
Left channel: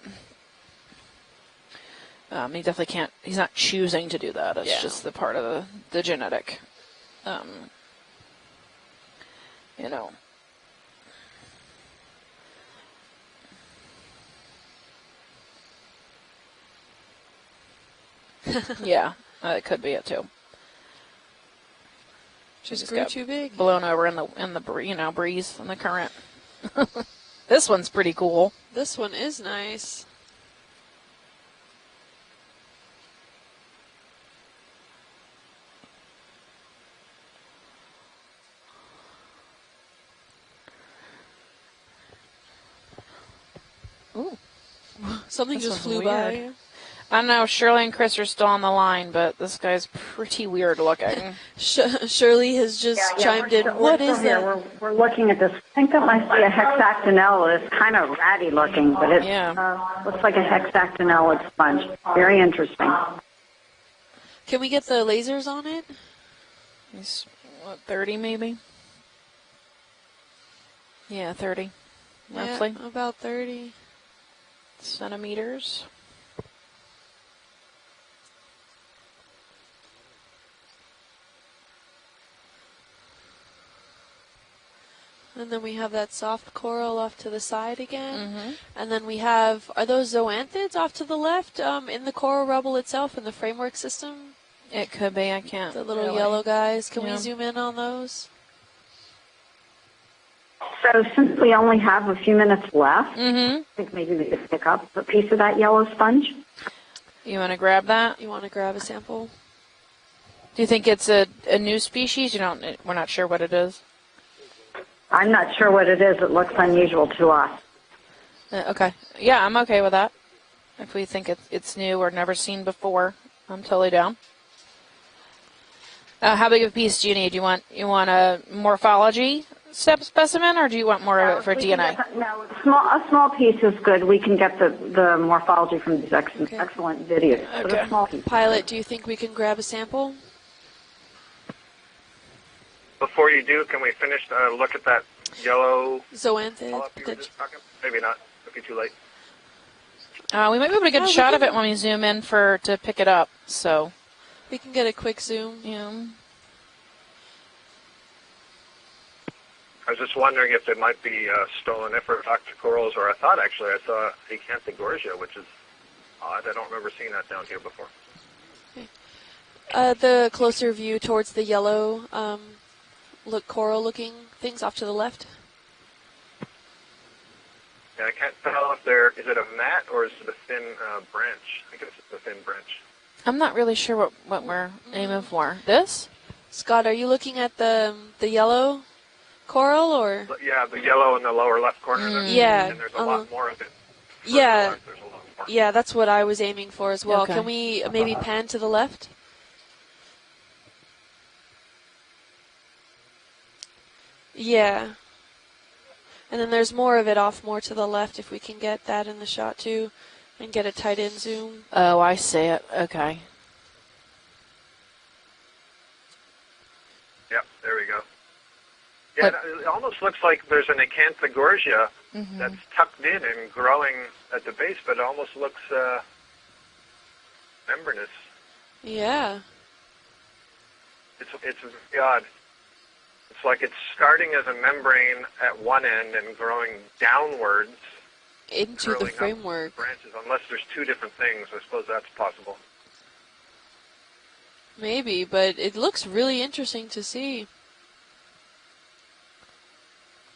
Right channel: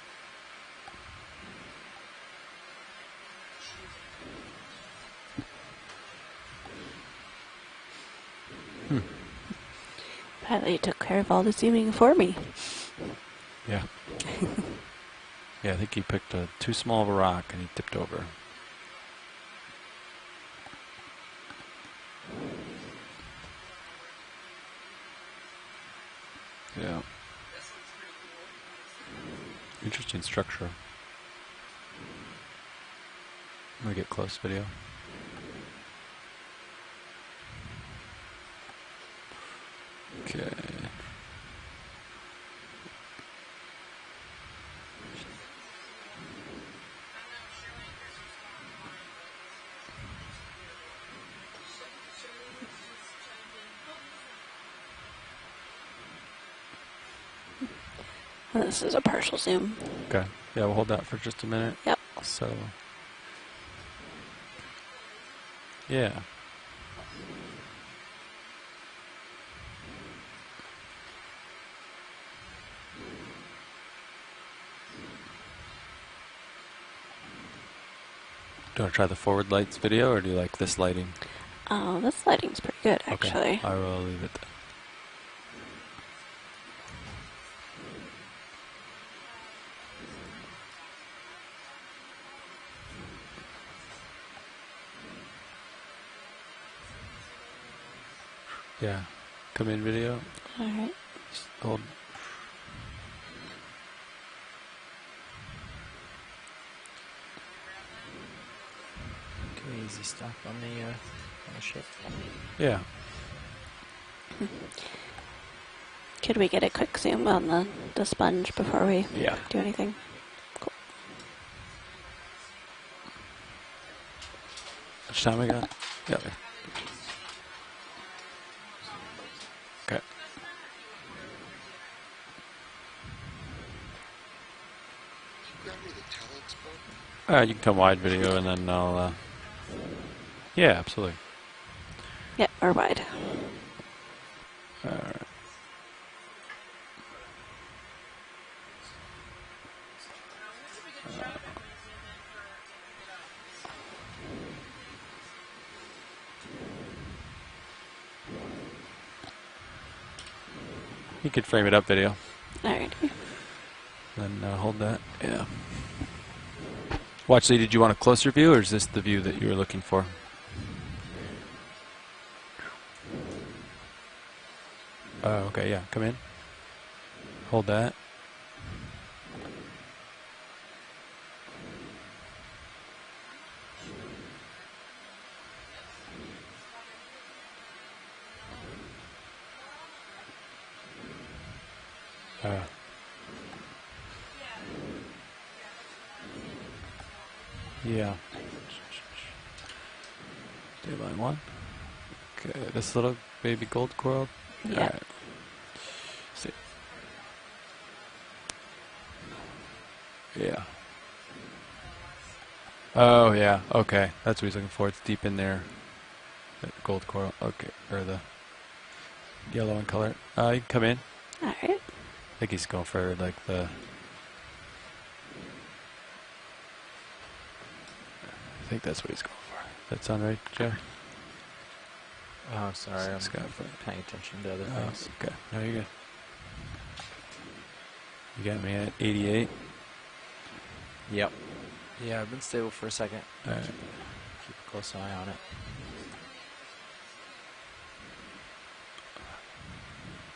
He definitely can't. He's not choosing to do that. It's just the part of the genetic. You know. Apparently, took care of all the zooming for me. Yeah. Yeah, I think he picked too small of a rock and he tipped over. Yeah, that could be it too. Just grew too big. Blown over in the breeze and the current. Yeah. This one's pretty cool. This one is nice. Interesting structure. I'm gonna get close video. Okay. Ooh. Something This just flew one's by. weird. I don't know, Shirley and Chris are still on the line, but this guy's pretty weird looking. Shirley has just chimed in. What is that? We're looking at this. I think that might be a hexactinella. It's kind of ratty looking, but it looks like a hexactinella sponge. Very interesting. Can we get the lasers on it? Yeah. It's, 30 maybe? Yeah, 30. Roughly. Yeah, about 30 centimeters. Do you want to try the forward lights video, or do you like this lighting? Oh, this lighting's pretty good, actually. Okay. I will leave it there. And then we have that soft coral off to the side again. And then we have, are those zoanthids off to the left in the coral rubble itself in the framework system? It could be, I can't. The little yellow guys. Can we zoom in on those? Yeah. Come in video. So since we only have a few minutes left, I think maybe we could pick up a piece of that yellow sponge. You want to grab that? You want to grab a sample? Crazy stuff. Do you think it's a new species? You don't. Yeah. We're not sure what it is. I'm not sure what it is. It Can we looks get a quick unusual zoom to on us. the sponge before Okay. we Yeah, I'm do okay anything? with that. If we think it's new or never seen before, I'm totally down. Which time we got? Yep. How big of a piece do you need? You want a morphology specimen, or do you want more of it for DNA? A small piece is good. We can get the morphology from these excellent videos. Yeah, you can wide video. Pilot, do you think we can grab a sample? Yeah, absolutely. Yeah, or wide. Before you do, can we finish look at that yellow? Zoanthid. Maybe not. It'll be too late. We might be able to get a shot of it when we zoom in to pick it up. So we can get a quick zoom. Yeah. I was just wondering if it might be You could frame it up video. corals, or I thought actually I saw Then, the hold that. Yeah. I don't remember seeing that. Watch, Lee, did you want a closer view, or is this the view that you were looking for? The closer view towards the yellow, coral-looking things off to the left. Oh, okay, yeah. Come in. Hold that. Yeah, I can't tell if is it a mat or is it a thin branch? I think it's a thin branch. I'm not really sure what we're aiming for. This? Scott, are you looking at the yellow coral or? Yeah, the yellow in the lower left corner. Yeah. And there's a lot more of it. Yeah. Yeah, that's what I was aiming for as well. Okay. Can we maybe pan to the left? Line 1. Okay, this little baby gold coral. Yeah. Right. And then there's more of it off more to the left if we can get that in the shot too. Yeah. Get a tight end zoom. Oh, I see it. Okay. Oh, yeah. Okay. That's what he's looking for. It's deep in there. That gold coral. Yep, okay. there we go. Yeah, it almost looks like there's an acanthogorgia that's tucked in and growing at the base, but it almost looks membranous. I think that's that sound right, Joe? It's very odd. Oh, sorry. It's like it's starting as a membrane at one end and growing downwards into the framework. Branches, unless there's two different things. I suppose that's possible. Stay for a second. Maybe, but it looks really interesting to see.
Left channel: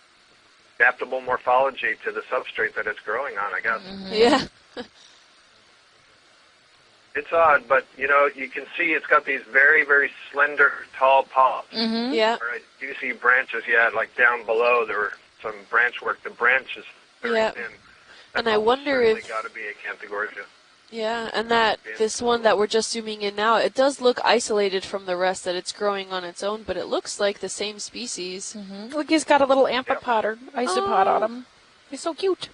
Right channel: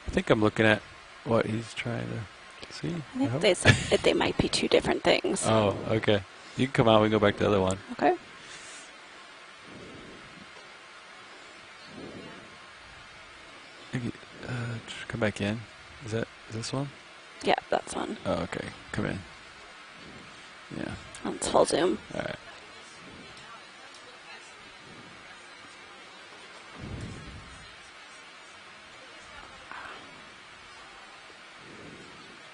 I think I'm looking at adaptable morphology to the substrate that it's growing on. I guess. They might be two different things. Oh, okay. You can come out. We can go back odd, to the other one. But you know, you can see it's got these very, very slender, tall polyps. Yeah. Where I do see branches. Yeah, like down below there were some branch work. The branches. Yeah, that's one. And I wonder if got to be acanthogorgia. Yeah, and this one that we're just zooming in now, it does look isolated from the rest, that it's growing on its own, but it looks like the same species. Look, he's got a little amphipod or isopod on him. He's so cute.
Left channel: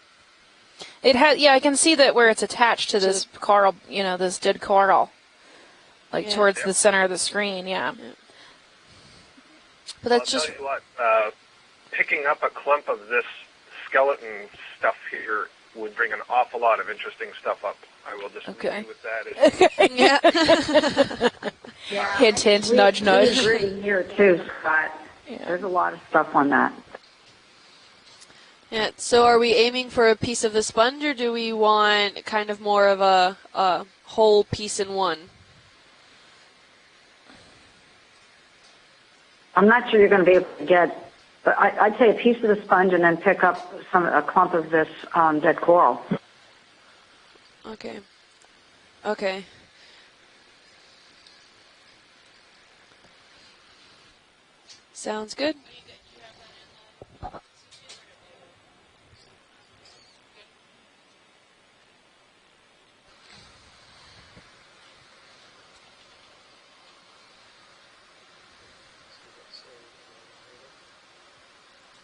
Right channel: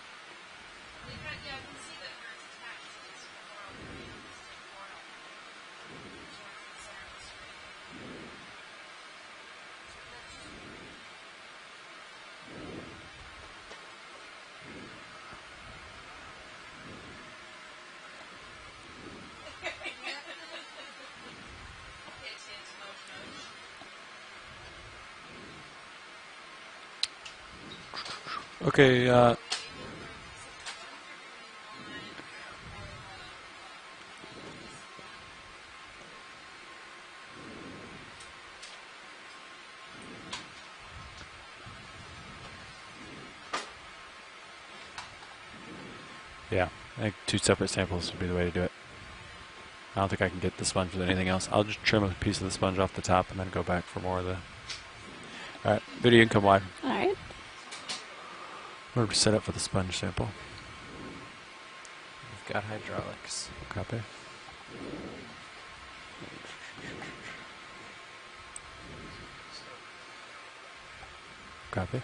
It has, I can see that where it's attached to this coral, this dead coral, like towards the center of the screen. Yeah. But that's I'll tell you what, picking up a clump of this skeleton stuff here would bring an awful lot of interesting stuff up. I will just agree with that. Hint, hint, nudge, nudge. We agree here too, Scott. There's a lot of stuff on that. Okay. So are we aiming for a piece of the sponge, or do we want kind of more of a whole piece in one? I'm not sure you're going to be able to get, but I'd say a piece of the sponge and then pick up a clump of this dead coral. Yeah, I think two separate samples would be the way to do it. Okay. I don't think I can get the sponge with anything else. I'll just trim a piece of the sponge off the top and then go back for more of the... Sounds good. All right, video, you can come wide. All right. We're set up for the sponge sample. We've got hydraulics. Copy. Copy.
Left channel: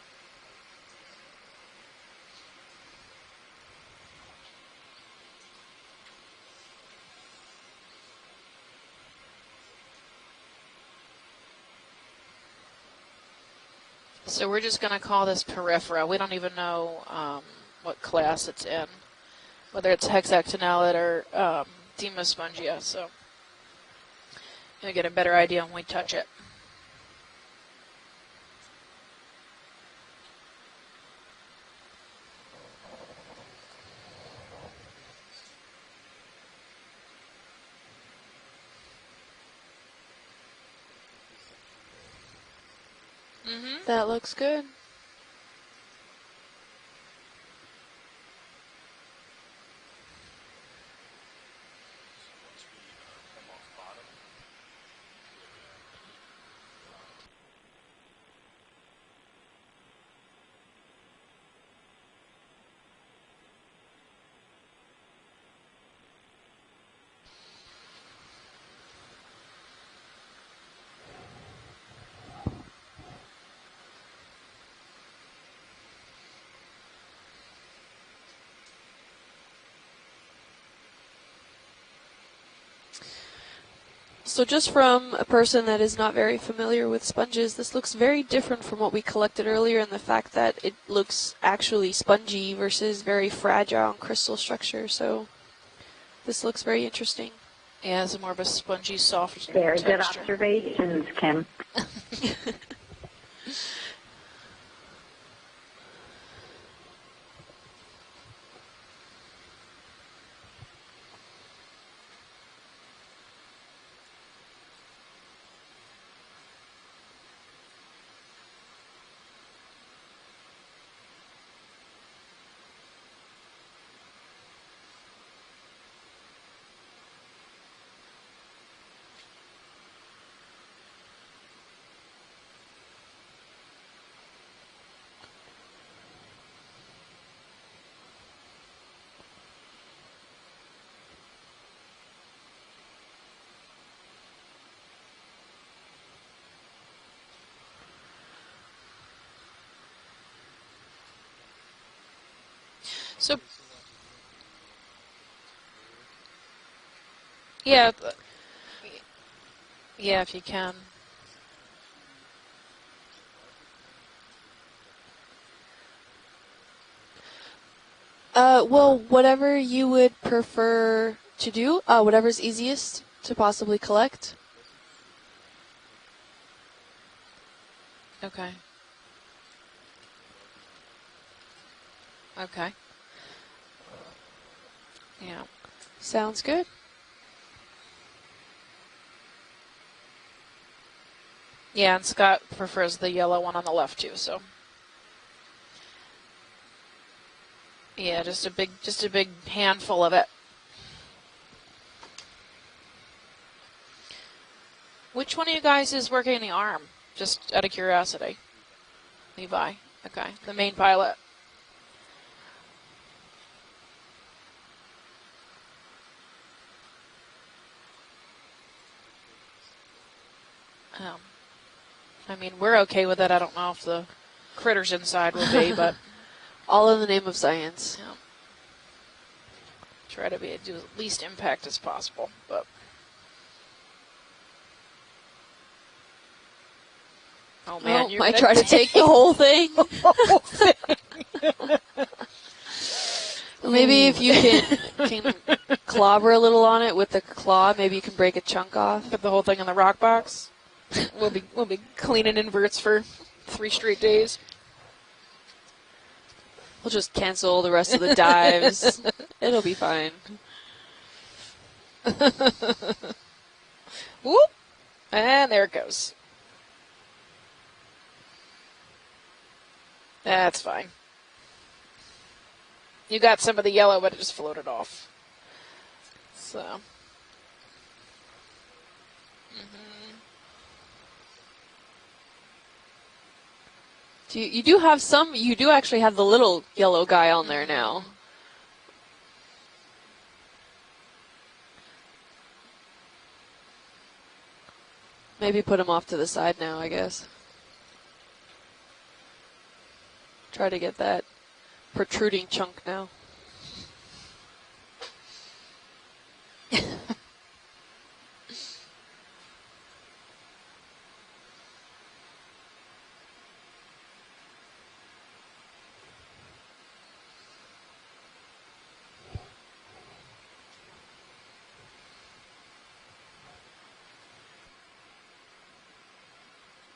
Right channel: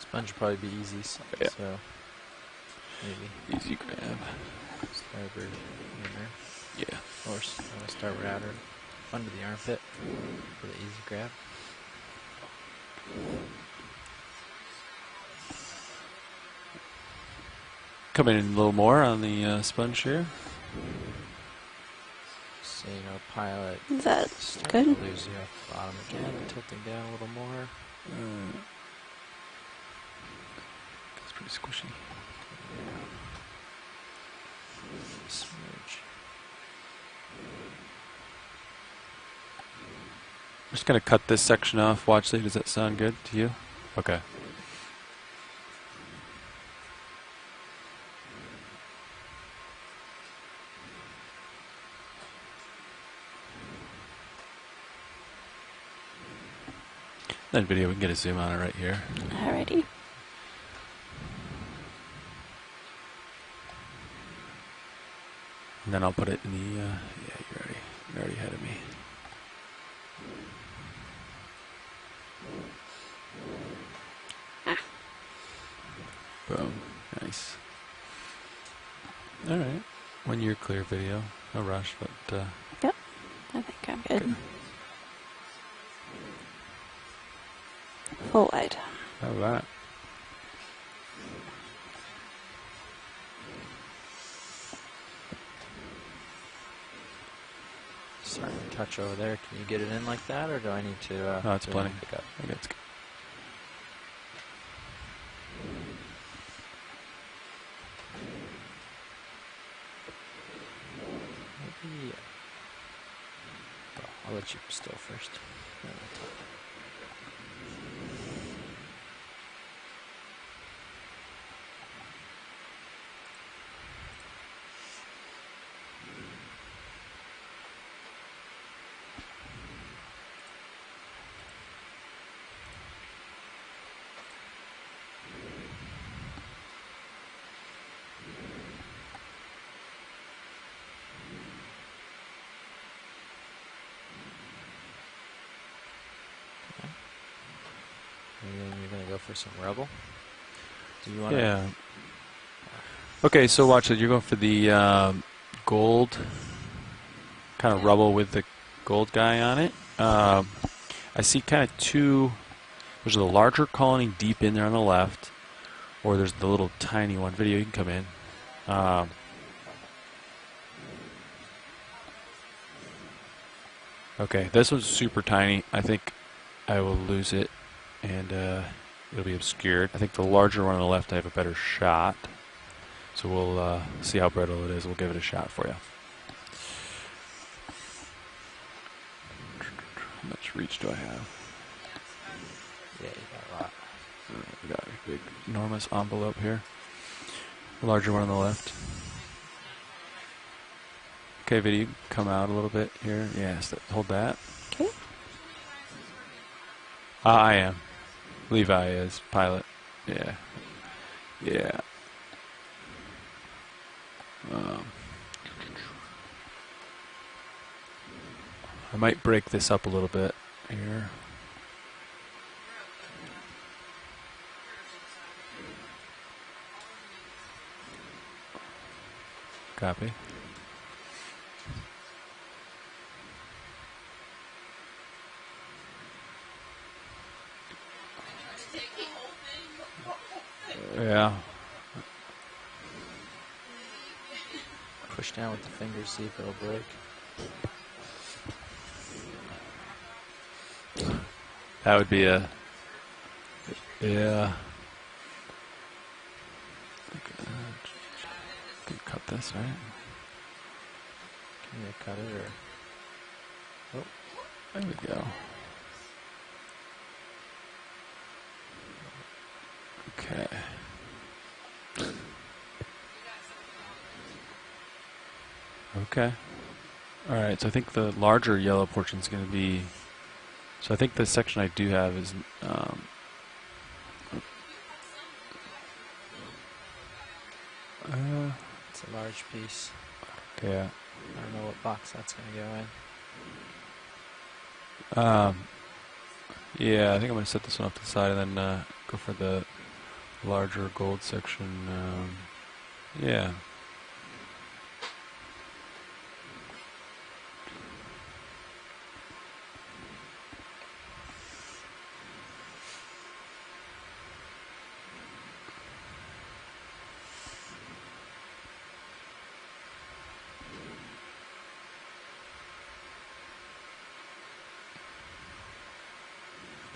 Sponge would probably be easy, so maybe. Easy grab. Start over in there. Yeah. Or start rather under the armpit for the easy grab. So we're just going to call this peripheral. We don't even know what class Come in it's a little more on the sponge. Whether it's hexactinellate or demospongia. So pilot. Is that good? We get a better idea when we touch it. Tilting down a little more. It's pretty squishy. Smooch. I'm just going to cut this section off. Watch, Lee. Does that sound good to you? That looks good. That video, we can get a zoom on it right here. Alrighty. And then I'll put it in the, yeah, you're already ahead of me. Boom. Nice. All right. 1 year clear video. No rush, but... Yep. I think I'm good. So just from a person that is not very familiar with sponges, this looks very different from what we collected earlier, in the fact that it looks actually spongy versus very fragile crystal structure. So this looks very interesting. Yeah, it's more of a spongy, soft. Very good observations, Kim. No, it's plenty. That's good. I'll let you still first. You're going to go for some rubble? Do you want Yeah. Okay, so watch it. You're going for the gold kind of rubble with the gold guy on it. Yeah, if you can. I see kind of two. There's the larger colony deep in there on the left, or there's the little tiny one. Video, you can come in. Well, whatever you would prefer to do, whatever's easiest to possibly collect. Okay, this one's super tiny. I think I will lose it, and it'll be obscured. I think the larger one on the left, I have a better shot. Okay. So we'll see how brittle it is. We'll give it a shot for you. Sounds good. How much reach do I have? Yeah, and Scott prefers the yellow one on the left too. So We got a big, enormous envelope here. Larger one on the left. Just a big handful of it. Okay, video, come out a little bit here. Yes, hold that. Okay. Which one of you guys is working the arm? Just out of curiosity. Levi is pilot. Levi. Okay. Yeah. The main pilot. Yeah. I might break this up a little bit here. Oh. I mean, we're okay with it. I don't know if the critters inside will be, but all in the name of science. Copy. Try to do the least impact as possible, but. Oh man, you might try to take the whole thing. Yeah. Maybe if you can clobber a little on it with the claw, maybe you can break a chunk off. Put the whole thing in the rock box. We'll be cleaning inverts for 3 straight days. Yeah. We'll just cancel the rest of the dives. It'll be fine. Whoop! And there it goes. Okay. That's fine. You got some of the yellow, but it just floated off. Okay. So. All right, so I think the larger yellow portion is going to be... So I think the section I do have is... So you do have some... You do actually have the little yellow guy on there now. It's a large piece. Yeah. I don't know what box that's going to go in. Maybe put him off to the side now, I guess. I think I'm going to set this one off to the side and then go for the larger Try to get gold that section. protruding chunk now. Yeah.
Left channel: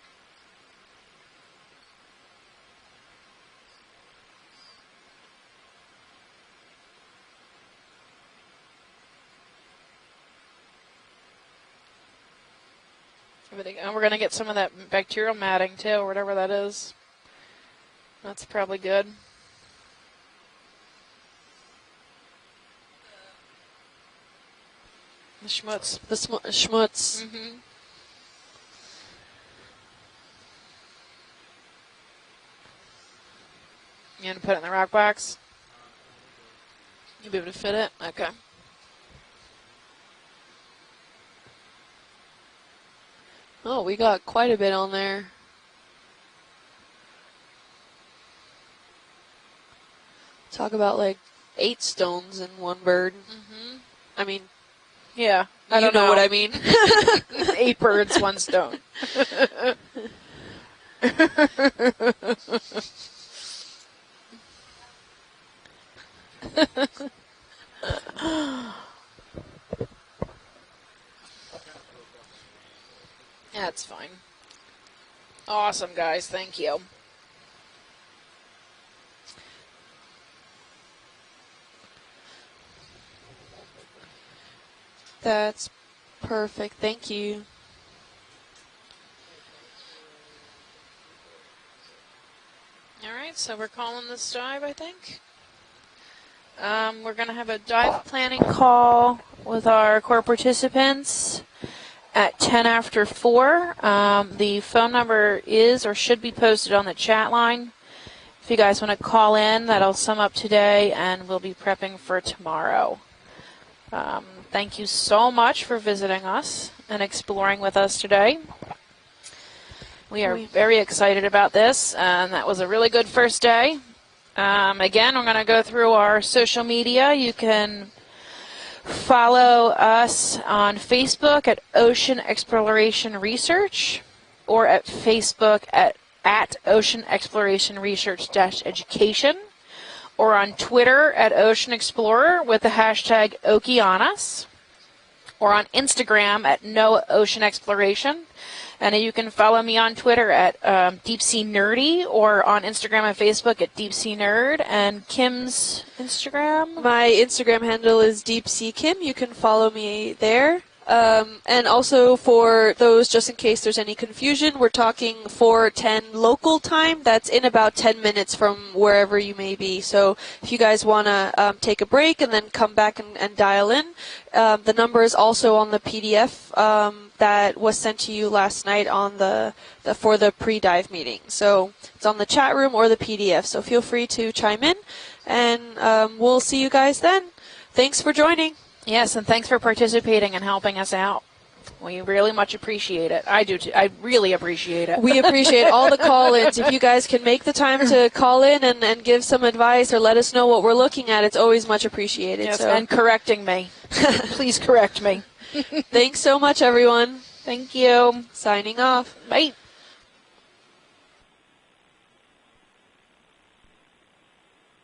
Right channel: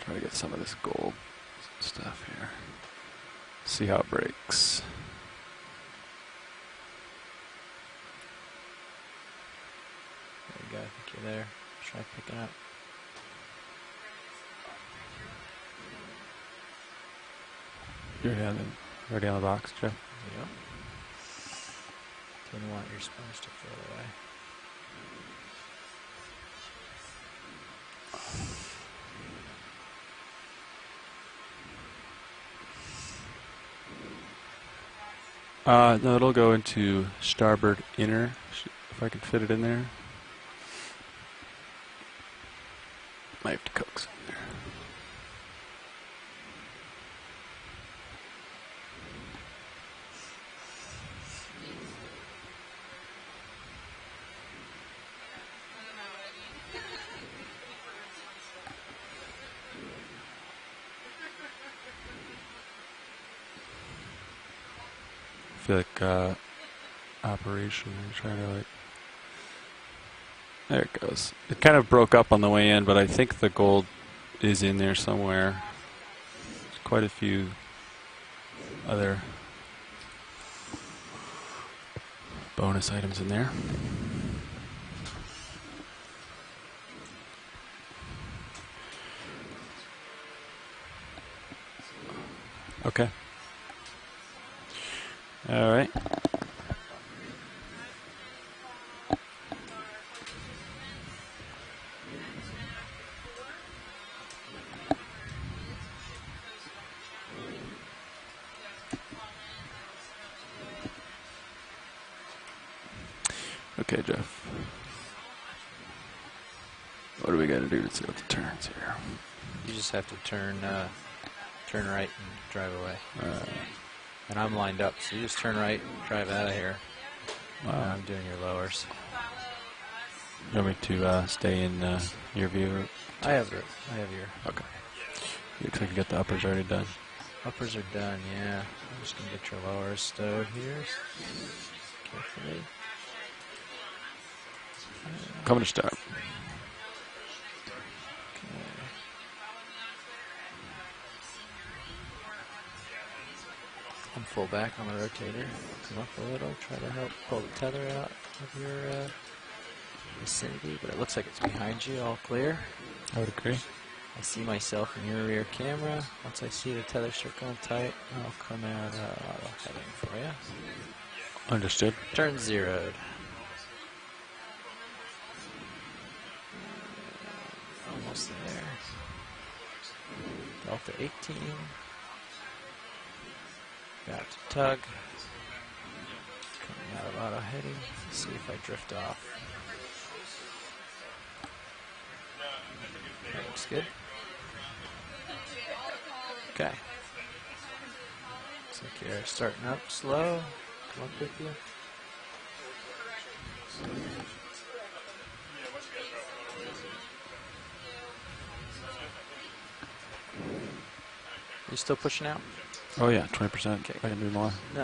Try to get some of this gold stuff here. See how it breaks. There you go. I think you're there. Try picking up. And we're going to get some of that bacterial matting too, or whatever that is. That's probably good. Ready on the box, Jeff? Yep. Didn't want your sponge to float away. The schmutz. The schmutz. Mm-hmm. And put it in the rock box? No, it'll go into You gonna fit starboard it? inner. Okay. If I can fit it in there. Oh, we got quite a bit on there. Talk about like 8 stones in one bird. I mean, yeah, I you don't know what I mean. 8 birds, 1 stone. I feel like operation. There it goes. It kind of broke up on the way in, but I think the gold is in there somewhere. Awesome, guys. Thank you. Quite a few other bonus items in there. That's perfect. Thank you. Okay. All right, so we're calling this dive, I think. All right. We're going to have a dive planning call with our core participants at 10 after 4. The phone number is or should be posted on the chat line. If you guys want to call in, that'll sum up today, and we'll be prepping for tomorrow. Okay. Thank you so much for visiting us and exploring with us today. We are very excited about this, and that was a really good first day. Again, we're going to go through our social media. You can follow us on Facebook at Ocean Exploration Research, or at Facebook at Ocean Exploration Research-Education, or on Twitter at Ocean Explorer with the hashtag Okeanos, or on Instagram at No Ocean Exploration. And you can follow me on Twitter at Deep Sea Nerdy, or on Instagram and Facebook at Deep Sea Nerd. And Kim's Instagram? My Instagram handle is Deep Sea Kim. You can follow me there. And also for those, just in case there's any confusion, we're talking 4:10 local time. That's in about 10 minutes from wherever you may be. So if you guys want to take a break and then come back and dial in, the number is also on the PDF that was sent to you last night on for the pre-dive meeting. So it's on the chat room or the PDF. So feel free to chime in, and we'll see you guys then. Thanks for joining. Yes, and thanks for participating and helping us out. We really much appreciate it. I do too. I really appreciate it. We appreciate all the call-ins. If you guys can make the time to call in and give some advice or let us know what we're looking at, it's always much appreciated. Yes, so. and correcting me. Please correct me. Thanks so much, everyone. Thank you. Signing off. Bye. You still pushing out? Oh yeah, 20%. Okay. I can do more. Nice.